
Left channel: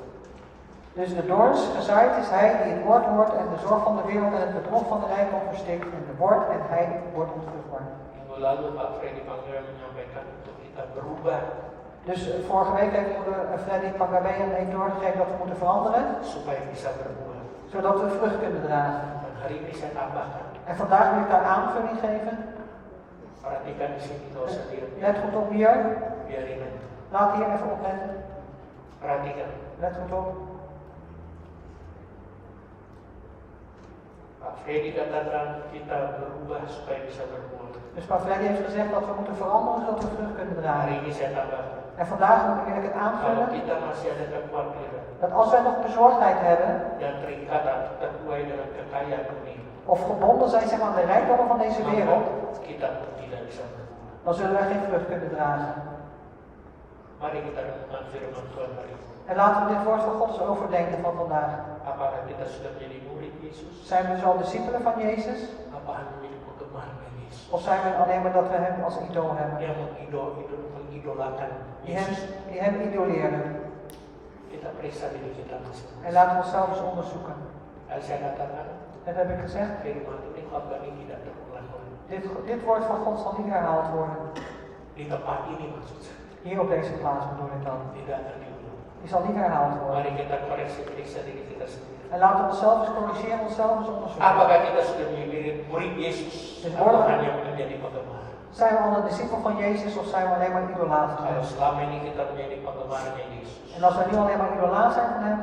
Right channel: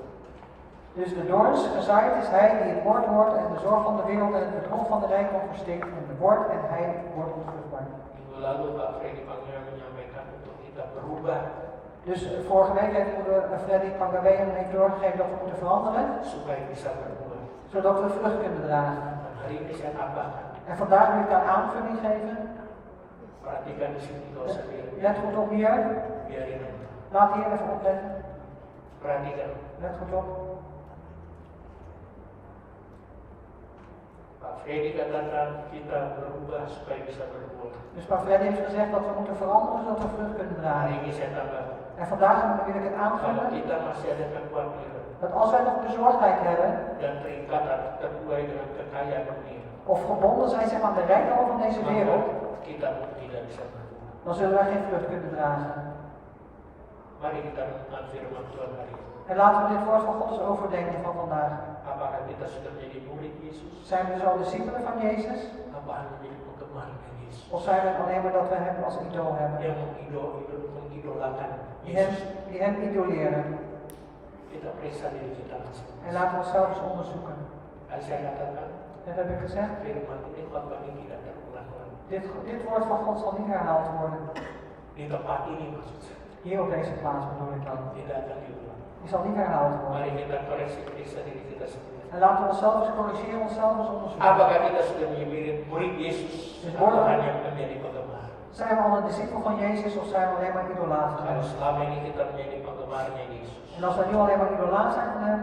dus de dorens gezaaid is hij die het woord hoort en de zorg van de wereld en het bedrog van de rijkdom verstikt. En het woord en hij wordt onvruchtbaar. Minggu lalu Pak Freddy Pangeran menyampaikan untuk kita berubah Dus vorige week heeft moeder Freddy Pangabean heeft doorgegeven dat we moeten veranderen, supaya bisa berbuah. zodat we vrucht kunnen dragen. Dan hari ini saya tambahkan, En vandaag wil ik daar aanvulling geven. perhatikan di sini kalau saya Let goed op hier. biarin aja. Laat hier even opletten. Perhatikan, Let goed op. Pak Freddy katakan kita berubah supaya bisa berbuah. Dus Pak Freddy heeft gezegd dat we moeten veranderen zodat we vrucht kunnen Hari dragen. ini saya tambahkan, En vandaag wil ik het kalau aanvullen kita masih ada kekhawatiran dat als wij nog bezorgdheid hebben dan terikat atau terbuai dengan kekayaan dunia, of gebonden zijn zeg, aan de rijkdommen van deze wereld, maka kita pun tidak bisa berbuah. dan zullen wij geen vrucht kunnen dragen. Mari kita renungkan firman Tuhan hari ini. En laten we dit woord van God eens overdenken van vandaag. Apakah kita sudah menjadi murid Yesus? Zijn we dus al discipelen van Jezus? Apa hanya menjadi penggemar Yesus? Of zijn we alleen maar dat we hem als idool hebben? Yang mengidolakan Die hem idoleren. Kita periksa diri kita masing-masing. En laten we onszelf eens onderzoeken. Als saya katakan, Dat heb ik gezegd. firman ini kalau kami tidak terulang lagi. Dit woord van God zal niet herhaald worden. Di tempat ini maksud saya, Hier op deze plaats bedoel ik dan. tidak akan diulang. Die zal niet herhaald worden. Mari kita koreksi periksa diri kita sendiri. En laten we onszelf eens corrigeren, onszelf eens onderzoeken. Apakah kita sudah menjadi murid Yesus atau hanya menjadi penggemar? Zijn we al een discipel van Jezus of zijn we alleen maar idolaat van Kalau hem? selama ini kita menjadi penggemarnya Yesus, En als we nu alleen maar idolaat zijn van hem,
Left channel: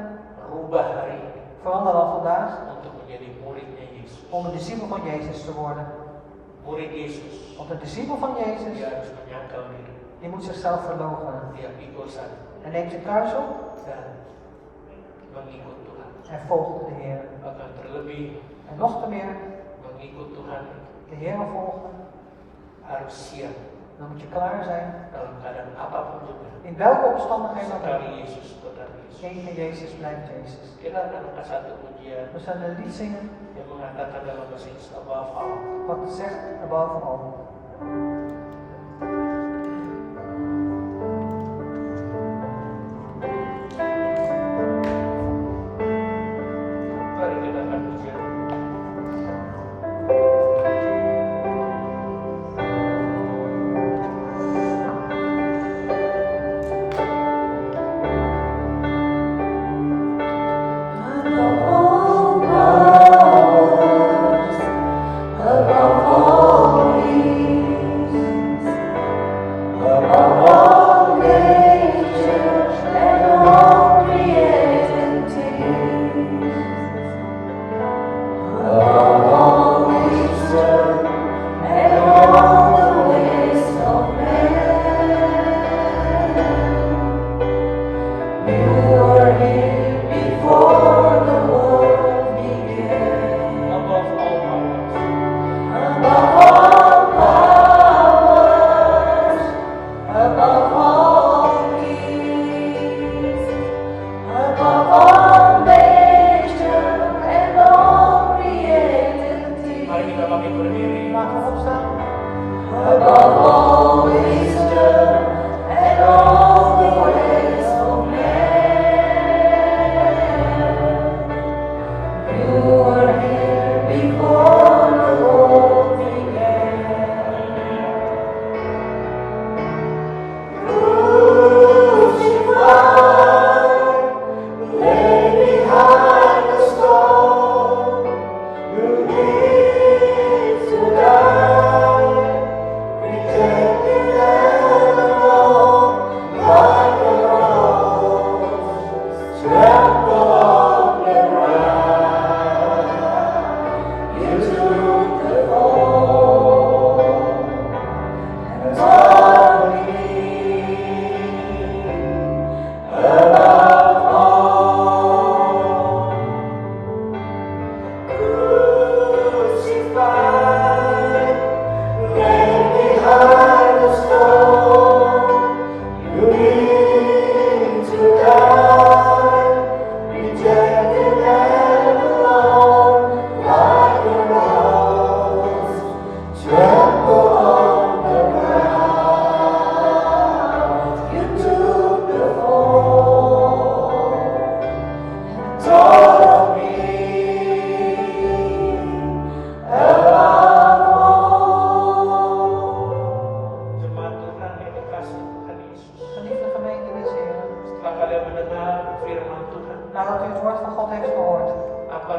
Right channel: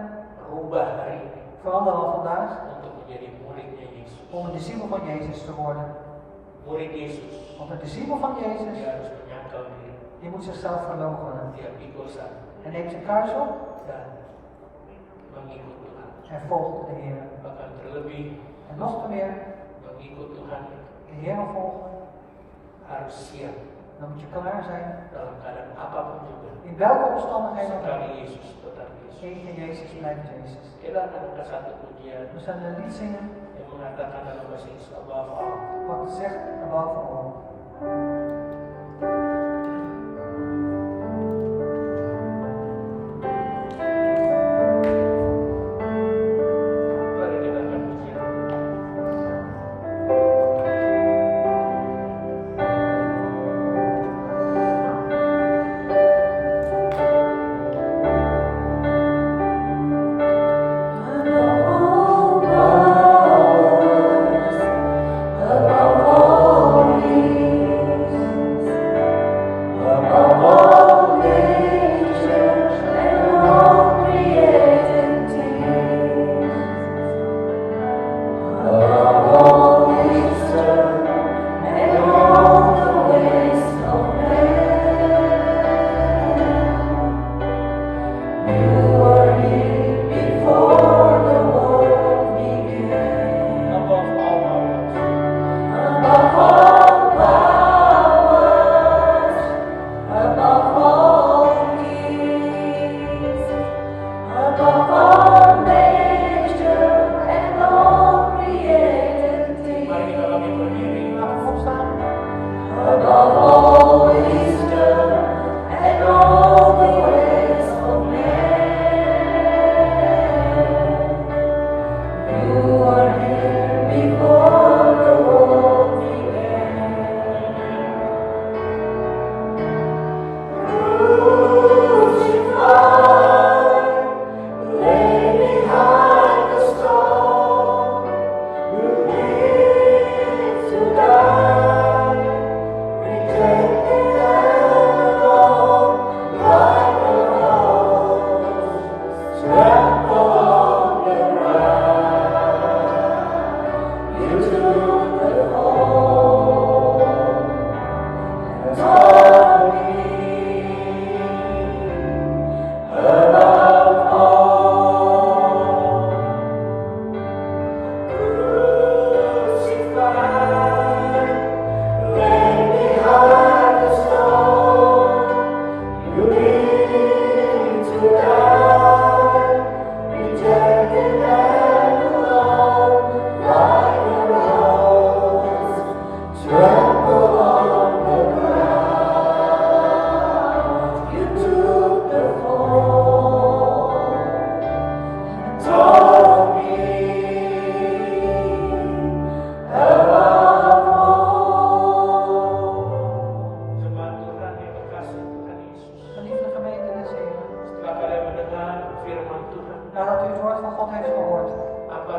rubah hari ini verander dan vandaag untuk menjadi muridnya Yesus. om een discipel van Jezus te worden. Murid Yesus, Want een discipel van Jezus, dia harus menyangkal diri, die moet zichzelf verloochenen. dia pikul sana En neemt zijn kruis op dan mengikut Tuhan. en volgt de Heer. Bahkan terlebih En nog te meer, mengikut Tuhan de Heer volgen, harus siap dan moet je klaar zijn. dalam keadaan apapun juga. In welke omstandigheid dan ook. Sekali Yesus tetap Yesus. Tegen Jezus blijft Jezus. Kita akan angkat satu pujian We zullen een lied zingen yang mengatakan dalam bahasa Inggris above all. wat zegt above all. Mari kita akan pujian. Above all things,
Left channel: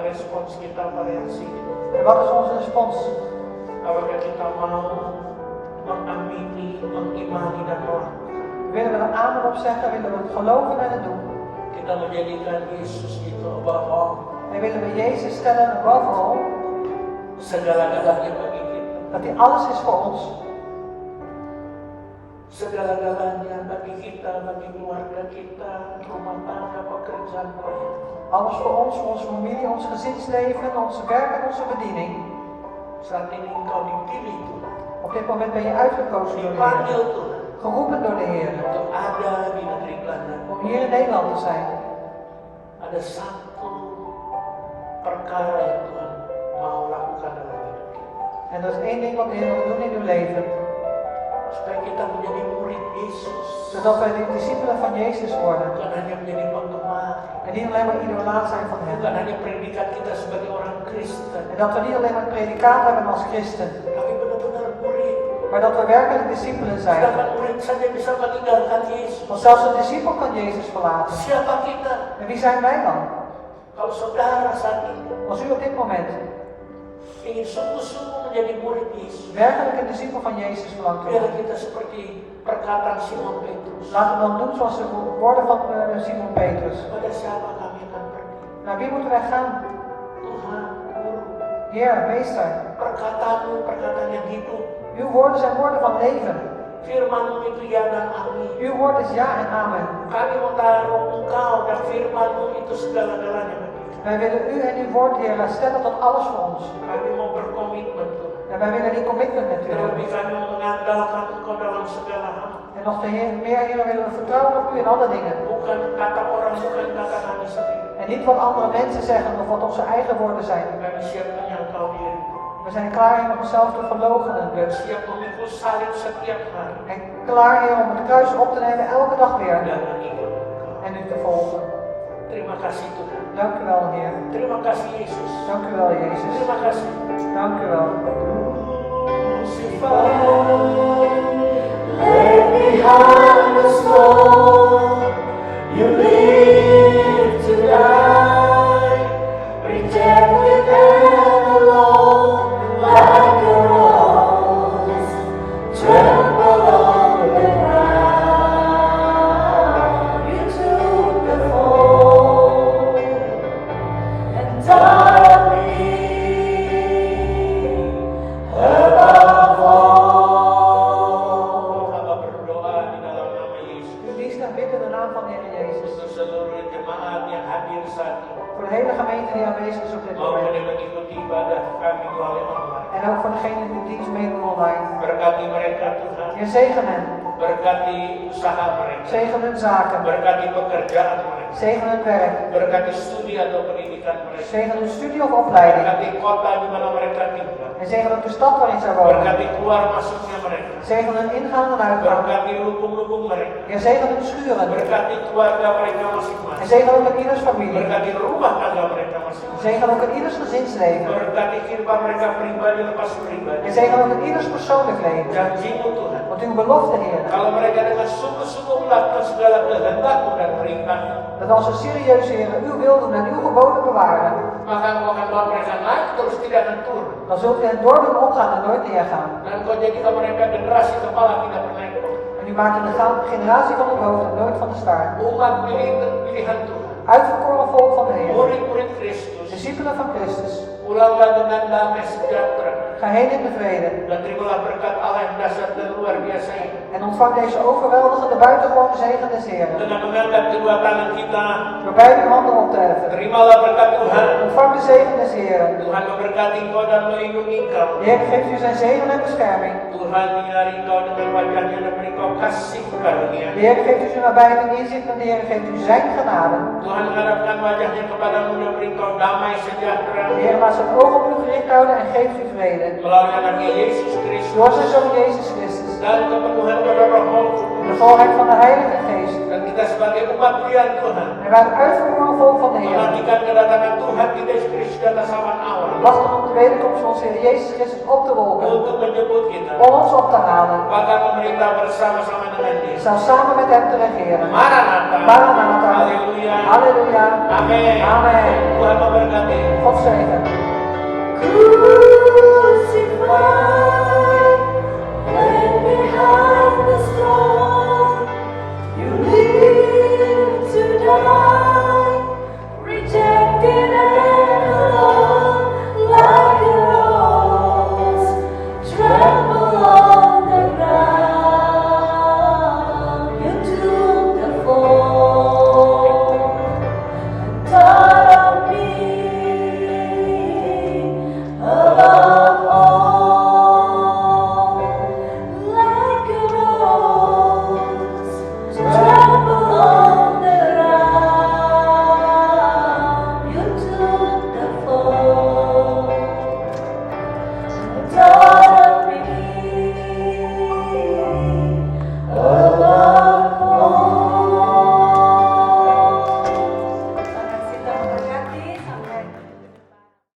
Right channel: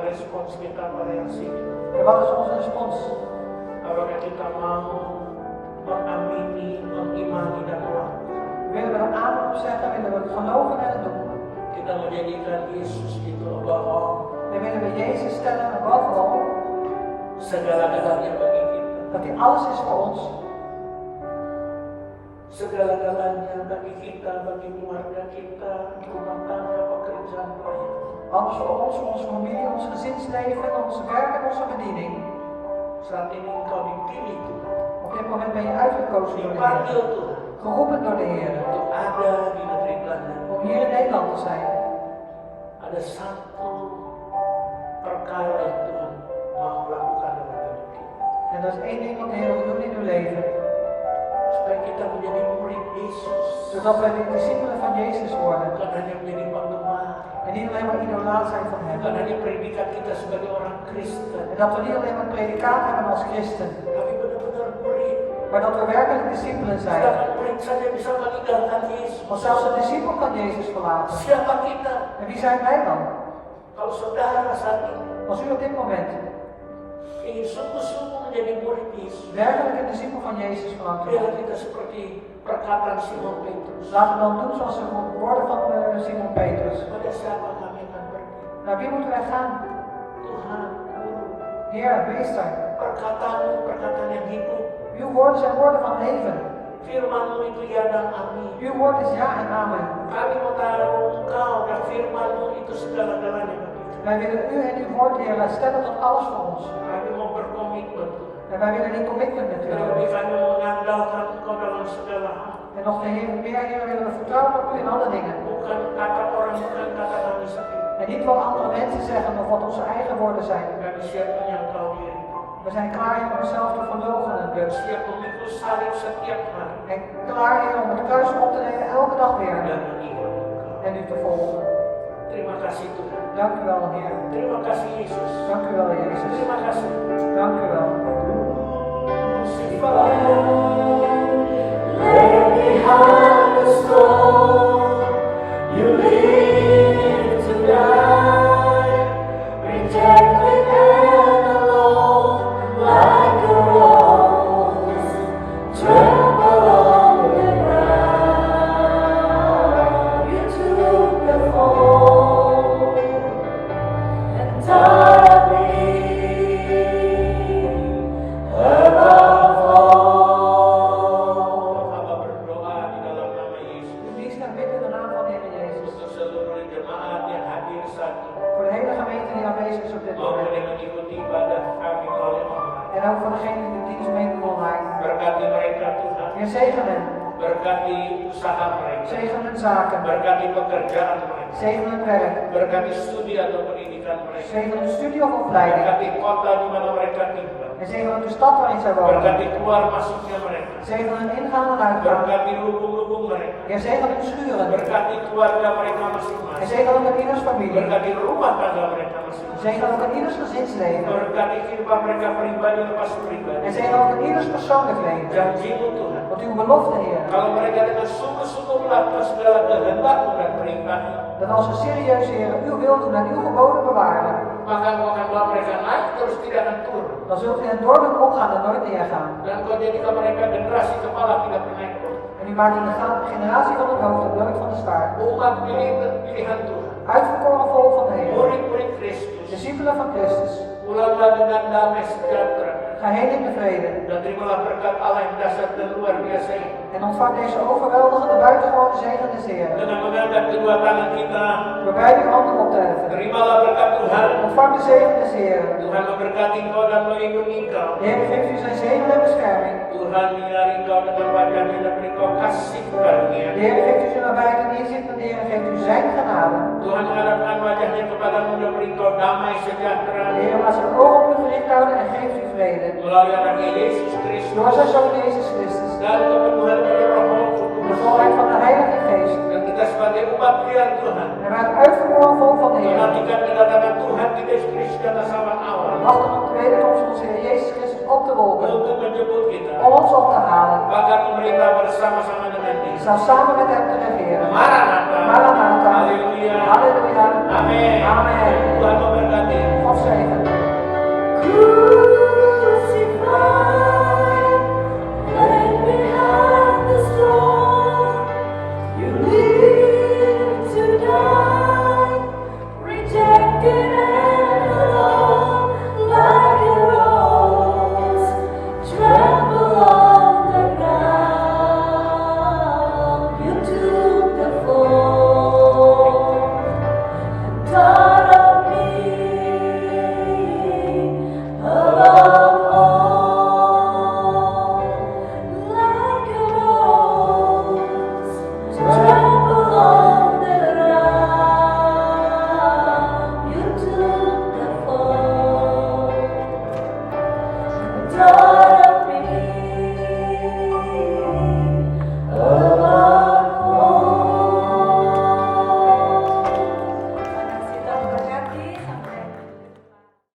respons kita pada yang situ? En wat is onze respons? Apakah kita mau mengamini, mengimani dan melakukan? Willen we er amen op zeggen? Willen we het geloven en het doen? Kita menjadikan Yesus itu bahwa En willen we Jezus stellen boven al segala-galanya bagi kita. dat hij alles is voor ons. Segala-galanya bagi kita, bagi keluarga kita, rumah tangga, pekerjaan proyek. Alles voor ons, voor onze familie, ons gezinsleven, ons werk en onze bediening. Saat ini engkau dipilih Tuhan, Op dit moment ben je uitgekozen door de Heer. dipanggil Tuhan Geroepen door de Heer. untuk ada di negeri Belanda. Om hier in Nederland te zijn. Ada satu perkara yang Tuhan mau lakukan dalam hidup kita. En dat is één ding wat de Heer wil doen in uw leven. Supaya kita menjadi murid Yesus. Zodat wij de discipelen van Jezus worden. Bukan hanya menjadi penggemar. En niet alleen maar idolaat zijn van Bukan Hem. hanya predikat kita sebagai orang Kristen. En dat we niet alleen maar predicaat hebben als christen. Tapi benar-benar murid. Maar dat we werkelijk discipelen zijn. Sedangkan murid saja bisa meninggalkan Yesus. Want zelfs een discipel kan Jezus verlaten. Siapa kita? En wie zijn wij dan? Kalau saudara saat ini Als u op dit moment ingin sungguh-sungguh menjadi murid Yesus, werkelijk een discipel van Jezus verlangt te biarlah worden. kita seperti perkataan Simon Petrus. Laten we dan doen zoals de woorden van Simon Petrus. Pada siapa kami akan pergi? Naar wie moeten wij gaan? Tuhan, Guru, Heer, Meester. perkataanmu perkataan yang hidup. Uw woorden zijn woorden van leven. Firmanmu itu ya dan amin. Uw woord is ja en amen. Kami mau taruh Engkau dan firmanmu itu segala-galanya bagi kami. Wij willen u en uw woord, Heer, stellen tot alles voor ons. Kami mau berkomitmen Tuhan. En wij willen die commitment met u Terlebih hebben. kami mengandalkan Engkau dalam segala hal. En nog meer, Heer, willen we vertrouwen op u in alle dingen. Bukan kata orang, bukan kata kami sendiri. En niet wat andere mensen zeggen of wat onze eigen woorden zijn. Kami siap menyangkal diri. We zijn klaar om onszelf te verloochenen. Dan siap memikul salib setiap hari. En klaar, Heer, om het kruis op te nemen elke dag weer. Dan mengikut Engkau. En u te volgen. Terima kasih Tuhan. Dank u wel, Heer. Terima kasih Yesus. Dank u wel, Jezus. Terima kasih. Dank u wel. Left behind the storm, you live to die, rejected and alone, like a rose, tremble on the ground. You took the fall and died me above all. Hamba berdoa di dalam nama Yesus. U kiest en bidt in de naam van de Heer Jezus. Untuk seluruh jemaat yang hadir saat ini. Voor de hele gemeente die aanwezig is op dit Maupun moment. yang mengikuti ibadah kami melalui online. En ook voor degenen die de dienst meedoen online. Berkati mereka Tuhan. Heer, zegen hen. Berkati usaha mereka. Zegen hun zaken. Berkati pekerjaan mereka. Zegen hun werk. Berkati studi atau pendidikan mereka. Zegen hun studie of opleiding. Berkati kota di mana mereka tinggal. En zegen hun de stad waarin zij wonen. Berkati keluar masuknya mereka. Zegen hun ingaan en uitgaan. Berkati lubung-lubung mereka. Heer, zegen hun schuren. Berkati keluarga mereka En masing-masing. zegen ook in ieders familie. Berkati rumah tangga mereka masing-masing. Zegen ook in ieders gezinsleven. Berkati kehidupan mereka pribadi lepas pribadi. En zegen ook in ieders persoonlijk leven. Janjimu Tuhan. Want uw belofte, Heer, Kalau mereka dengan sungguh-sungguh melakukan segala kehendakmu dan perintahmu, dat als ze serieus, Heer, uw wil doen en uw geboden bewaren, maka engkau akan bawa mereka naik terus tidak akan turun. dan zult u hen door doen opgaan en nooit neergaan. Dan engkau jadikan mereka generasi kepala tidak pernah ikut. En u maakt hen de generatie van het hoofd en nooit van de staart. Umat pilihan Tuhan. Uitverkoren volk van de Heer. Murid-murid Kristus. Discipelen van Christus. Pulanglah dengan damai sejahtera. Ga heen in de vrede. Dan terimalah berkat Allah yang dasar dan luar biasa ini. En ontvang deze overweldigende buitengewone zegen des Heeren. Dengan mengangkat kedua tangan kita, Door beide handen op te heffen. terimalah berkat Tuhan. Ontvang de zegen des Heeren. Tuhan memberkati engkau dan melindungi engkau. De Heer geeft u zijn zegen en bescherming. Tuhan menyinari engkau dengan wajahnya dan beri engkau kasih karunia. De Heer geeft u zijn nabijheid en inzicht en de Heer geeft u zijn genade. Tuhan menghadapkan wajahnya kepadamu dan beri engkau damai sejahtera. De Heer laat zijn ogen op u gericht houden en geeft u vrede. Melalui anaknya Yesus Kristus Door zijn Zoon Jezus Christus. dan kepenuhan dari Roh De Kudus. volheid van de Heilige Geest. Dan kita sebagai umat pilihan Tuhan En wij het uitverkoren volk van de Heer. menantikan kedatangan Tuhan di Yesus Kristus dan zaman awal Wachten op de wederkomst van onze Heer Jezus Christus op te wolken. untuk menjemput kita. Om ons op te halen. Bahkan memerintah bersama-sama dengan Dia. Zelfs samen met hem te regeren. Maranatha. Maranatha. Haleluya. Halleluja. Amin. Amen. Tuhan memberkati. God Ooh.